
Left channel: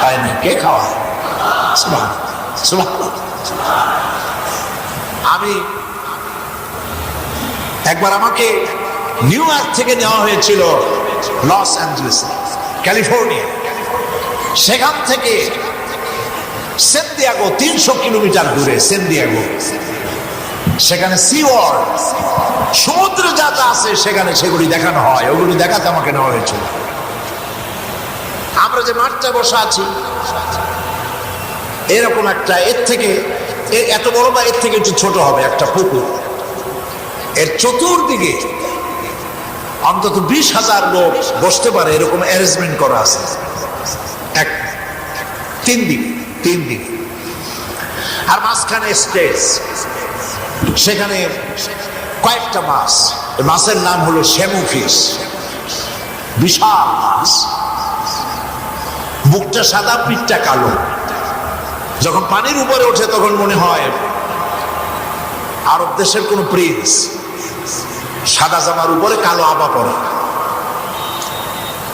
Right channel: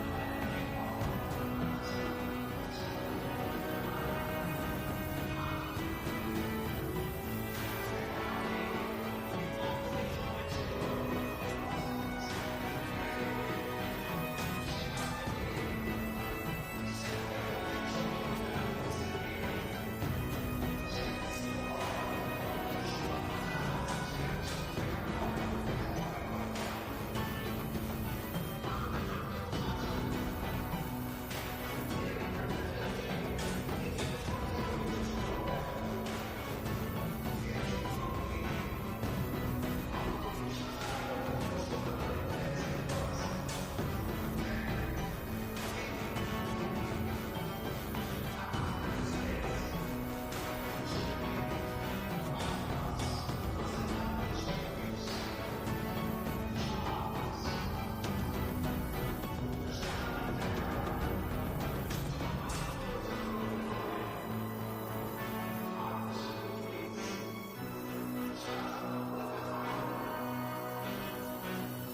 হয়নি। কে খাওয়ায়? আমি একবার, আমাকে নিউ ইয়র্ক থেকে নেওয়া হয়েছিল লস অ্যাঞ্জেলেসে। ক্যালিফোর্নিয়া। সেখান থেকে সেন্টিয়াগো 300 কিলোমিটার দূরে সেন্টিয়াগো, সেখানে সি ওয়ার্ল্ড, সমুদ্রে যা যা আছে সেখানে সেগুলি দেখানো হয়। ওগুলি দেখাতে আমাকে নেওয়া হয়েছিল। আমরা যে মাঠটা বসা আছি এরকম একটা, এর থেকে এত বড় বা এর থেকে একটু ছোট হবে একটা পুকুর, এর চতুর্দিকে অন্তত 20,000 লোক বসতে পারে এরকম অ্যারেঞ্জমেন্ট করা আছে। তিন দিক আর মাঝখানে স্টেজ, সেখানে কয়েকটা মাছ। মাছের নাম হলো শ্যামু ফিশ, বিশাল মাছ, বুকটা সাদা পিঠটা কালো। যখন পানির উপরে ওঠে তখন মনে হয় আরব দেশের কোন প্রিন্স, সাদা জামার উপরে কালো আবা পরে।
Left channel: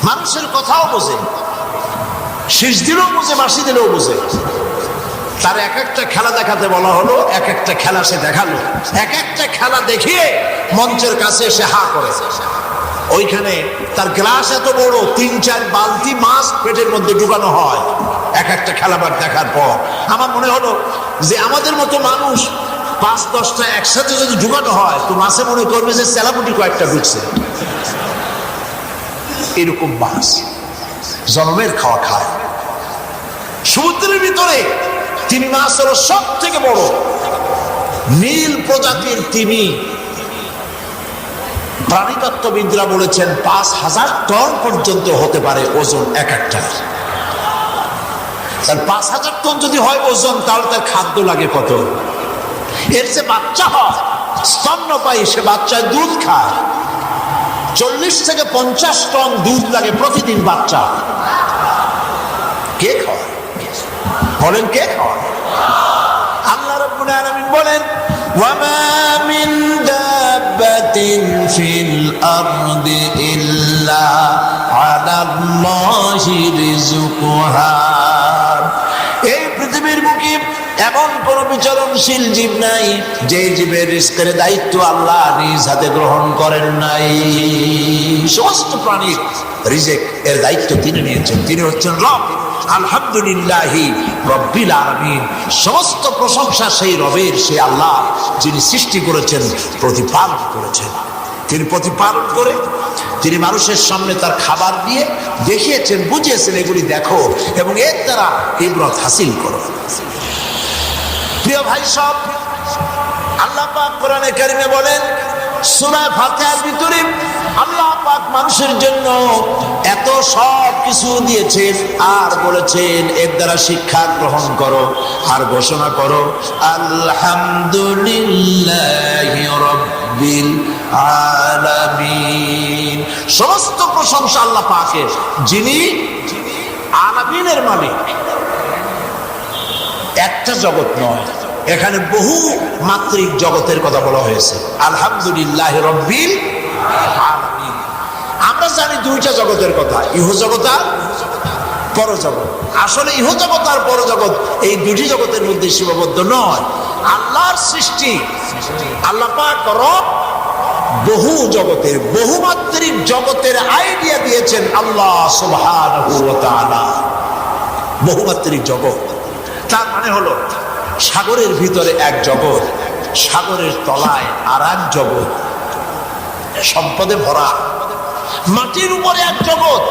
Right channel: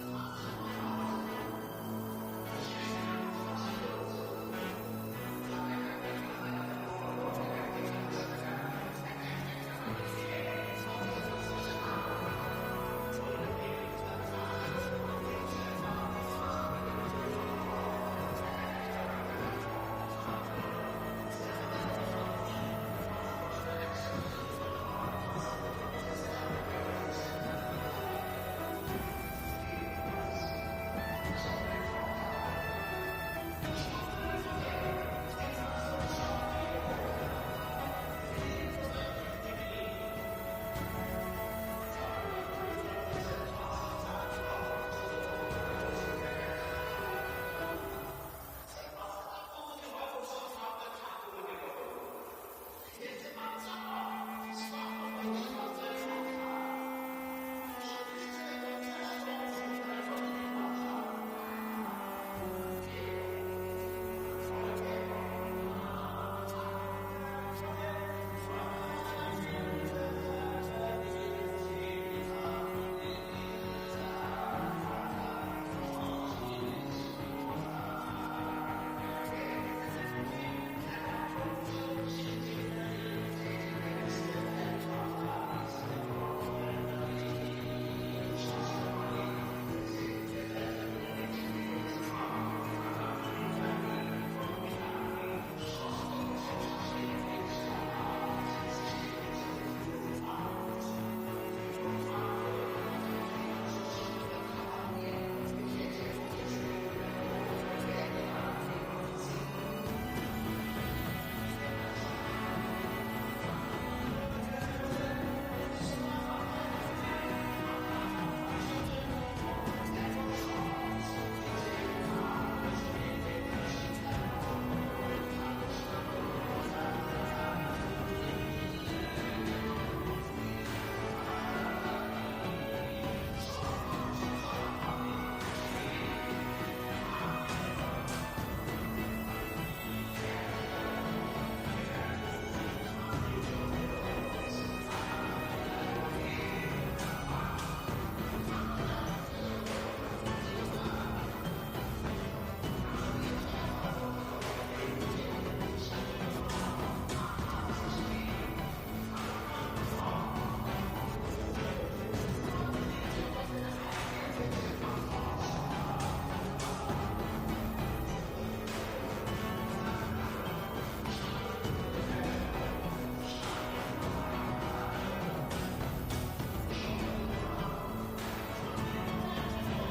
মানুষের কথাও বোঝে, শীষ দিলেও বোঝে, বাঁশি দিলেও বোঝে। তার এক একটা খেলা দেখাতে বলা হলো, এক একটা খেলা সে দেখালো। এক একটা খেলা দেখিয়ে মঞ্চের কাছে এসে হা করে। ওইখানে তার গ্লাস এত বড়, 3-4 বালতি মাছ পেটের মধ্যে ঢুকানো হয় এক একটা খেলাবার দেখার পর। আমার মনে হলো যে আমাদের মতো মানুষ 5-10টা একসাথে যদি ঢুকানো হয় তো মাছে মনে করবে যে সেলাপুটি কয়েকটা ঢুকছে। এরকম মাছ জন্মের খাওয়া খায়। সমুদ্রের ভিতরে তিমি মাছ হলো সব থেকে বড়, নীল প্রজাতির তিমি। প্রাণীতত্ত্ববিদরা বলেছেন 5,000 টন পর্যন্ত হতে পারে ওজন এক একটা। 5,000 টন যদি হয় ওজন, তাহলে তার খাদ্য লাগে কত? এর যে বাচ্চা হয় স্তন্যপায়ী, সে বাচ্চায় দুধ খায়। 40 থেকে 50 টন দুধ লাগে প্রতিদিন বাচ্চা। কে খায় বলেন? কে খায়? আল্লাহ রাব্বুল আলামিন বলেন, ওয়ামা মিন দাব্বাতিন ফিল আরদি ইল্লা আলাল্লাহি রিজকুহা। এই পৃথিবীর বুকে এমন কোন বিচরণশীল জীব নাই যে জীবের রিজকের দায়িত্ব আল্লাহ নিজ হাতে গ্রহণ করেন নাই। সমস্ত প্রাণীর রিজেক এর দায়িত্ব তিনি নিয়েছেন। তিনি হচ্ছেন রব। আলহামদুলিল্লাহি রব্বিল আলামিন। সমস্ত প্রশংসা সেই রবের, সেই আল্লাহ যিনি সৃষ্টি করেছেন, প্রতিপালন করেছেন। তিনি প্রতিপালন করে তিনি মানুষের সামনে তার খাবার দিয়ে দেখিয়েছেন, বুঝিয়েছেন এগুলি দেখো এবং এর দ্বারা ইবরত হাসিল করো। প্রিয় ভাই সব, আল্লাহ পাক কোরআনে কারিমে বলেন, সূরা ফাতিহার ভিতরে আল্লাহ পাক মানুষের জন্য এত সব কিছু দিয়েছেন আর বলেছেন এর দ্বারা শিক্ষা গ্রহণ করো আর ঘোষণা করো আলহামদুলিল্লাহি রাব্বিল আলামিন। সমস্ত প্রশংসা আল্লাহ পাকের, যিনি আলামিনের মালিক। একটা জগৎ নয়, এখানে বহু মাত্রিক জগতের কথা বলা হয়েছে। আলহামদুলিল্লাহি রাব্বিল আলামিন। আমরা জানি দুইটা জগতের কথা, ইহজগৎ আর পরজগৎ। আসলে ইহজগৎ আর পরজগৎ এই দুটি জগতের মধ্যে সীমাবদ্ধ নয়। আল্লাহর সৃষ্টি, আল্লাহ পাক রব বহু জগতের, বহুমাত্রিক জগতের আইডিয়া দিয়েছেন আল্লাহ সুবহানাহু ওয়া তাআলা। বহুমাত্রিক জগৎ তার মানে হলো সাগরের ভিতরে এক জগৎ, সাগরের তলায় আর এক জগৎ, সম্পদে ভরা। মাটির উপরে এক জগৎ,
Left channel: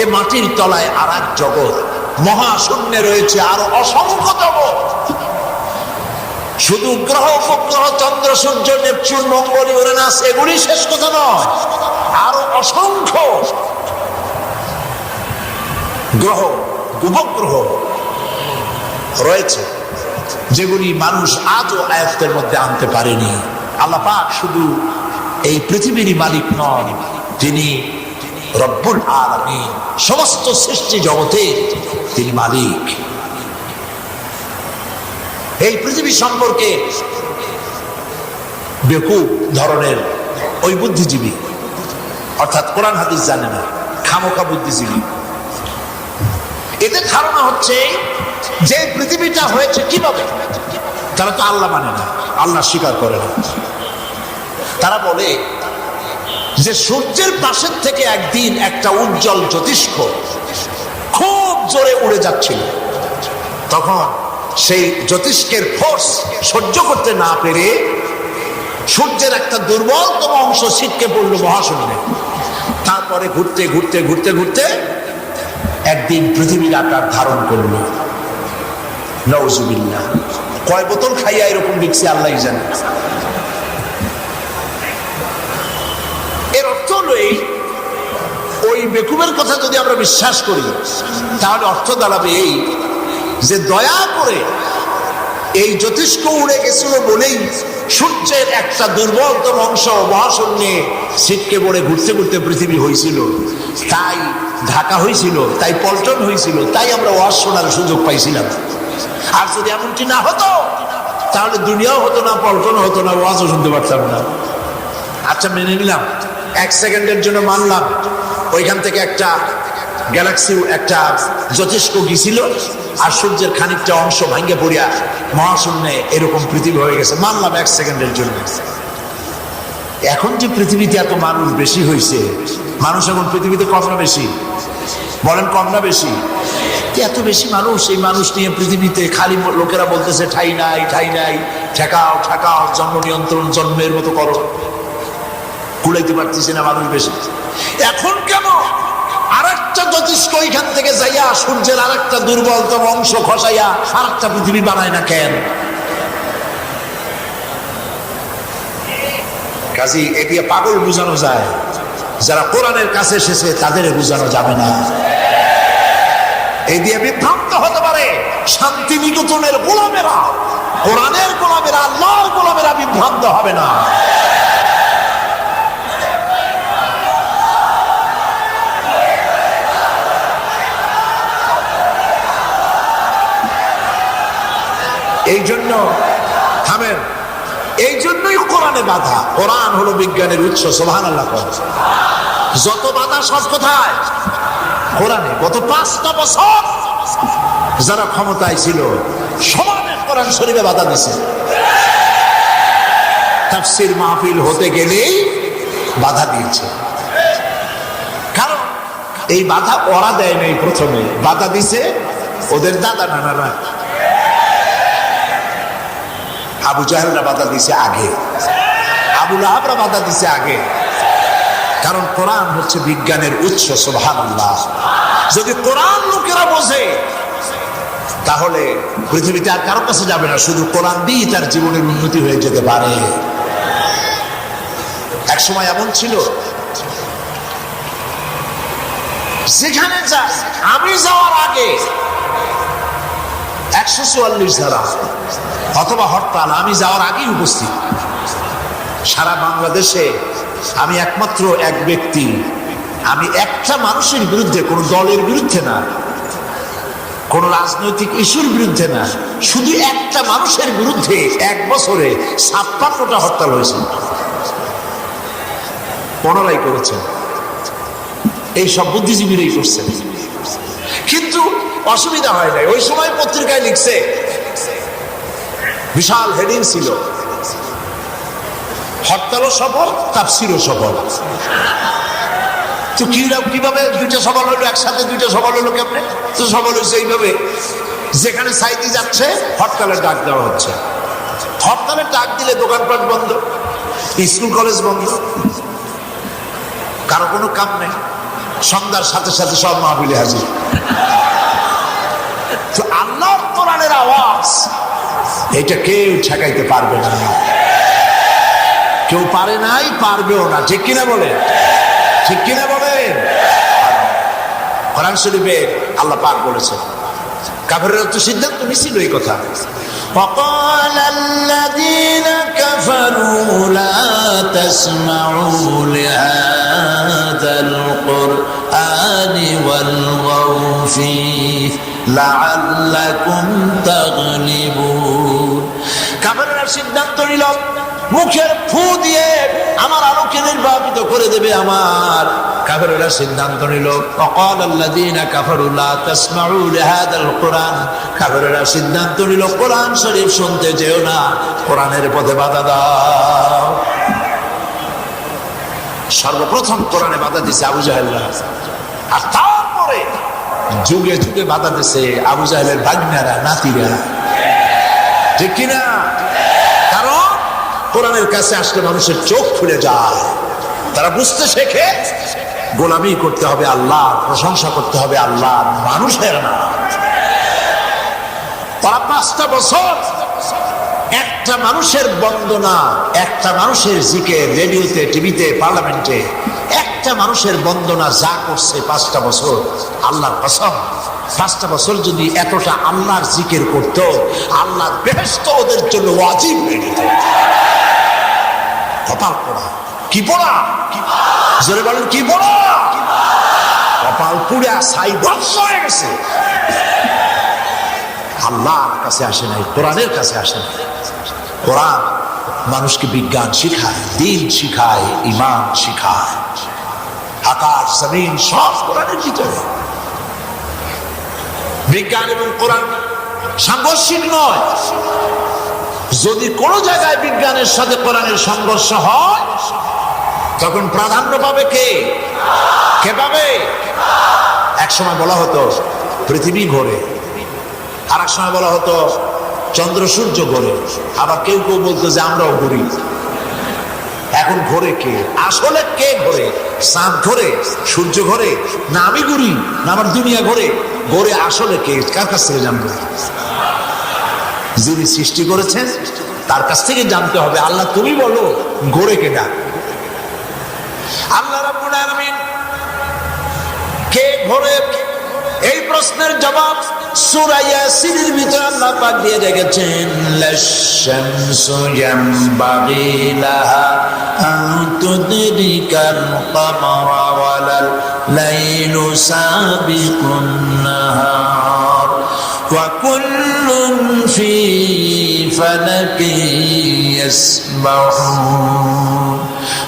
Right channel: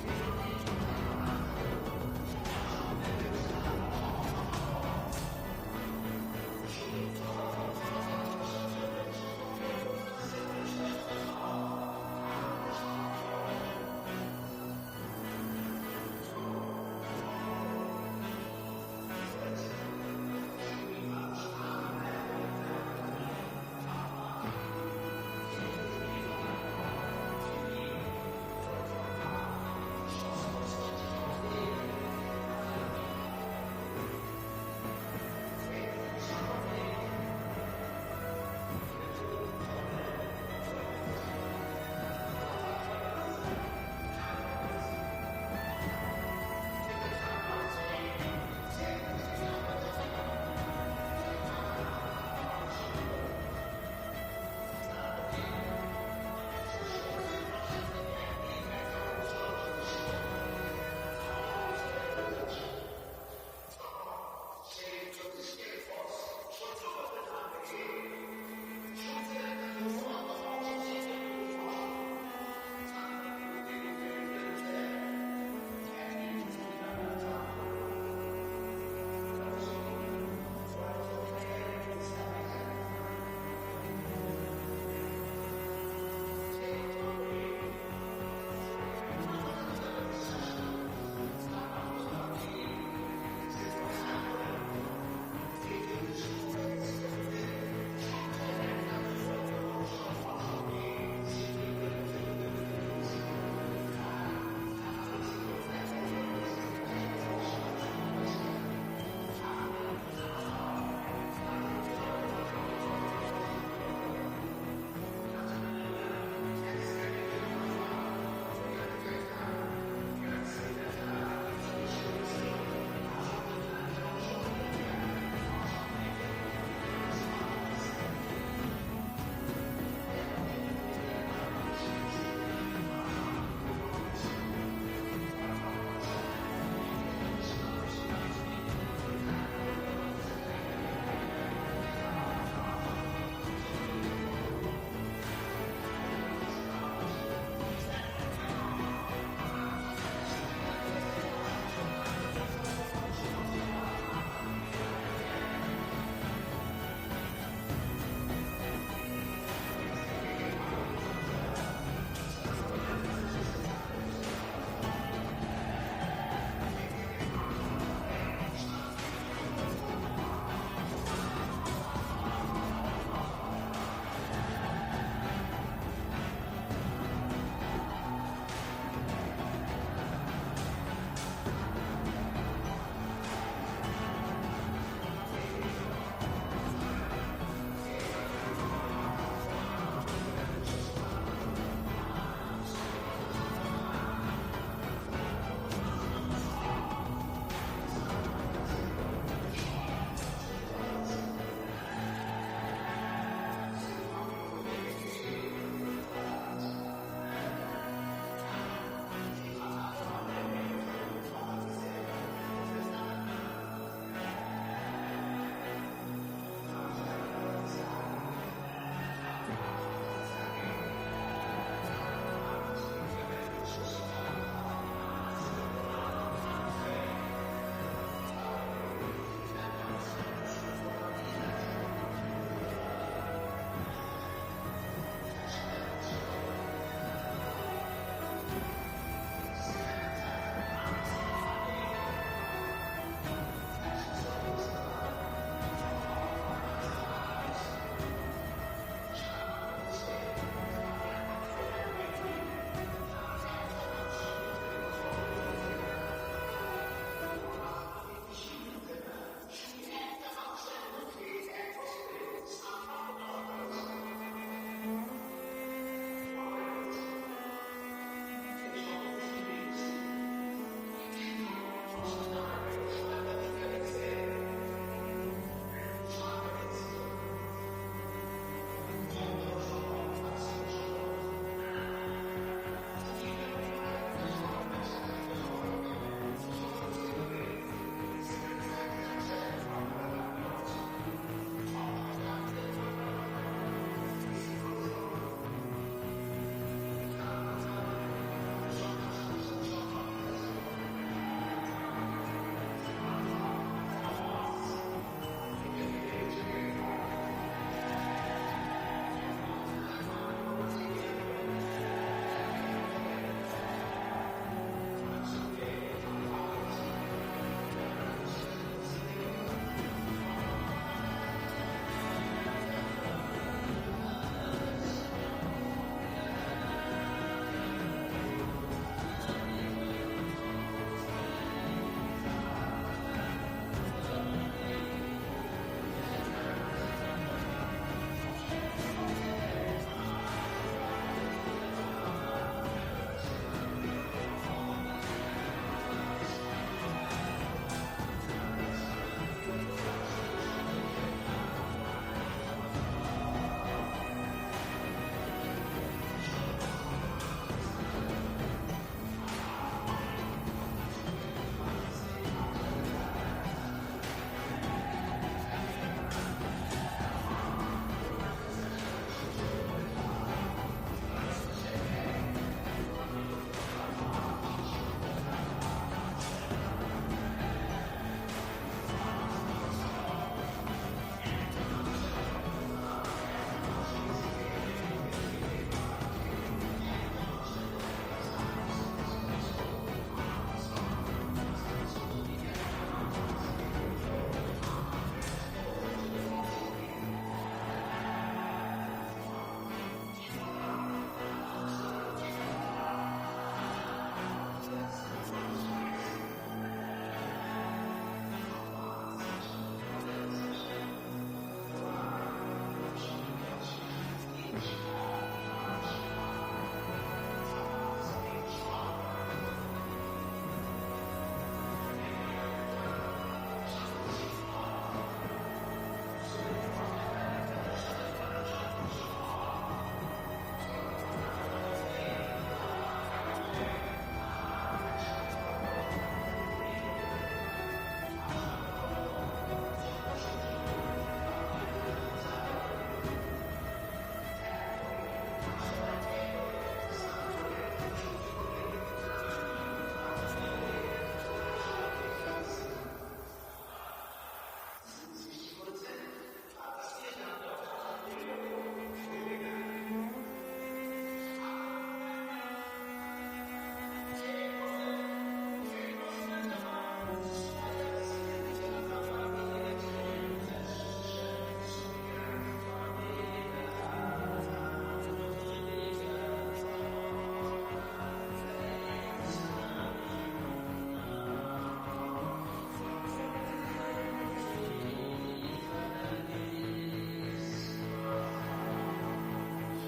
এ মাটির তলায় আর এক জগৎ। মহাশূন্যে রয়েছে আরো অসংখ্য জগৎ। শুধু গ্রহ, উপগ্রহ, চন্দ্র, সূর্য, নেপচুন, মঙ্গল, ইউরেনাস এগুলি শেষ কথা নয়, আরো অসংখ্য গ্রহ, উপগ্রহ রয়েছে যেগুলি মানুষ আজও আয়াতের মধ্যে আনতে পারেনি। আল্লাহ পাক শুধু এই পৃথিবীরই মালিক নন, তিনি রব্বুল আলামিন। সমস্ত সৃষ্টি জগতে তিনি মালিক। এই পৃথিবী সম্পর্কে বেকুব ধরনের ওই বুদ্ধিজীবী, অর্থাৎ কোরআন হাদিস জানে না, খামোকা বুদ্ধিজীবী, এদের ধারণা হচ্ছে যে পৃথিবীটা হয়েছে কিভাবে। তারা তো আল্লাহ মানে না, আল্লাহ স্বীকার করে না। তারা বলে যে সূর্যের পাশের থেকে একদিন একটা উজ্জ্বল জ্যোতিষ্ক খুব জোরে উড়ে যাচ্ছিল। তখন সেই জ্যোতিষ্কের ফোর্স সহ্য করতে না পেরে সূর্যের একটা দুর্বলতম অংশ ছিটকে পড়ল মহাশূন্যে। তারপরে ঘুরতে ঘুরতে ঘুরতে ঘুরতে একদিন পৃথিবীর আকার ধারণ করল। নাউজুবিল্লাহ। কয় বোতল খাইয়া এরকম দেখছি আল্লাহ জানে। এর অর্থ হলো ওই বেকুবের কথা যদি আমরা বিশ্বাস করি তাহলে অর্থ দাঁড়াবে এই যে দয়া করে এই জ্যোতিষ্ক উড়ে গেছিল বলেই সূর্যের একটা দুর্বলতম অংশ মহাশূন্যে ছিটকে পড়ে ঘুরতে ঘুরতে পৃথিবী হয়েছিল, তাই ঢাকা হয়েছিল, তাই পল্টন হয়েছিল, তাই আমরা ওয়াজ শোনার সুযোগ পাইছিলাম। আর যদি এমনটি না হতো তাহলে দুনিয়াও হতো না, পল্টনও হতো না, ওয়াজও শুনতে পারতাম না। আচ্ছা মেনে নিলাম, এক সেকেন্ডের জন্য মানলাম ওইখান থেকে একটা গ্যালাক্সি একটা জ্যোতিষ্ক গিয়েছিল আর সূর্যের খানিকটা অংশ ভাঙ্গে পড়িয়া মহাশূন্যে এরকম পৃথিবী হয়ে গেছে, মানলাম এক সেকেন্ডের জন্য। এখন যে পৃথিবীতে এত মানুষ বেশি হয়েছে, মানুষ এখন পৃথিবীতে কম না বেশি? বলেন কম না বেশি? এত বেশি মানুষ, এই মানুষ নিয়ে পৃথিবীতে খালি লোকেরা বলতেছে ঠাই নাই ঠাই নাই, ঠেকাও ঠেকাও, জন্ম নিয়ন্ত্রণ জন্মের মতো করো, কুলাইতে পারতেছি না মানুষ বেশি। এখন কেন আরেকটা জ্যোতিষ্ক ওইখান থেকে যাইয়া সূর্যের আরেকটা দুর্বলতম অংশ খসাইয়া আরেকটা পৃথিবী বানায় না কেন? কাজী এ দিয়ে পাগল বুঝানো যায়, যারা কোরআনের কাছে এসেছে তাদের বুঝানো যাবে না। এই দিয়ে বিভ্রান্ত হতে পারে শান্তি নিকেতনের গোলামেরা, কোরআনের গোলামেরা, আল্লাহর গোলামেরা বিভ্রান্ত হবে না। এই জন্য থামেন, এই জন্যই কোরআনে বাধা। কোরআন হলো বিজ্ঞানের উৎস। সুবহানাল্লাহ। যত বাধা সব কোথায়? কোরআনে। গত 5টা বছর যারা ক্ষমতায় ছিল সমানে কোরআন শরীফে বাধা দিছে। তাফসীর মাহফিল হতে গেলেই বাধা দিয়েছে। কারণ এই বাধা ওরা দেয় নাই, প্রথমে বাধা দিছে ওদের দাদা নানারা। আবু জাহেলরা বাধা দিছে আগে, আবু লাহাবরা বাধা দিছে আগে। কারণ কোরআন হচ্ছে বিজ্ঞানের উৎস। সুবহানাল্লাহ। যদি কোরআন লোকেরা বোঝে তাহলে পৃথিবীতে আর কারো কাছে যাবে না, শুধু কোরআন দিয়ে তার জীবনের উন্নতি হয়ে যেতে পারে। এক সময় এমন ছিল যেখানে আমি যাওয়ার আগে 144 ধারা অথবা হরতাল আমি যাওয়ার আগেই উপস্থিত। সারা বাংলাদেশে আমি একমাত্র এক ব্যক্তি, আমি একটা মানুষের বিরুদ্ধে, কোন দলের বিরুদ্ধে না, কোন রাজনৈতিক ইস্যুর বিরুদ্ধে না, শুধু একটা মানুষের বিরুদ্ধে 1 বছরে 56টা হরতাল হয়েছে। 15ই করেছেন, এই সব বুদ্ধিজীবীরাই করছেন। কিন্তু অসুবিধা হয় নাই। ওই সময় পত্রিকায় লিখছে, বিশাল হেডিং ছিল, হরতালও সফল, তাফসীরও সফল। তো কিভাবে দুইটা সফল হইলো? একসাথে দুইটা সফল হইলো কেমনে? তো সফল হয়েছে এইভাবে, যেখানে সাইতে যাচ্ছে হরতালের ডাক দেওয়া হচ্ছে। হরতালের ডাক দিলে দোকানপাট বন্ধ, স্কুল কলেজ বন্ধ, কারো কোনো কাম নেই, সন্ধ্যার সাথে সাথে সব মাহফিলে হাজির। তো আল্লাহর কোরআনের আওয়াজ এটা কেউ ঠেকাইতে পারবে না, কেউ পারে নাই, পারবেও না। ঠিক কিনা বলে? ঠিক কিনা বলেন? কোরআন শরীফে আল্লাহ পাক বলেছেন, কাফেররা তো সিদ্ধান্ত নিছিল এই কথা। وقال الذين كفروا لا تسمعوا لهذا القرآن والغوا فيه لعلكم تغلبون। কাফেররা সিদ্ধান্ত নিল মুখের ফু দিয়ে আমার আলোকে নির্বাপিত করে দেবে। আমার কাফেররা সিদ্ধান্ত নিল, وقال الذين كفروا لا تسمعوا لهذا القرآن, কাফেররা সিদ্ধান্ত নিল কোরআন শরীফ শুনতে যেও না, কোরআনের পথে বাধা দাও। সর্বপ্রথম কোরআনে বাধা দিছে আবু জাহেলরা, আর তারপরে যুগে যুগে বাধা দিছে আবু জাহেলের ভাগ্নারা, নাতিরা। ঠিক কিনা? কারণ কোরআনের কাছে আসলে মানুষের চোখ খুলে যায়, তারা বুঝতে শেখে গোলামি করতে হবে আল্লাহ, প্রশংসা করতে হবে আল্লাহ, মানুষের না। তারা 5টা বছর একটা মানুষের বন্দনা, একটা মানুষের জিকির, রেডিওতে, টিভিতে, পার্লামেন্টে একটা মানুষের বন্দনা যা করছে 5টা বছর, আল্লাহর কসম 5টা বছর যদি এতটা আল্লাহর জিকির করতো, আল্লাহর বেহেশত ওদের জন্য ওয়াজিব হয়ে যেত। কপাল পোড়া। কি পোড়া? জোরে বলেন কি পোড়া? কপাল পুড়া ছাই ধ্বংস হয়ে গেছে। আল্লাহর কাছে আসে নাই, কোরআনের কাছে আসে নাই। কোরআন মানুষকে বিজ্ঞান শিখায়, দিন শিখায়, ঈমান শিখায়। আকাশ জমিন সব কোরআনের ভিতরে। বিজ্ঞান এবং কোরআন সাংঘর্ষিক নয়। যদি কোন জায়গায় বিজ্ঞানের সাথে কোরআনের সংঘর্ষ হয়, তখন প্রাধান্য পাবে কে? কে পাবে? এক সময় বলা হতো পৃথিবী ঘোরে, আর এক সময় বলা হতো চন্দ্র সূর্য ঘোরে, আবার কেউ কেউ বলতো যে আমরাও ঘুরি। এখন ঘোরে কে? আসলে কে ঘোরে? চাঁদ ঘোরে, সূর্য ঘোরে, না আমি ঘুরি, না আমার দুনিয়া ঘোরে? ঘোরে আসলে কে? কার কাছ থেকে জানবো? যিনি সৃষ্টি করেছেন তার কাছ থেকে জানতে হবে। আল্লাহ তুমি বলো ঘোরে কেডা? আল্লাহ রাব্বুল আলামিন কে ঘোরে, এই প্রশ্নের জবাব সূরা ইয়াসিনের ভিতরে আল্লাহ পাক দিয়ে রেখেছেন, লাশ-শামসু ইয়ানবাগি লাহা আন তুদরিকাল কামারা ওয়ালাল লাইলু সাবিকুন নাহার ওয়া কুল্লুন ফি ফালাকি ইয়াসবাহুন।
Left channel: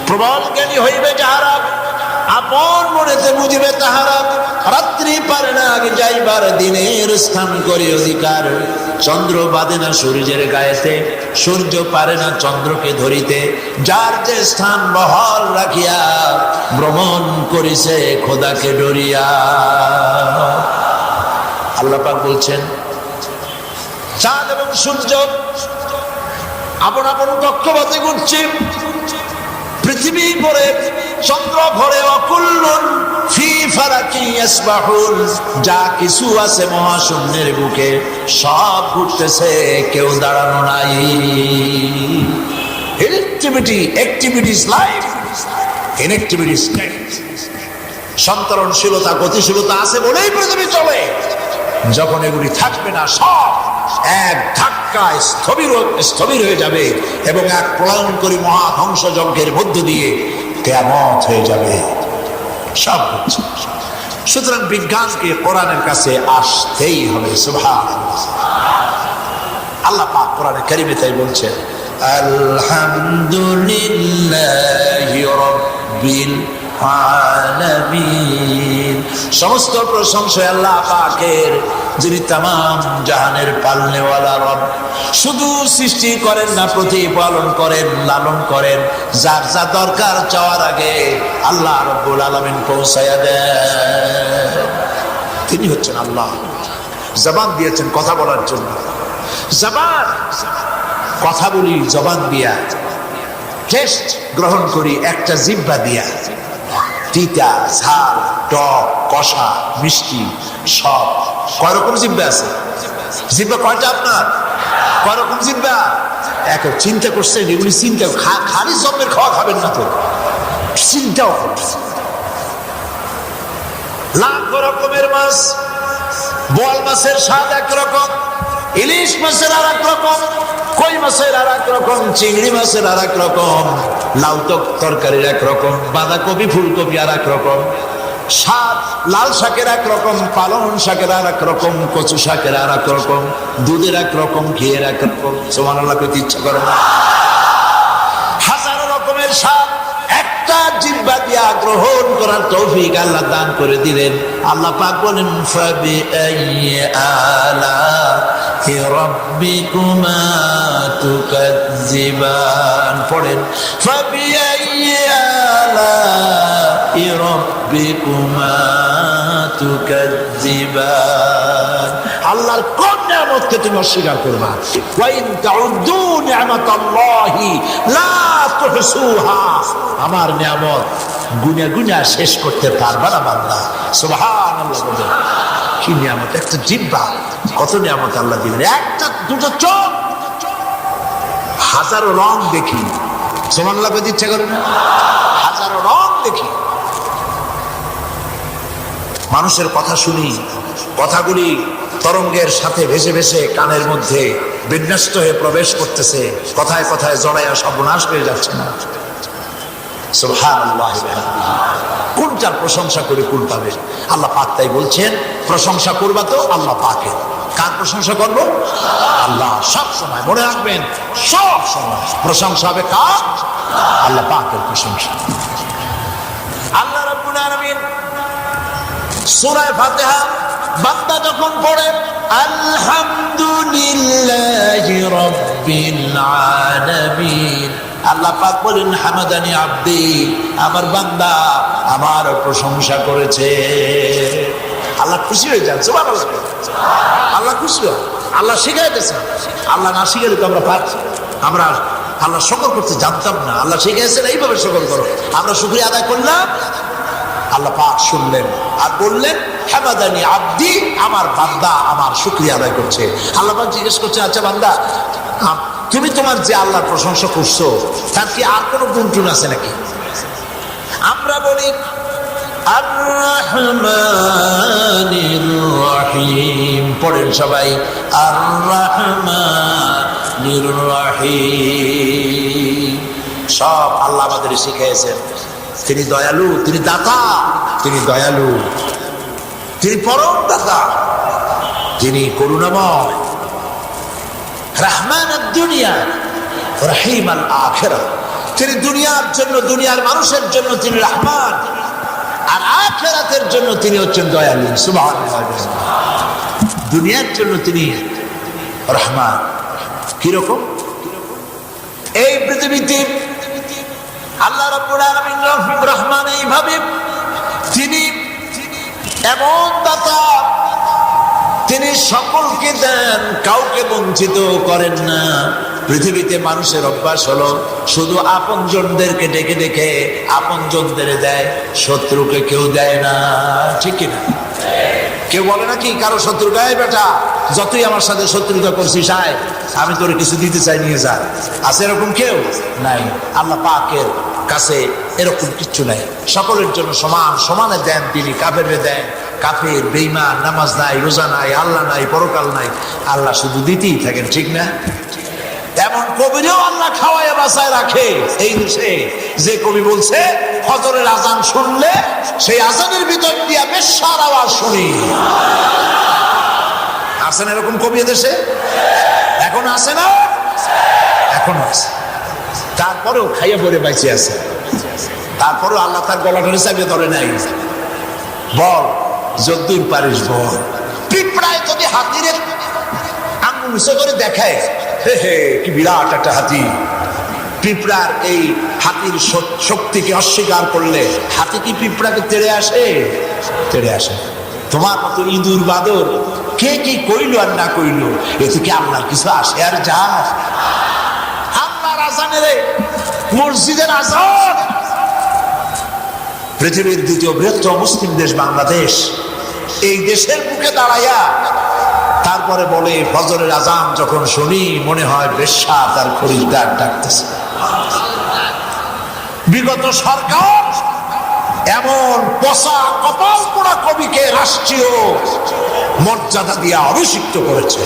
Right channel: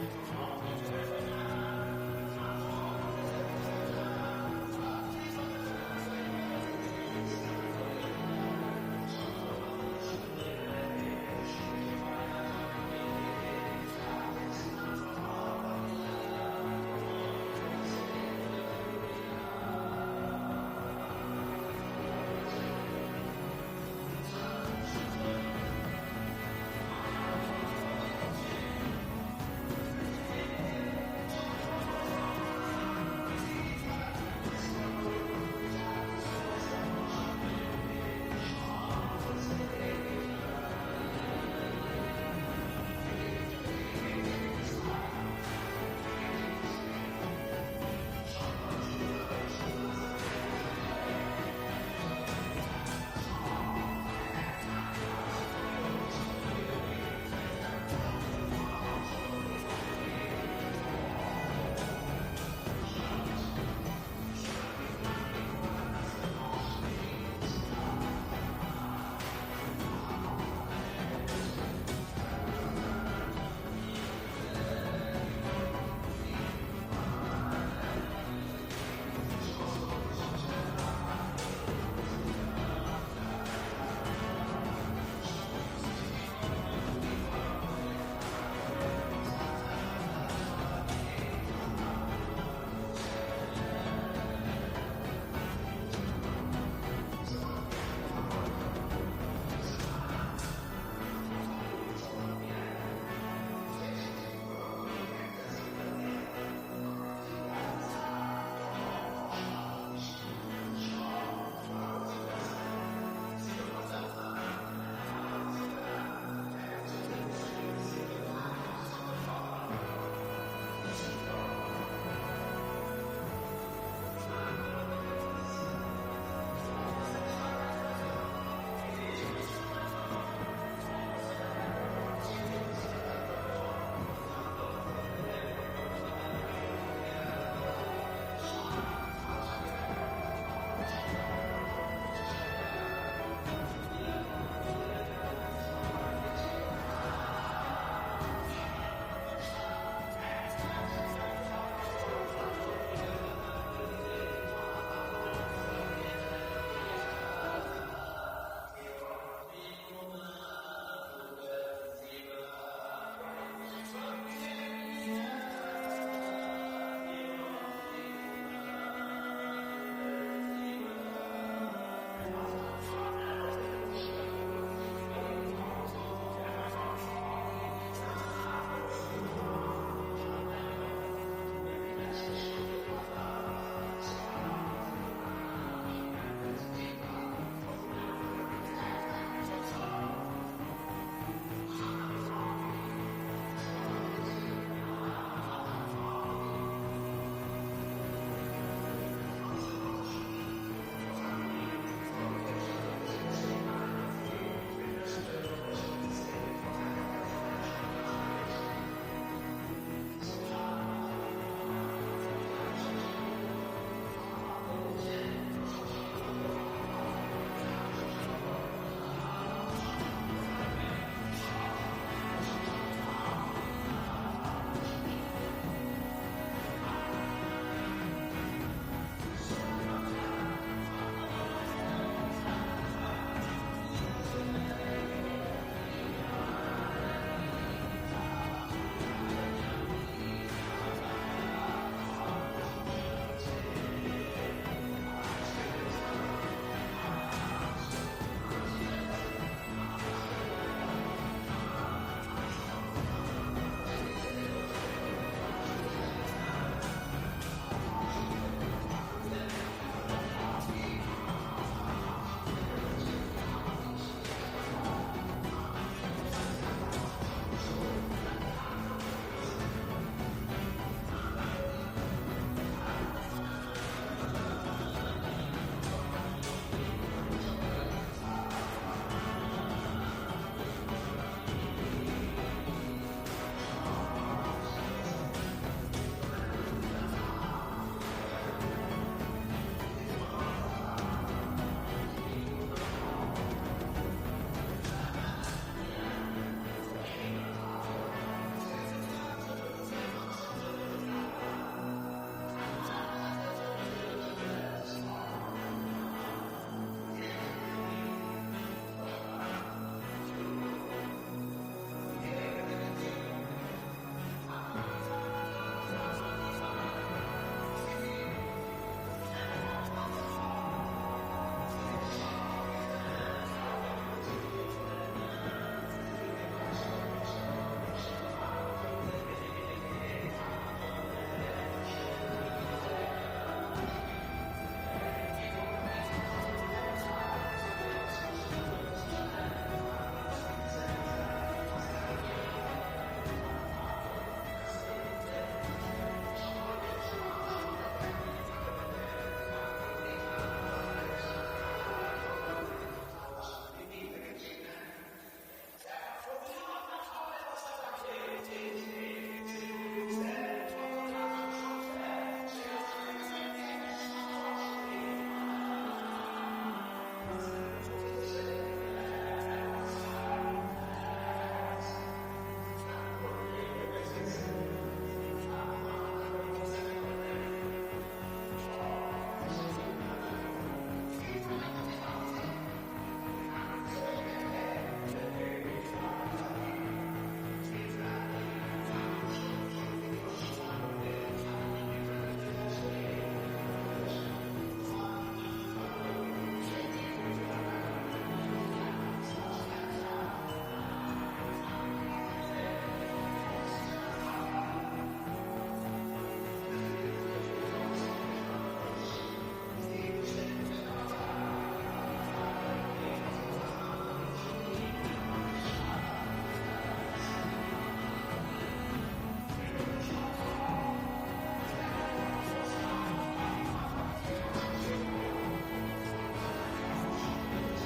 প্রবল জ্ঞানী হইবে যাহারা, আপন মনেতে বুঝিবে তাহারা, রাত্রি পারে না আগে যাইবার দিনের স্থান করে অধিকার। চন্দ্র বাঁধে না সূর্যের গায়েতে, সূর্য পারে না চন্দ্রকে ধরিতে। যার যে স্থান বহাল রাখিয়া ভ্রমণ করিছে খোদাকে ডরিয়া। আল্লাহ পাক বলছেন, চাঁদ এবং সূর্য আপন আপন কক্ষপথে ঘুরছে, পৃথিবী ঘোরে, চন্দ্র ঘোরে, অকুল্লুন ফি ফালাকি ইয়াসবাহুন। যা কিছু আছে মহাশূন্যের বুকে সব ঘুরতেছে, কেউ দাঁড়ানো নাই। Activity is life, inactivity is death. সন্তরণশীলতা, গতিশীলতা আছে বলেই পৃথিবী চলে। যখন এগুলি থাকবে না, সব এক ধাক্কায় স্থবির হয়ে যাবে এবং এক প্রলয়ঙ্করী মহাধ্বংস যজ্ঞের মধ্য দিয়ে কিয়ামত হয়ে যাবে। সব হচ্ছে। সুতরাং বিজ্ঞানকে কোরআনের কাছে আসতেই হবে। সুবহানাল্লাহ। আল্লাহ পাক কোরআনে কারিমে তাই বলছেন, আলহামদুলিল্লাহি রাব্বিল আলামিন। সমস্ত প্রশংসা আল্লাহ পাকের, যিনি তামাম জাহানের পালনেওয়ালা রব। শুধু সৃষ্টি করেন না, প্রতিপালন করেন, লালন করেন। যার যা দরকার চাওয়ার আগে আল্লাহ রাব্বুল আলামিন পৌঁছায়া দেন। তিনি হচ্ছেন আল্লাহ। জবান দিয়েছেন কথা বলার জন্য। জবান, কথা বলি জবান দিয়া, টেস্ট গ্রহণ করি একটা জিহ্বা দিয়া। তিতা, ঝাল, টক, কষা, মিষ্টি সব। কয় রকম জিহ্বা আছে? জিহ্বা কয়টা আপনার? কয় রকম জিহ্বা? এক। চিন্তা করছেন এগুলি? চিন্তা খালি জন্মের খাওয়া খাবেন না তো, চিন্তাও লাখ রকমের মাছ। বোয়াল মাছের স্বাদ একরকম, ইলিশ মাছের আর এক রকম, কই মাছের আর এক রকম, চিংড়ি মাছের আর এক রকম, লাউ তরকারির এক রকম, বাঁধাকপি ফুলকপি আর এক রকম স্বাদ, লাল শাকের এক রকম, পালং শাকের আর এক রকম, কচু শাকের আর এক রকম, দুধের এক রকম, ঘিয়ের এক রকম। সুবহানাল্লাহ করতে ইচ্ছা করে না? হাজারো রকমের স্বাদ একটা জিহ্বা দিয়া গ্রহণ করার তৌফিক আল্লাহ দান করে দিলেন। আল্লাহ পাক বলেন, ফাবিআইয়ি আলাহি রাব্বিকুমা তুকাজ্জিবান। পড়েন, ফাবিআইয়ি আলাহি রাব্বিকুমা তুকাজ্জিবান। আল্লাহর কোন নিয়ামতকে তুমি অস্বীকার করবা? ওয়া ইন তাউদ্দু নি'মাতাল্লাহি লা তুহসুহা। আমার নিয়ামত গুনে গুনে শেষ করতে পারবা না বান্দা। সুবহানাল্লাহ। কি নিয়ামত! একটা জিহ্বা, কত নিয়ামত আল্লাহ দিলেন। একটা দুটো চোখ, হাজারো রং দেখি। সুবহানাল্লাহ বলতে ইচ্ছা করে না? হাজারো রং দেখি, মানুষের কথা শুনি, কথাগুলি তরঙ্গের সাথে ভেসে ভেসে কানের মধ্যে বিন্যস্ত হয়ে প্রবেশ করতেছে, কথায় কথায় জড়াইয়া সর্বনাশ হয়ে যাচ্ছে না। সুবহানাল্লাহ। কোনটার প্রশংসা করে কোন পাবে? আল্লাহ পাক তাই বলছেন, প্রশংসা করবা তো আল্লাহ পাকের। কার প্রশংসা করবো? আল্লাহ। সব সময় মনে রাখবেন, সব সময় প্রশংসা হবে কার? আল্লাহ পাকের প্রশংসা। আল্লাহ রাব্বুল আলামিন সূরা ফাতিহা বান্দা যখন পড়ে আলহামদুলিল্লাহি রাব্বিল আলামিন, আল্লাহ পাক বলেন হামাদানি আব্দি, আমার বান্দা আমার প্রশংসা করেছে। আল্লাহ খুশি হয়ে যান। সুবহানাল্লাহ। আল্লাহ খুশি হয়। আল্লাহ শিখাইতেছে। আল্লাহ না শিখাইলে তো আমরা পারছি। আমরা আল্লাহ শুকর করতে জানতাম না। আল্লাহ শিখাইছেন এইভাবে শুকর করো। আমরা শুকরিয়া আদায় করলাম, আল্লাহ পাক শুনলেন আর বললেন হামাদানি আব্দি, আমার বান্দা আমার শুকরিয়া আদায় করছে। আল্লাহ পাক জিজ্ঞেস করছে, আচ্ছা বান্দা, তুমি তোমার যে আল্লাহর প্রশংসা করছো তার কি আর কোনো গুণটুন আছে নাকি? আমরা বলি আর রহমানির রহিম। পড়েন সবাই, আর রহমানির রহিম। সব আল্লাহ আমাদের শিখিয়েছেন। তিনি দয়ালু, তিনি দাতা, তিনি দয়ালু, তিনি পরম দাতা, তিনি করুণাময়। রহমান দুনিয়া, রহিম আল আখিরাহ। তিনি দুনিয়ার জন্য, দুনিয়ার মানুষের জন্য তিনি রহমান, আর আখিরাতের জন্য তিনি হচ্ছেন দয়ালু। সুবহানাল্লাহ। দুনিয়ার জন্য তিনি রহমান। কিরকম? এই পৃথিবীতে আল্লাহ রাব্বুল আলামিন রহমান এইভাবে, তিনি এমন দাতা, তিনি সকলকে দেন, কাউকে বঞ্চিত করেন না। পৃথিবীতে মানুষের অভ্যাস হলো শুধু আপনজনদেরকে ডেকে ডেকে আপনজনদের দেয়, শত্রুকে কেউ দেয় না। ঠিক কিনা? কেউ বলে নাকি কারো শত্রু, গায়ে বেটা যতই আমার সাথে শত্রুতা করছিস আয়, আমি তোরে কিছু দিতে চাই, নিয়ে যা। আছে এরকম কেউ? নাই। আল্লাহ পাকের কাছে এরকম কিচ্ছু নাই। সকলের জন্য সমান, সমানে দেন তিনি। কাফেরে দেন, কাফের বেঈমান, নামাজ নাই, রোজা নাই, আল্লাহ নাই, পরকাল নাই, আল্লাহ শুধু দিতেই থাকেন। ঠিক না? এমন কবিরেও আল্লাহ খাওয়ায় বাঁচায় রাখে। এই দেশে যে কবি বলছে ফজরের আজান শুনলে সেই আজানের ভিতর দিয়া বেশ্যার আওয়াজ শুনি। আছেন এরকম কবি দেশে? এখন আছে না? এখনো আছে। তারপরেও খাইয়ে পরে বাইচে আছে। তারপরেও আল্লাহ তার গলা ধরে চাপিয়ে ধরে নাই। বল যদ্দূর পারিস বল। পিঁপড়ায় যদি হাতির আঙুল নিচে করে দেখায়, হে হে কি বিরাট একটা হাতি, পিঁপড়ার এই হাতির শক্তিকে অস্বীকার করলে হাতি কি পিঁপড়াকে তেড়ে আসে? তেড়ে আসে। তোমার মতো ইঁদুর বাদর কে কি কইল আর না কইল, এতে কি আল্লাহর কিছু আসে আর যায়? আল্লাহর আজানের, মসজিদের আজান। পৃথিবীর দ্বিতীয় বৃহত্তম মুসলিম দেশ বাংলাদেশ, এই দেশের বুকে দাঁড়াইয়া তারপরে বলে ফজরের আজান যখন শুনি মনে হয় বেশ্যা তার খরিদ্দার ডাকতেছে। বিগত সরকার এমন পচা কপাল পোড়া কবিকে রাষ্ট্রীয় মর্যাদা দিয়ে অভিষিক্ত করেছে।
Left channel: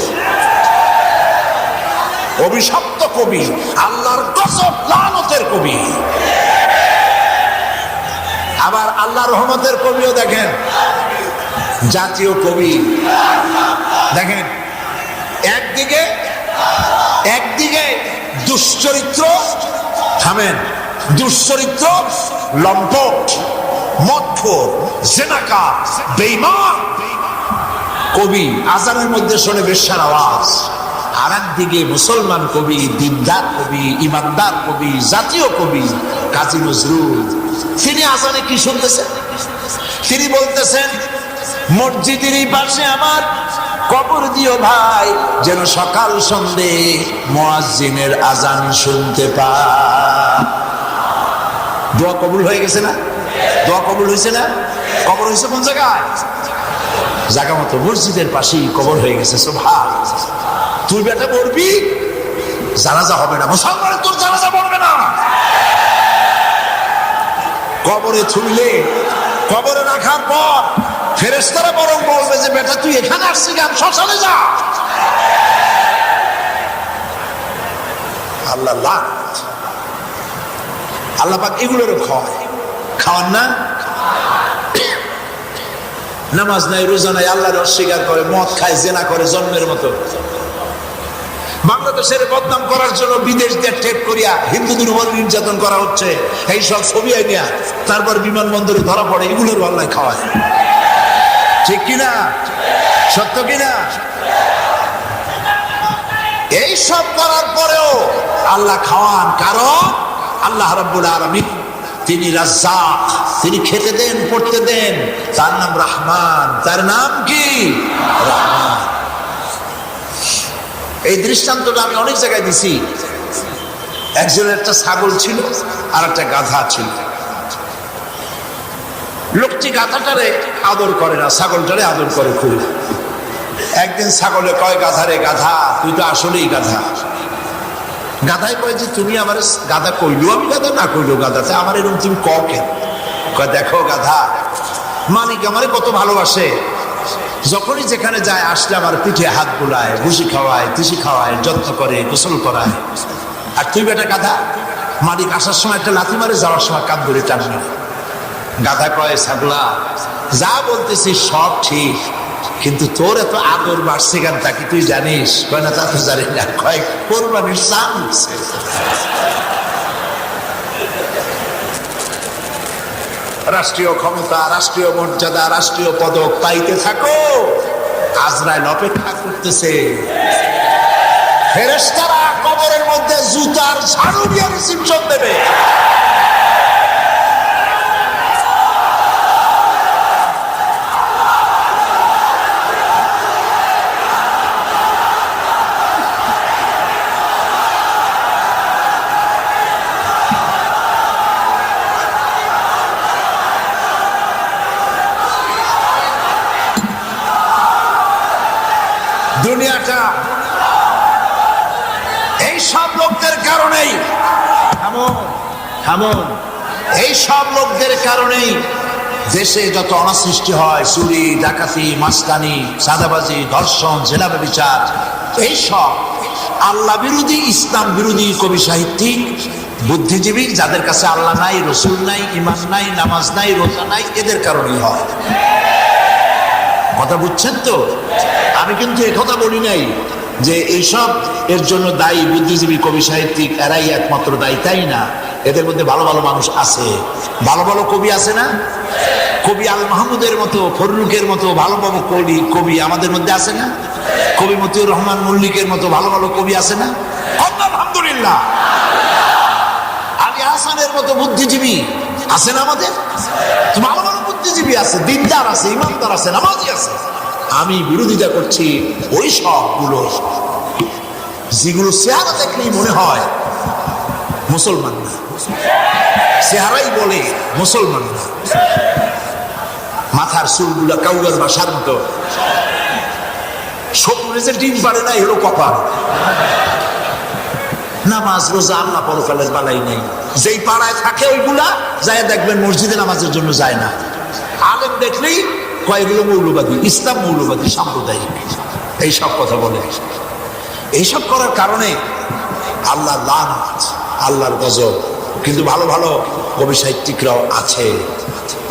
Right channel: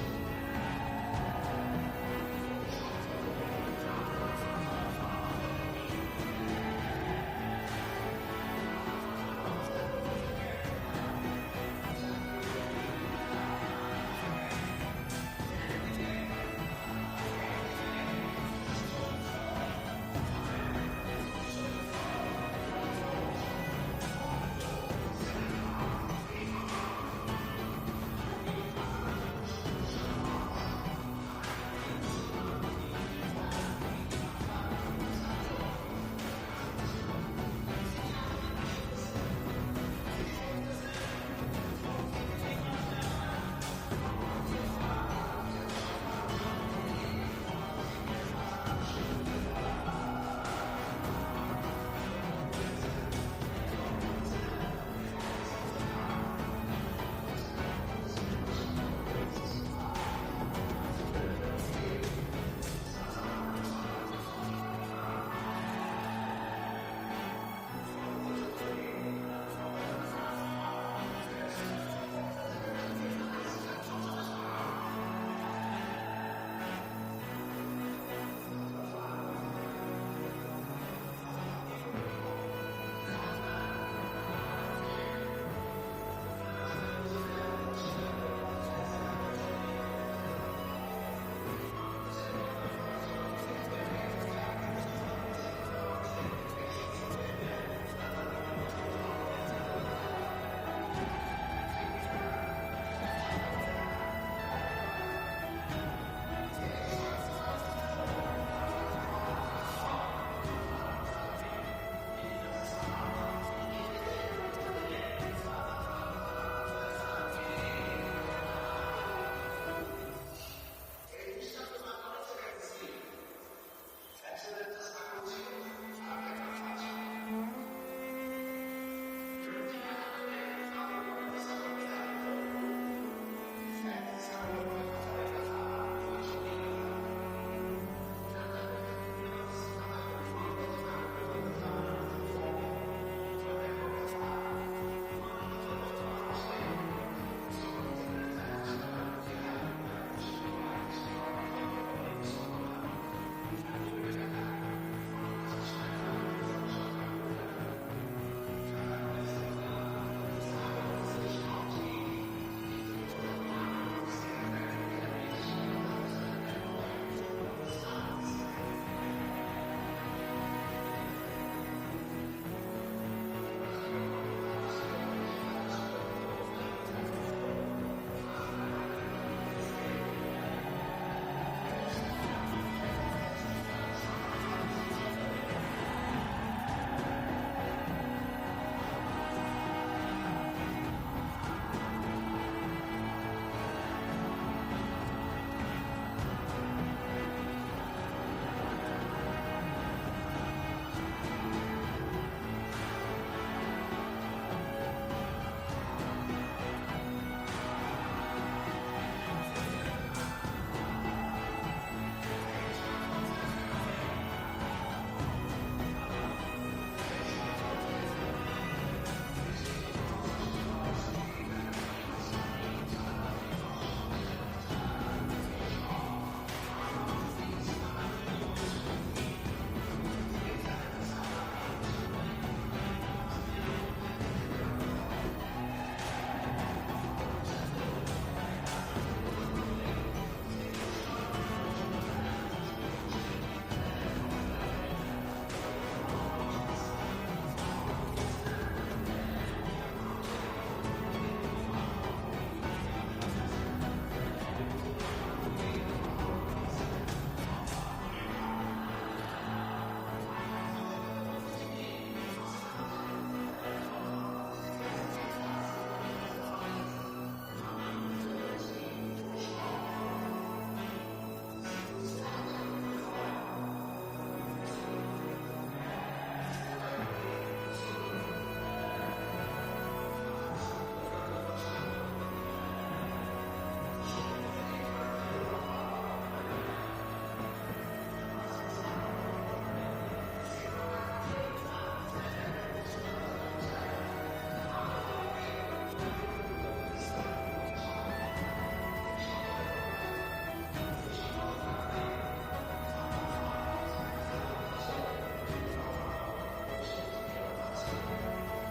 অভিশপ্ত কবি, আল্লাহর গজব লানতের কবি। আবার আল্লাহ রহমতের কবিও দেখেন, জাতীয় কবি দেখেন। একদিকে দুশ্চরিত্র, থামেন, দুশ্চরিত্র, লম্পট, মদখোর, জেনাকার, বেঈমান কবি আজানের মধ্যে শোনে বেশ্যার আওয়াজ। আর একদিকে মুসলমান কবি, দিনদার কবি, ইমানদার কবি, জাতীয় কবি কাজী নজরুল, তিনি আজানে কি শুনতেছেন? তিনি বলতেছেন, মসজিদেরই পাশে আমার কবর দিও ভাই, যেন সকাল সন্ধে মুয়াজ্জিনের আজান শুনতে পাই। দোয়া কবুল হয়ে গেছে না? দোয়া কবুল হয়েছে না? কবর হয়েছে কোন জায়গায়? জায়গা মতো মসজিদের পাশেই কবর হয়ে গেছে। সুবহানাল্লাহ। তুই বেটা পড়বি, জানাজা হবে না, মুসলমানের তোর জানাজা পড়বে না। কবরে থুইলে, কবরে রাখার পর ফেরেশতারা বরং বলবে যে বেটা তুই এখানে আসছিস কেন, শ্মশানে যা। আল্লাহ লানত। আল্লাহ পাক এগুলোরও খাওয়ান না। নামাজ নাই, রোজা নাই, আল্লাহর অস্বীকার করে, মদ খায়, জেনা করে জন্মের মতো। বাংলাদেশের বদনাম করার জন্য বিদেশ দিয়ে টেক করিয়া হিন্দুদের উপর নির্যাতন করা হচ্ছে, এই সব ছবি আইনিয়া তারপর বিমানবন্দরে ধরা পড়ে, এগুলোর আল্লাহ খাওয়ায়। ঠিক কিনা? সত্য কিনা? এই সব করার পরেও আল্লাহ খাওয়ান, কারণ আল্লাহ রাব্বুল আলামিন তিনি রাজ্জাক, তিনি খেতে দেন, পড়তে দেন, তার নাম রহমান। তার নাম কি? রহমান। এই দৃষ্টান্তটা আমি অনেক জায়গায় দিছি। একজনের একটা ছাগল ছিল আর একটা গাধা ছিল। লোকটি গাধাটারে আদর করে না, ছাগলটারে আদর করে খুব। একদিন ছাগলে কয় গাধারে, গাধা তুই তো আসলেই গাধা। গাধায় কয় যে তুমি আমার গাধা, কইলো আমি গাধা, না কইলো গাধা, তা আমার এরকম তুমি কও কেন? কয় দেখো গাধা, মালিক আমারে কত ভালোবাসে, যখনই যেখানে যায় আসলে আমার পিঠে হাত বুলায়, ভুসি খাওয়ায়, তিসি খাওয়ায়, যত্ন করে, গোসল করায়। আর তুই বেটা গাধা, মালিক আসার সময় একটা লাথি মারে, যাওয়ার সময় কান ধরে টানবে। গাধা কয় ছাগলা, যা বলতেছিস সব ঠিক, কিন্তু তোর এত আদর বাড়ছে কেন তা কি তুই জানিস? কয় না, তা তো জানি না। কয় কোরবানির চান হচ্ছে। রাষ্ট্রীয় ক্ষমতা, রাষ্ট্রীয় মর্যাদা, রাষ্ট্রীয় পদক পাইতে থাকো, আজরাইল অপেক্ষা করতেছে। ফেরেশতারা কবরের মধ্যে জুতার ঝাড়ু দিয়ে রিসিপশন দেবে। দুনিয়াটা এই সব লোকদের কারণেই, এই সব লোকদের কারণেই দেশে যত অনাসৃষ্টি হয়, চুরি, ডাকাতি, মাস্তানি, সাদাবাজি, ধর্ষণ, জেলা ব্যভিচার, এই সব আল্লাহ বিরোধী, ইসলাম বিরোধী কবি সাহিত্যিক, বুদ্ধিজীবী, যাদের কাছে আল্লাহ নাই, রসুল নাই, ইমান নাই, নামাজ নাই, রোজা নাই, এদের কারণেই হয়। কথা বুঝছেন তো? আমি কিন্তু একথা বলি নাই যে এইসব এর জন্য দায়ী বুদ্ধিজীবী, কবি সাহিত্যিক, এরাই একমাত্র দায়ী, তাই না। এদের মধ্যে ভালো ভালো মানুষ আছে, ভালো ভালো কবি আছে না? কবি আল মাহমুদের মতো, ফররুকের মতো ভালো ভালো কবি আমাদের মধ্যে আছে না? কবি মতিউর রহমান মল্লিকের মতো ভালো ভালো কবি আছে না? আলহামদুলিল্লাহ। আলী হাসানের মতো বুদ্ধিজীবী আছে না আমাদের? ভালো ভালো বুদ্ধিজীবী আছে, দিনদার আছে, ইমানদার আছে, নামাজি আছে। আমি বিরোধিতা করছি ওই সবগুলো যেগুলো চেহারা দেখলেই মনে হয় মুসলমান না, চেহারাই বলে মুসলমান না। মাথার চুলগুলা কাউগার বাসার মতো, শরীরে যে ডিম পারে না, এগুলো কপাল। নামাজ রোজা আল্লাহ পরকালের বালাই নেই। যেই পাড়ায় থাকে ওইগুলা যায় দেখবেন মসজিদে নামাজের জন্য যায় না। আলেম দেখলেই কয়েকগুলো মৌলবাদী, ইসলাম মৌলবাদী, সাম্প্রদায়িক, এইসব কথা বলে। এইসব করার কারণে আল্লাহর লানত, আল্লাহর গজব। কিন্তু ভালো ভালো কবি সাহিত্যিকরাও আছে।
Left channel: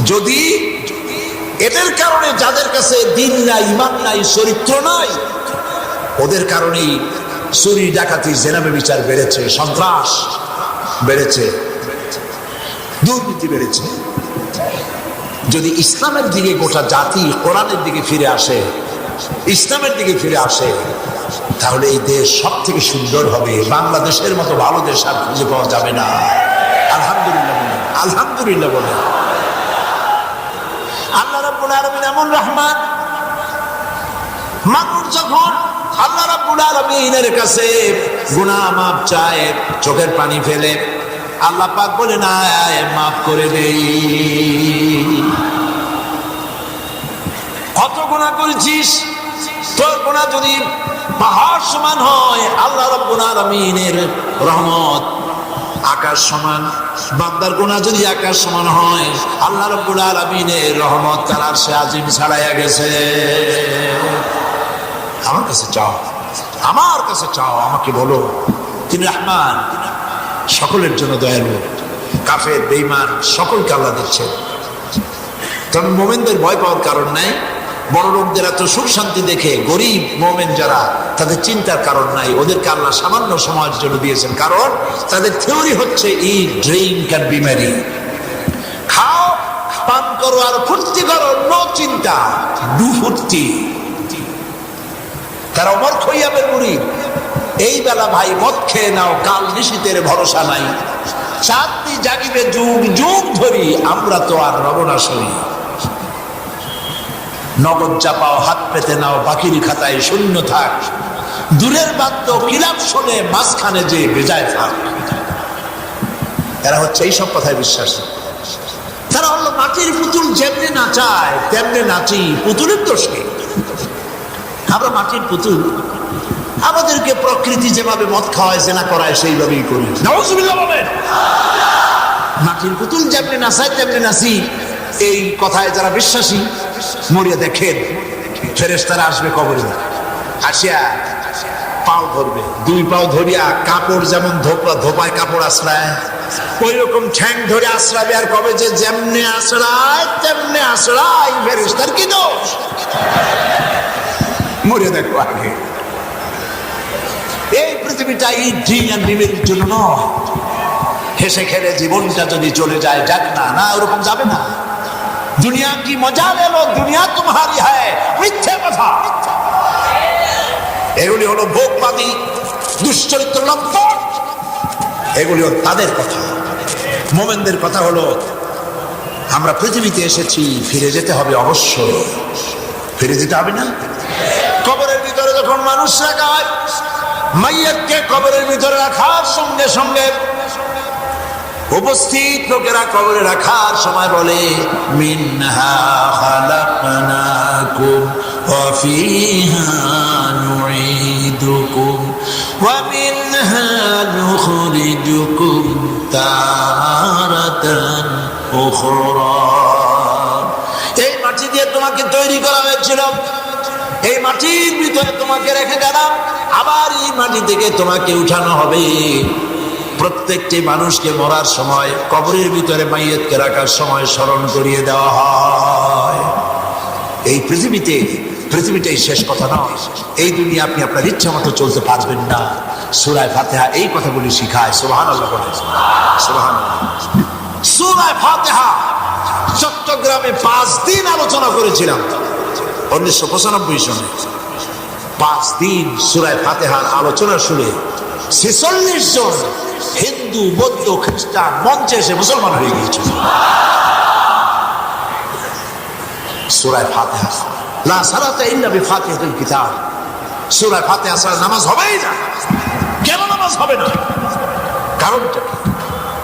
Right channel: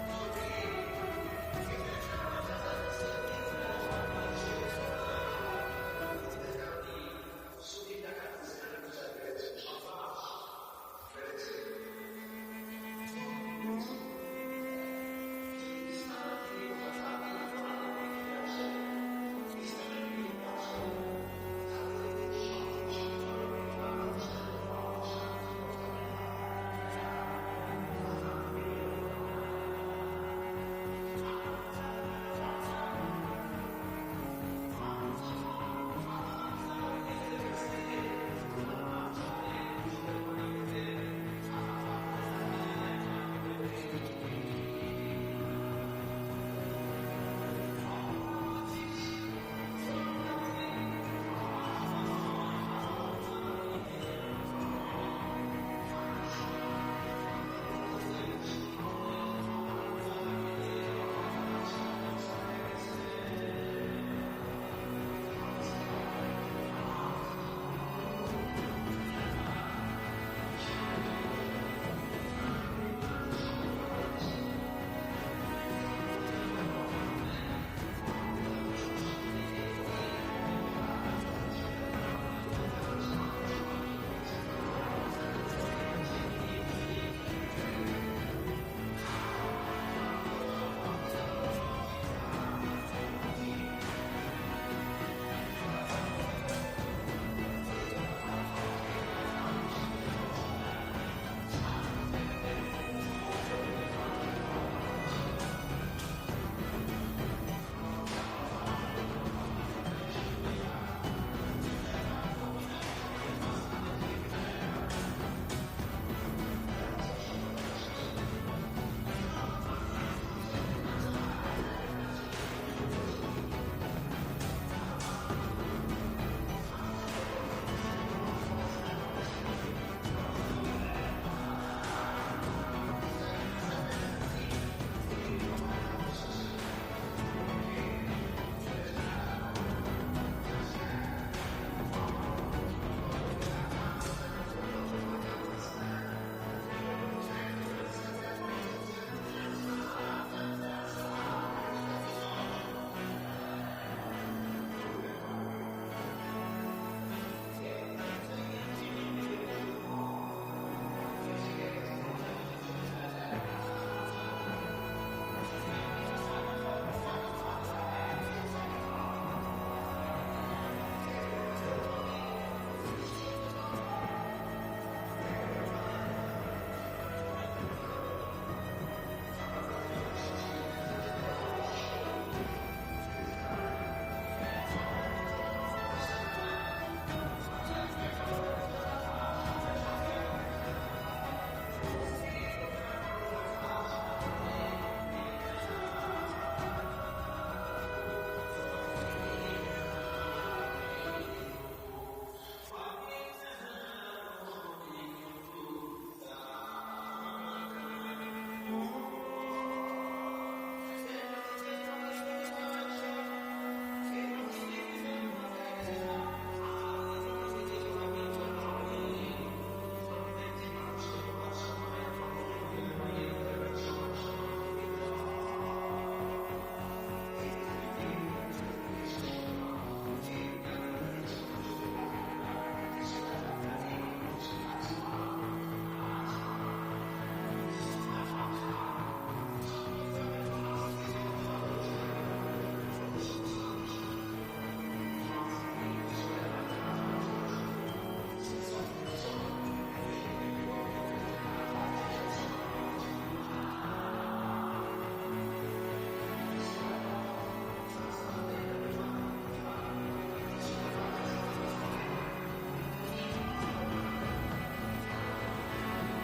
যদি এদের কারণে যাদের কাছে দিন নাই, ইমান নাই, চরিত্র নাই, ওদের কারণেই চুরি, ডাকাতি, জেনা ব্যভিচার বেড়েছে, সন্ত্রাস বেড়েছে, দুর্নীতি বেড়েছে। যদি ইসলামের দিকে গোটা জাতি কোরআনের দিকে ফিরে আসে, ইসলামের দিকে ফিরে আসে, তাহলে এই দেশ সব থেকে সুন্দর হবে। বাংলাদেশের মতো ভালো দেশ আর খুঁজে পাওয়া যাবে না। আলহামদুলিল্লাহ বলেন, আলহামদুলিল্লাহ বলেন। আল্লাহ রাব্বুল আলামিন এমন রহমান, মানুষ যখন আল্লাহ রাব্বুল আলামিনের কাছে গুনাহ মাফ চায়, চোখের পানি ফেলে, আল্লাহ পাক বলে না মাফ করে দেই। কত গুনাহ করেছিস, তোর গুনাহ যদি পাহাড় সমান হয়, আল্লাহ রাব্বুল আলামিনের রহমত আকাশ সমান। বান্দার গুনাহ যদি আকাশ সমান হয়, আল্লাহ রাব্বুল আলামিনের রহমত তার আরশে আজিম ছাড়াইয়া গেছে। আমার কাছে চাও, আমার কাছে চাও, আমাকে বলো তিনি রহমান, সকলের জন্য দয়ালু। কাফের বেঈমান সকলকে আল্লাহ দিচ্ছেন। তবে মোমেনদের ভয় পাওয়ার কারণ নাই। বড় লোকদের এত সুখ শান্তি দেখে গরিব মোমেন যারা, তাদের চিন্তার কারণ নাই। ওদেরকে আল্লাহ সামান্য সময়ের জন্য দিয়েছেন, কারণ তাদের থিওরি হচ্ছে ইট, ড্রিঙ্ক এন্ড বি মেরি। খাও, পান করো আর ফুর্তি করো, নো চিন্তা, ডু ফুর্তি। তারা অমর খইয়াবের মুড়ি, এই বেলা ভাই মদ খেয়ে নাও, কাল নিশীতের ভরসা নাই। চাঁদনি জাগিবে যুগ যুগ ধরি, আমরা তো আর রবনাশ হই। নগদ চাপাও, হাত পেতে নাও, বাকির খাতায় শূন্য থাক। দূরের বাদ্য কিলাপ শোনে, মাঝখানে যে বেজায় থাক। এরা হচ্ছে এইসব কথায় বিশ্বাসী। তারা হলো মাটির পুতুল, যেমনি নাচায় তেমনি নাচি, পুতুলের দোষ কি? আমরা মাটির পুতুল, আমাদেরকে প্রকৃতি যেভাবে মদ খাওয়ায়, জেনা করায়, সেইভাবেই করি। নাউজুবিল্লাহ বলেন। মাটির পুতুল যেমনি নাচায় তেমনি নাচি, এই কথায় যারা বিশ্বাসী, মরিয়া দেখেন ফেরেশতারা আসবে কবরে, আসিয়া পাও ধরবে, দুই পাও ধরিয়া কাপড় যেমন ধোপায় কাপড় আশ্রায়, ওই রকম ঠ্যাং ধরে আশ্রাবে। আর কবে যে যেমনি আশ্রায় তেমনি আশ্রায়, ফেরেশতার কি দোষ? মরে দেখো আগে। এই পৃথিবীটা এই ড্রিঙ্ক এন্ড বিমের জন্য নয়। হেসে খেলে জীবনটা যদি চলে যায়, যাক না, না ওরকম যাবে না। দুনিয়া কি মজা লেলো, দুনিয়া তোমারি হ্যায়, মিথ্যে কথা। এগুলি হলো ভোগবাদী, দুশ্চরিত্র লম্পট, এগুলি তাদের কথা। মোমেনদের কথা হলো আমরা পৃথিবীতে এসেছি, ফিরে যেতে হবে অবশ্যই। ফিরে যেতে হবে না? কবরের ভিতরে যখন মানুষ রাখা হয়, মাইয়াতকে কবরের ভিতরে রাখার সঙ্গে সঙ্গে উপস্থিত লোকেরা কবরে রাখার সময় বলে, মিনহা খালাকনাকুম ওয়া ফিহা নুঈদুকুম ওয়া মিনহা নুখরিজুকুম তারাতান উখরা। এই মাটি দিয়ে তোমাকে তৈরি করা হয়েছিল, এই মাটির ভিতরে তোমাকে রেখে গেলাম, আবার এই মাটি থেকে তোমাকে উঠানো হবে। প্রত্যেকটি মানুষকে মরার সময়, কবরের ভিতরে মাইয়াতকে রাখার সময় স্মরণ করিয়ে দেওয়া হয়। এই পৃথিবীটাই শেষ কথা নয়। এই দুনিয়া আপনি আপনার ইচ্ছা মতো চলতে পারবেন না। সূরা ফাতিহা এই কথাগুলি শিখায়। সুবহানাল্লাহ বলেন, সুবহানাল্লাহ। সূরা ফাতিহা চট্টগ্রামে 5 দিন আলোচনা করেছিলাম 1995 সনে। 5 দিন সূরা ফাতিহার আলোচনা শুনে 46 জন হিন্দু, বৌদ্ধ, খ্রিস্টান মঞ্চে এসে মুসলমান হয়ে গিয়েছিল। সূরা ফাতিহা, লা সালাতা ইল্লা বিফাতিহাতিল কিতাব। সূরা ফাতিহা ছাড়া নামাজ হবেই না। কেন নামাজ হবে না? কারণটা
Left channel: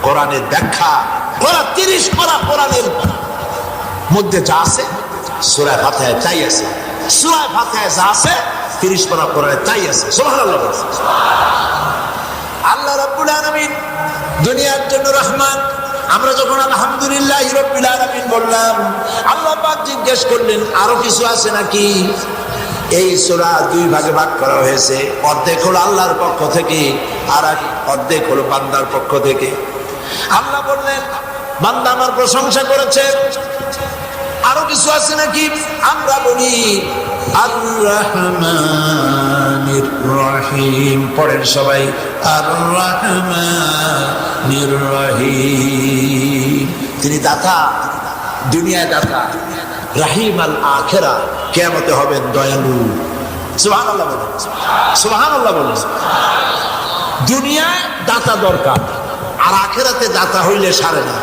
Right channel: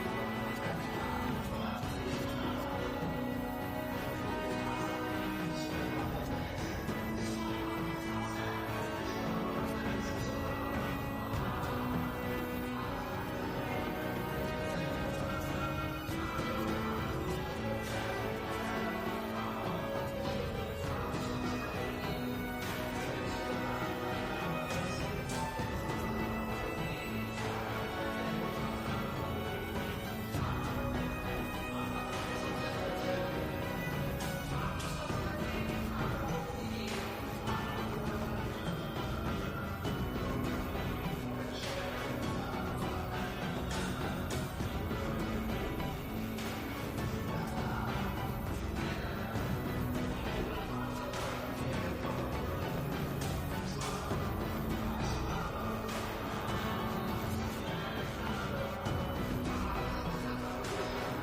কোরআনের ব্যাখ্যা, ওরা 30 পারা কোরআনের মধ্যে যা আছে সূরা ফাতিহায় তাই আছে। সূরা ফাতিহায় যা আছে 30 পারা কোরআনে তাই আছে। সুবহানাল্লাহ। আল্লাহ রাব্বুল আলামিন দুনিয়ার জন্য রহমান। আমরা যখন আলহামদুলিল্লাহ রাব্বিল আলামিন বললাম, আল্লাহ পাক জিজ্ঞেস করলেন আরো কিছু আছে নাকি? এই সূরা 2 ভাগে ভাগ করা হয়েছে। অর্ধেক হলো আল্লাহর পক্ষ থেকে, আর অর্ধেক হলো বান্দার পক্ষ থেকে। আল্লাহ বললেন, বান্দা আমার প্রশংসা করেছে, আরো কিছু আছে নাকি? আমরা বলি আর রহমানির রহিম। পড়েন সবাই, আর রহমানির রহিম। তিনি দাতা, দুনিয়ায় দাতা, রাহিম আল আখিরা, কিয়ামতে হবেন দয়ালু। সুবহানাল্লাহ বলেন, সুবহানাল্লাহ বলেন। দুনিয়ায় দাতা দরকার, আর আখেরাতে দাতা হইলে সারে না।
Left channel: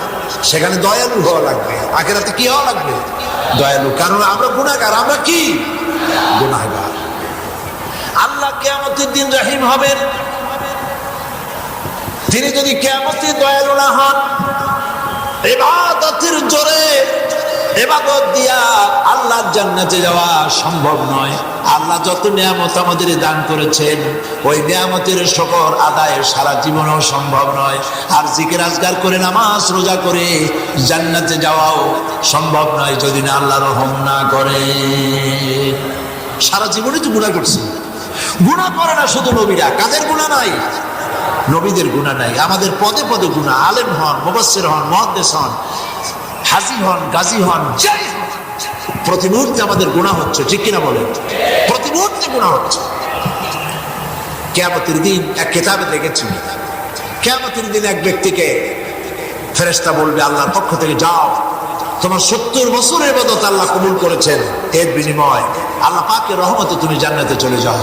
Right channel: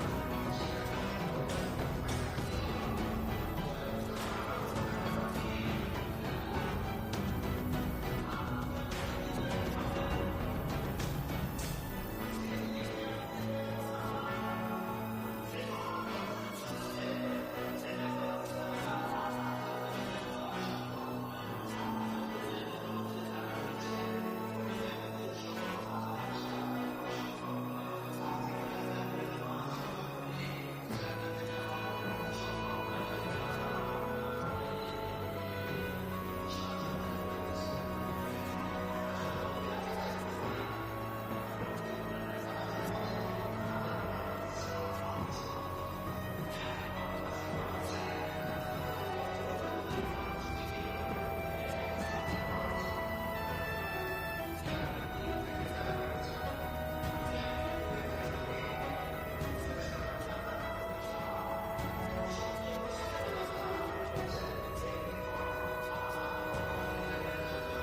সেখানে দয়ালু হওয়া লাগবে, আখেরাতে কি হওয়া লাগবে? দয়ালু। কারণ আমরা গুনাহগার, আমরা কি গুনাহগার। আল্লাহ কিয়ামতের দিন রহিম হবেন। তিনি যদি কিয়ামতে দয়ালু না হন, ইবাদতের জোরে ইবাদত দিয়া আল্লাহর জান্নাতে যাওয়া সম্ভব নয়। আল্লাহ যত নিয়ামত আমাদের দান করেছেন, ওই নিয়ামতের শুকর আদায় সারা জীবনেও সম্ভব নয়। আর জিকির আজগার করে নামাজ রোজা করে জান্নাতে যাওয়াও সম্ভব নয় যদি না আল্লাহ রহম না করে। সারা জীবনে তো গুনাহ করছে। গুনাহ করে না শুধু নবীরা, কাদের গুনাহ নাই? নবীদের গুনাহ নাই। আমাদের পদে পদে গুনাহ। আলেম হন, মুফাসসির হন, মুহাদ্দিস হন, হাজী হন, গাজী হন, যাই হন, প্রতি মুহূর্তে আমাদের গুনাহ হচ্ছে। ঠিক কিনা বলেন? প্রতি মুহূর্তে গুনাহ হচ্ছে। কিয়ামতের দিন এক কিতাবে দেখেছি, কিয়ামতের দিন এক ব্যক্তিকে ফেরেশতা বলবে আল্লাহর পক্ষ থেকে, যাও, তোমার 70 বছরের ইবাদত আল্লাহ কবুল করেছেন, এর বিনিময় আল্লাহ পাকের রহমতে তুমি জান্নাতে চলে যাও।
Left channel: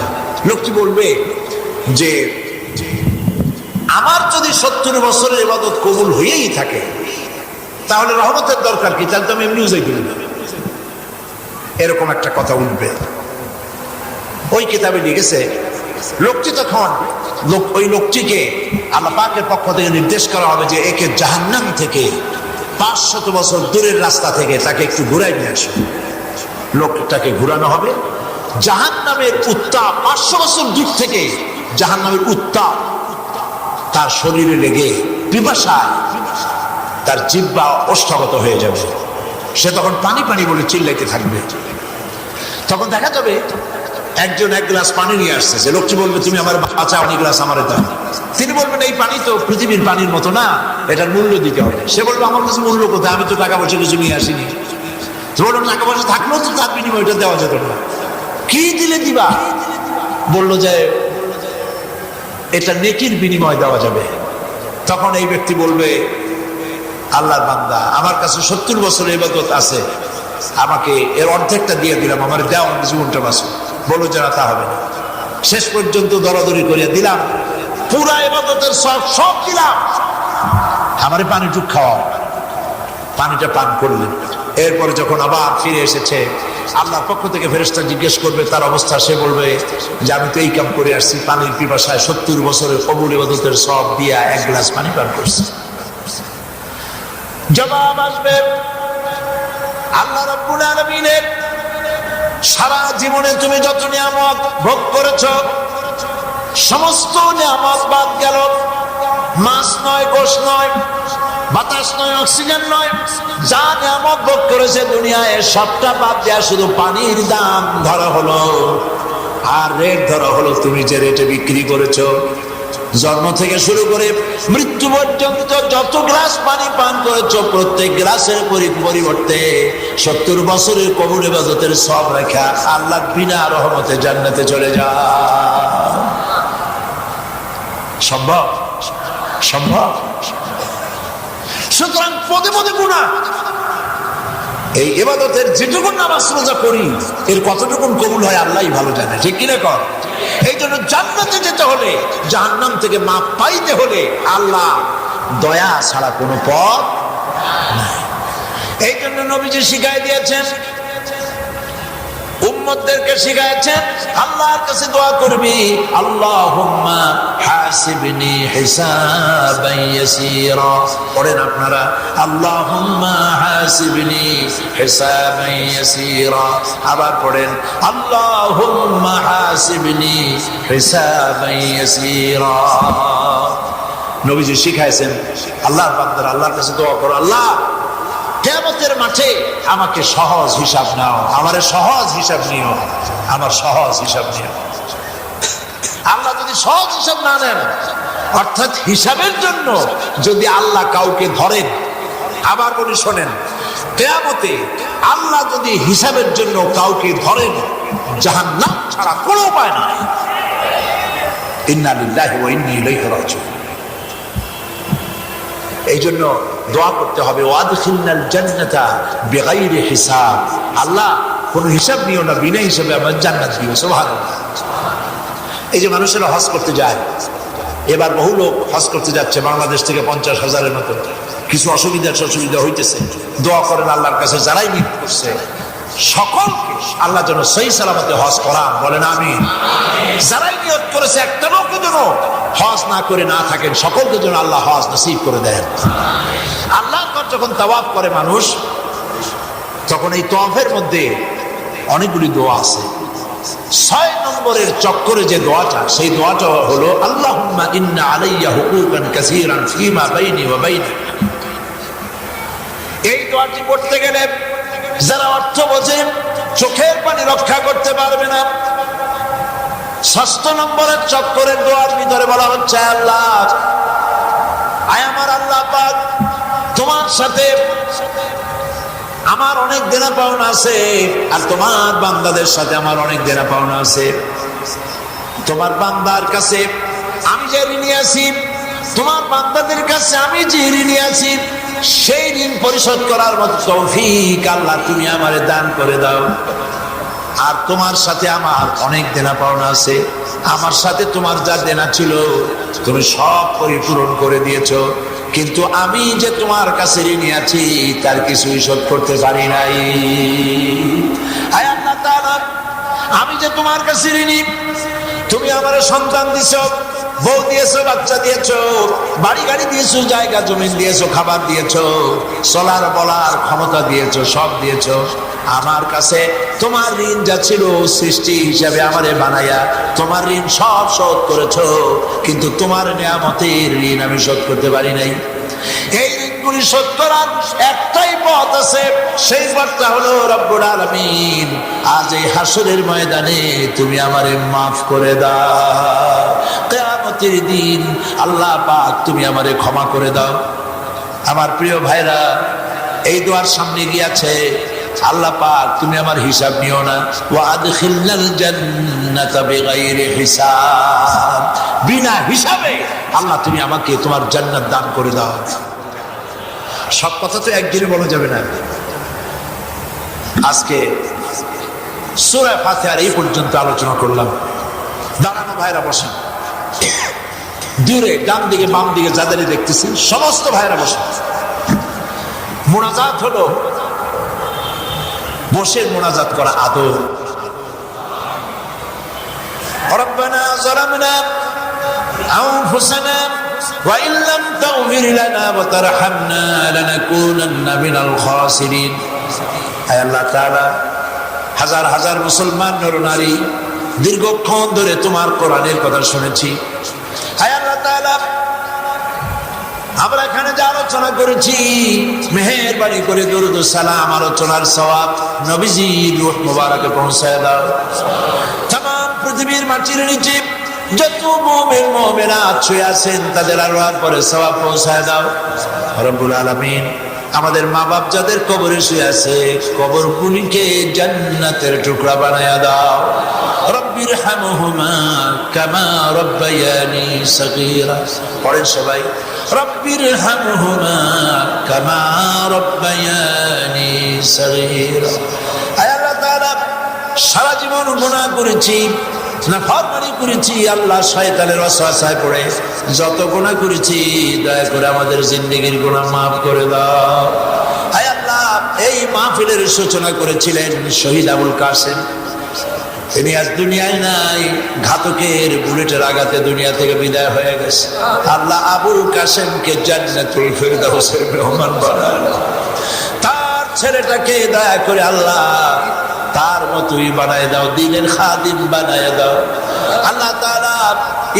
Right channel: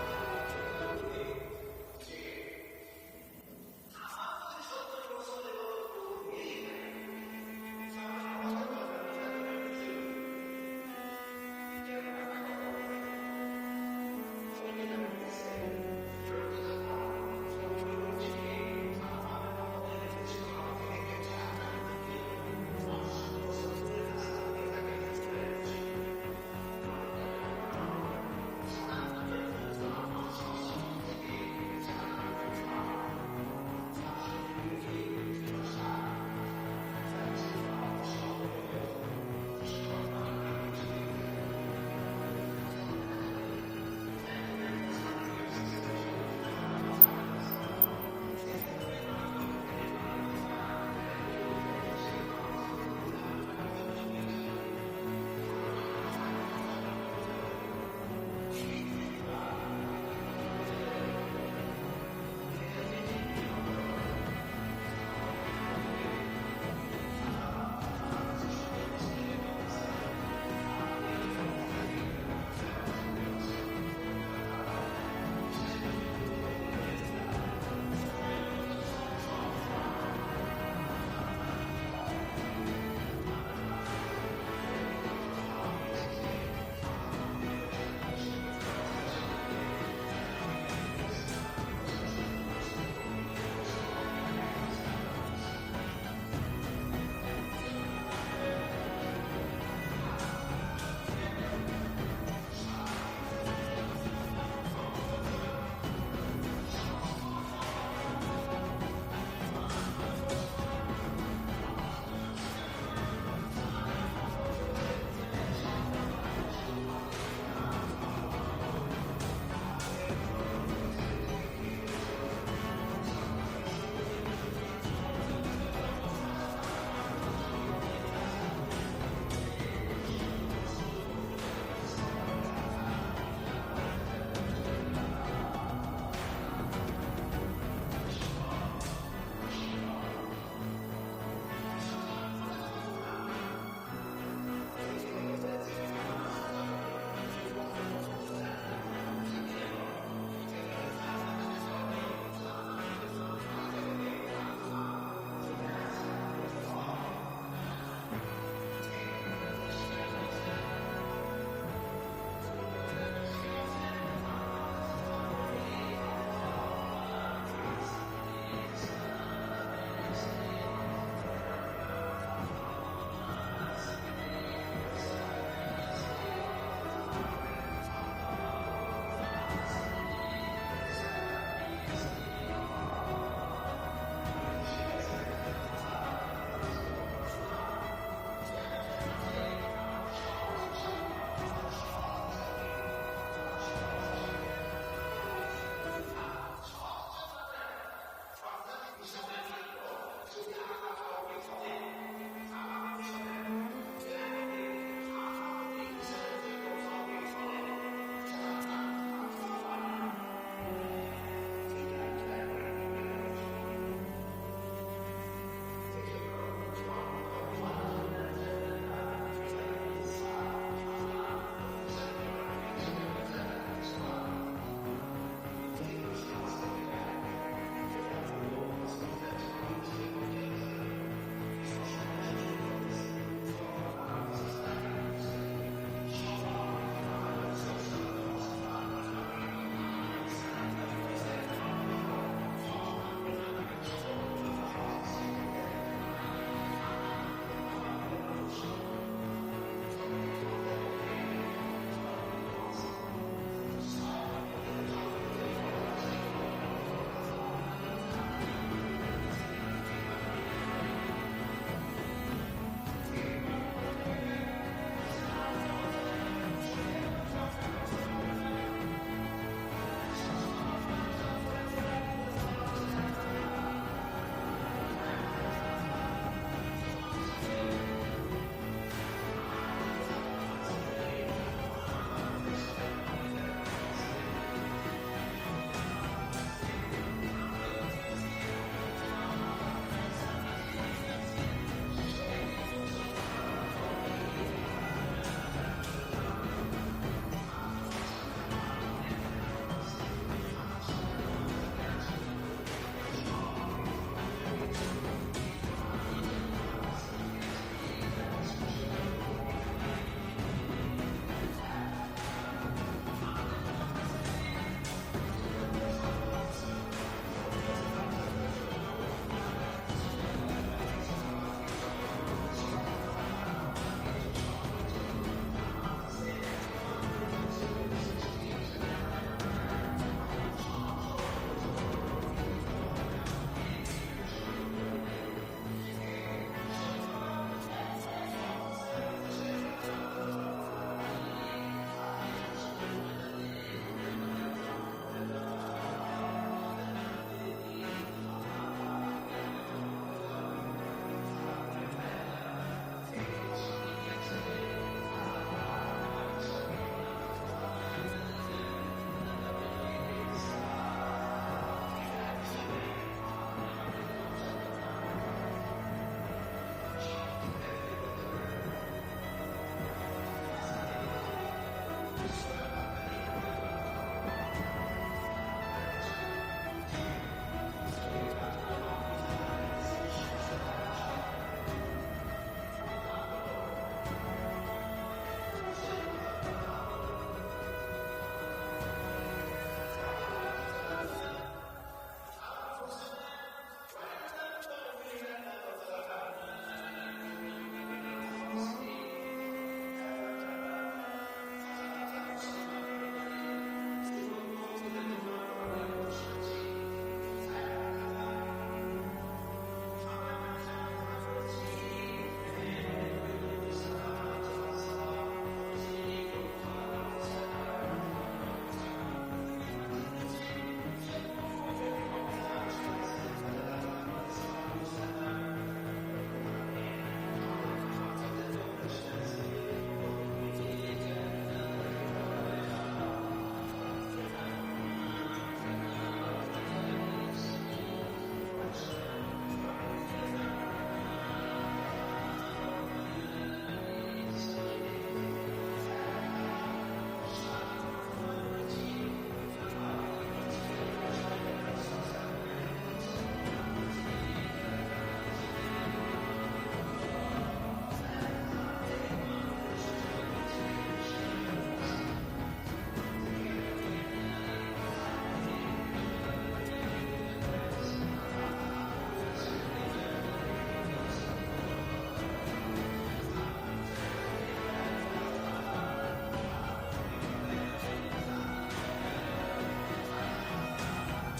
লোকটি বলবে যে আমার যদি 70 বছরের ইবাদত কবুল হয়েই থাকে, তাহলে রহমতের দরকার কি? তাহলে তো আমি এমনিও যাই করি না। এরকম একটা কথা উঠবে। ওই কিতাবে লিখেছে, লোকটি তখন ওই লোকটিকে আল্লাহ পাকের পক্ষ থেকে নির্দেশ করা হবে যে একে জাহান্নাম থেকে 500 বছর দূরের রাস্তা থেকে তাকে একটু ঘুরাই নিয়ে আসবে। লোকটাকে ঘুরানো হবে, জাহান্নামের উত্তাপ 500 বছর দূর থেকে জাহান্নামের উত্তাপ তার শরীরে লেগে পিপাসায় তার জিহ্বা ওষ্ঠাগত হয়ে যাবে। সে তখন পানি পানি বলে চিল্লাইতে থাকবে। তখন দেখা যাবে একজন এক গ্লাস পানি নিয়ে আসছে। যে লোকটি বলবে, তুমি আমার বাঁচা, অনেক গ্লাস আমার দাও। তিনি বলবেন, এই পানি তো পৃথিবীর পানির মতো না, এটার মূল্য দিতে হবে। সে বলবে, আমার কাছে মূল্য কোথায়? আমি তো টাকা পয়সা কিছু নিয়ে আসিনি। বললাম, টাকা পয়সা থাকলেও তো তার বিনিময়টা দেওয়া যেত না। কি দিলে দিবা? বললো যে এটা নেকির বিনিময় দেওয়া যাবে। তখন এই ব্যক্তি বলবে, আল্লাহর বান্দা, আমার কাছে 70 বছরের ইবাদত আছে, আমাকে এর অর্ধেকটা দিয়ে দিলাম, আমার দেওয়া জীবনটা বাঁচো। বলো যারা, তা হবে না। শেষ পর্যন্ত দরাদরি করিয়া দিলাম, পুরা ইবাদতের সব দিলাম, আমারে পানি টুক খাওয়া। পানিটা পান করলেন। এরপরে যখন আবার ফিরে এসেছে, আল্লাহর পক্ষ থেকে ফেরেশতা জিজ্ঞেস করবে তার অবস্থা। সে বলবে যে আমি তো এই কাম করে আসছি, পানির পিপাসায় 70 বছরের কবুল ইবাদতের সব দিয়া 1 গ্লাস পানি পান করছি। জবাব আসবে, আল্লাহ রাব্বুল আলামিনের সারা জীবনে তুমি যত নিয়ামত ভোগ করেছ, সমস্ত নিয়ামত বাদ গেল। মাছ নয়, গোশ নয়, বাতাস নয়, অক্সিজেন নয়, যা নিয়ামত ভোগ করেছে দুনিয়ায় সবটা বাদ দেয়া শুধু পানির দাম ধরা হলো। আর রেট ধরা হলো তুমি যে রেটে বিক্রি করেছো। জন্ম থেকে শুরু করে মৃত্যু পর্যন্ত যত গ্লাস পানি পান করেছো, প্রত্যেক গ্লাসের পরিবর্তে 70 বছরের কবুল ইবাদতের সব রেখা আল্লাহ বিনা রহমতে জান্নাতে চলে যায়। সম্ভব? সম্ভব? সুতরাং পদে পদে গুনাহ। এই ইবাদতের যেটুকু নামাজ রোজা করি, এর কতটুকু কবুল হয় আল্লাহই ভালো জানে। ঠিক কিনা কর? এই জন্য জান্নাতে যেতে হলে, জাহান্নাম থেকে মাপ পাইতে হলে আল্লাহ দয়া ছাড়া কোনো পথ নাই। এই জন্য নবীজি শিখাই দিয়েছেন, উম্মতদেরকে শিখাইছেন, আল্লাহর কাছে দোয়া করবি, আল্লাহুম্মা হাসিবনি হিসাবান ইয়াসীরা। পড়েন আপনারা, আল্লাহুম্মা হাসিবনি হিসাবান ইয়াসীরা। আবার পড়েন, আল্লাহুম্মা হাসিবনি হিসাবান ইয়াসীরা। নবীজি শিখাইছেন, আল্লাহর বান্দারা আল্লাহর কাছে দোয়া করো, আল্লাহ কিয়ামতের মাঠে আমাকে সহজ হিসাব নাও, আমারে সহজ হিসাব নিও, আমার সহজ হিসাব নিও। আল্লাহ যদি সহজ হিসাব না নেন, অর্থাৎ হিসাবের জন্য যদি আল্লাহ কাউকে ধরেন, আবার বলি শোনেন, কিয়ামতে আল্লাহ যদি হিসাবের জন্য কাউকে ধরেন, জাহান্নাম ছাড়া কোনো উপায় নাই। ইন্না লিল্লাহি ওয়া ইন্না ইলাইহি রাজিউন। এই জন্য দোয়া করতে হবে, ওয়াদখিলনাল জান্নাতা বিগাইরি হিসাব। আল্লাহ কোনো হিসাব নিও না, বিনা হিসাবে আমার জান্নাত দিও। সুবহানাল্লাহ। এই যে মানুষেরা হজ করতে যায়, এবার বহু লোক হজ করতে যাচ্ছে বাংলাদেশ থেকে 50,000-এর মতো। কিছু অসুবিধা হইতেছে, দোয়া করেন আল্লাহর কাছে যারাই নিয়ত করছে সকলকে আল্লাহ যেন সহি সালামতে হজ করান, বলেন আমিন। যারাই নিয়ত করেছে একটা লোকও যেন হজ না করে না থাকেন, সকলকে যেন আল্লাহ হজ নসিব করে দেন। আল্লাহ যখন তাওয়াফ করে মানুষ, তখন এই তাওয়াফের মধ্যে অনেকগুলি দোয়া আছে। 6 নম্বরের চক্করে যে দোয়াটা, সেই দোয়াটা হলো আল্লাহুম্মা ইন্না আলাইয়া হুকুকান কাসীরান ফীমা বাইনি ওয়া বাইনাক। এই দোয়াটি পড়তে গেলে যারা অর্থ বোঝে চোখের পানি রক্ষা করতে পারবে না। 6 নম্বরের চক্করের দোয়ার ভিতরে বলা হচ্ছে, আল্লাহ আয় আমার আল্লাহ পাক, তোমার সাথে আমার অনেক দেনা পাওনা আছে, আর তোমার বান্দাদের সাথে আমার অনেক দেনা পাওনা আছে। তোমার বান্দার কাছে আমি যে ঋণী আছি, তোমার বান্দাদের কাছে আমি যে ঋণী আছি, সেই ঋণ পরিশোধ করার মতো তৌফিক আল্লাহ তুমি আমারে দান করে দাও। আর তোমার সাথে আমার অনেক দেনা পাওনা আছে, আমার সাথে তোমার যা দেনা ছিল তুমি সব পরিপূরণ করে দিয়েছো, কিন্তু আমি যে তোমার কাছে ঋণী আছি তার কিছুই শোধ করতে পারি নাই। আয় আল্লাহ তাআলা, আমি যে তোমার কাছে ঋণী, তুমি আমার সন্তান দিছো, বউ দিয়েছো, বাচ্চা দিয়েছো, বাড়ি গাড়ি দিয়েছো, জায়গা জমি দিয়েছো, খাবার দিয়েছো, চলার বলার ক্ষমতা দিয়েছো, সব দিয়েছো। আমার কাছে তোমার ঋণ যা ছিল সৃষ্টি হিসাবে আমারে বানাইয়া তোমার ঋণ সব শোধ করেছো, কিন্তু তোমার নিয়ামতের ঋণ আমি শোধ করতে পারি নাই। এই ঋণগুলি শোধ করার একটাই পথ আছে, সেই পথটা হলো রব্বুল আলামিন আজ এই হাসরের ময়দানে তুমি আমারে মাফ করে দাও। কিয়ামতের দিন আল্লাহ পাক তুমি আমারে ক্ষমা করে দাও। আমার প্রিয় ভাইরা, এই দোয়ার সামনে গিয়েছে, আল্লাহ পাক তুমি আমার হিসাব নিও না, ওয়া আদখিলনাল জান্নাতা বিগাইরি হিসাব, বিনা হিসাবে আল্লাহ তুমি আমাকে তোমার জান্নাত দান করে দাও। সব কথা তো একদিনে বলা যাবে না। আজকে সূরা ফাতিহার এই পর্যন্ত আলোচনা করলাম। দাঁড়ানো ভাইরা বসেন, দূরে ডান দিকে বাম দিকে যাদেরই দেখতেছি সমস্ত ভাইরা বসেন। মুনাজাত হলো বসে মুনাজাত করা আদব। রব্বানা যালামনা আনফুসানা ওয়া ইন লাম তাগফির লানা ওয়া তারহামনা লানাকুনান্না মিনাল খাসিরিন। আয় আল্লাহ তাআলা, হাজার হাজার মুসলমান নর নারী দীর্ঘক্ষণ ধরে তোমার কোরআনের কথা শুনেছি। আয় আল্লাহ তাআলা, আমরা এখানে যে আলোচনা করেছি, মেহেরবানি করে দরুদ ও সালাম আলোচনার সওয়াব নবীজির রূহ মুবারকে পৌঁছায় দাও। तमाम পৃথিবীর মাটির নিচে যত মুমিন মুমিনাত শুয়ে আছেন তাদের আল্লাহর পরে সওয়াব পৌঁছায় দাও রব্বুল আলামিন। আমাদের মা বাপ যাদের কবরে শুয়ে আছে, কবরগুলিকে জান্নাতের টুকরা বানায়া দাও। রব্বিরহামহুমা কামা রব্বায়ানি সগীরা। পড়েন সবাই, রব্বিরহামহুমা কামা রব্বায়ানি সগীরা। আয় আল্লাহ তাআলা, সারা জীবন গুনাহ করেছি, নাফরমানি করেছি, আল্লাহ শয়তানের ওয়াসওয়াসায় পড়ে যত গুনাহ করেছি, দয়া করে আমাদের জিন্দেগীর গুনাহ মাফ করে দাও। আয় আল্লাহ, এই মাহফিলের সূচনা করেছিলেন শহীদ আবুল কাসেম, তিনি আজ দুনিয়ায় নাই, ঘাতকের বুলেটের আঘাতে দুনিয়া থেকে বিদায় হয়ে গেছে। আল্লাহ আবুল কাসেমকে জান্নাতুল ফিরদাউসের মেহমান বানায়, তার ছেলেটাকে দয়া করে আল্লাহ তার মতোই বানায় দাও, দিনের খাদিম বানায় দাও। আল্লাহ তাআলা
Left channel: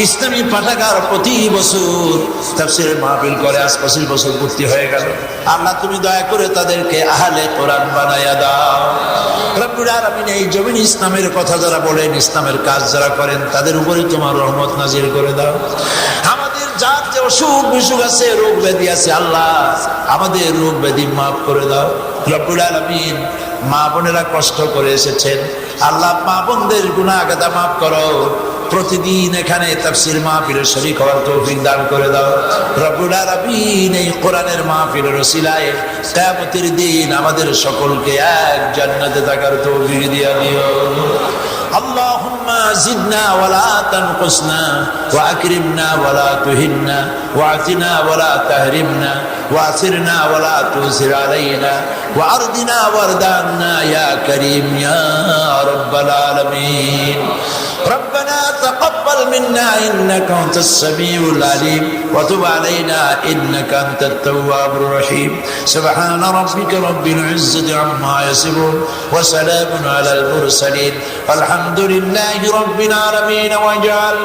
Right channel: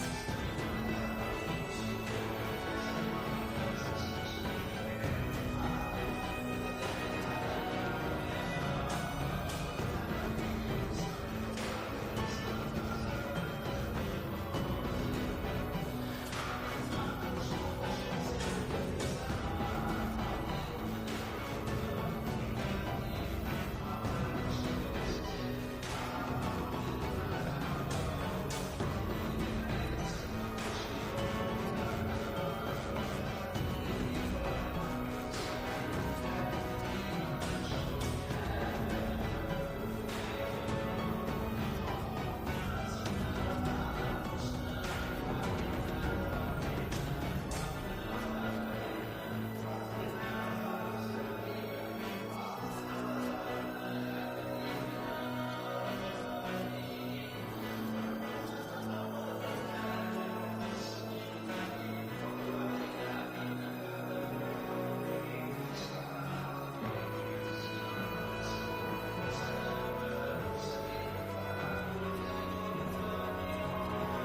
ইসলামী পাঠাগার প্রতি বছর তাফসীরের মাহফিল করে, আজ 25 বছর পূর্তি হয়ে গেল। আল্লাহ তুমি দয়া করে তাদেরকে আহলে কোরআন বানায়া দাও রব্বুল আলামিন। এই জমিন ইসলামের কথা যারা বলেন, ইসলামের কাজ যারা করেন, তাদের উপরে তোমার রহমত নাজিল করে দাও। আমাদের যার যে অসুখ বিসুখ আছে, রোগ ব্যাধি আছে, আল্লাহ আমাদের রোগ ব্যাধি মাফ করে দাও রব্বুল আলামিন। মা বোনেরা কষ্ট করে এসেছেন, আল্লাহ মা বোনদের গুনাহ গাদা মাফ করো। প্রতিদিন এখানে তাফসীর মাহফিলে শরীক হওয়ার তৌফিক দান করে দাও রব্বুল আলামিন। এই কোরআনের মাহফিলের ওসিলায় কিয়ামতের দিন আমাদের সকলকে এক জান্নাতে থাকার তৌফিক দিয়া দিও। اللهم زدنا ولا تنقصنا وأكرمنا ولا تهنا واعطنا ولا تحرمنا وآثرنا ولا تؤثر علينا وأرضنا وارض عنا يا كريم يا رب العالمين. ربنا تقبل منا إنك أنت السميع العليم وتب علينا إنك أنت التواب الرحيم. سبحان ربك رب العزة عما يصفون وسلام على المرسلين والحمد لله رب العالمين. وجعل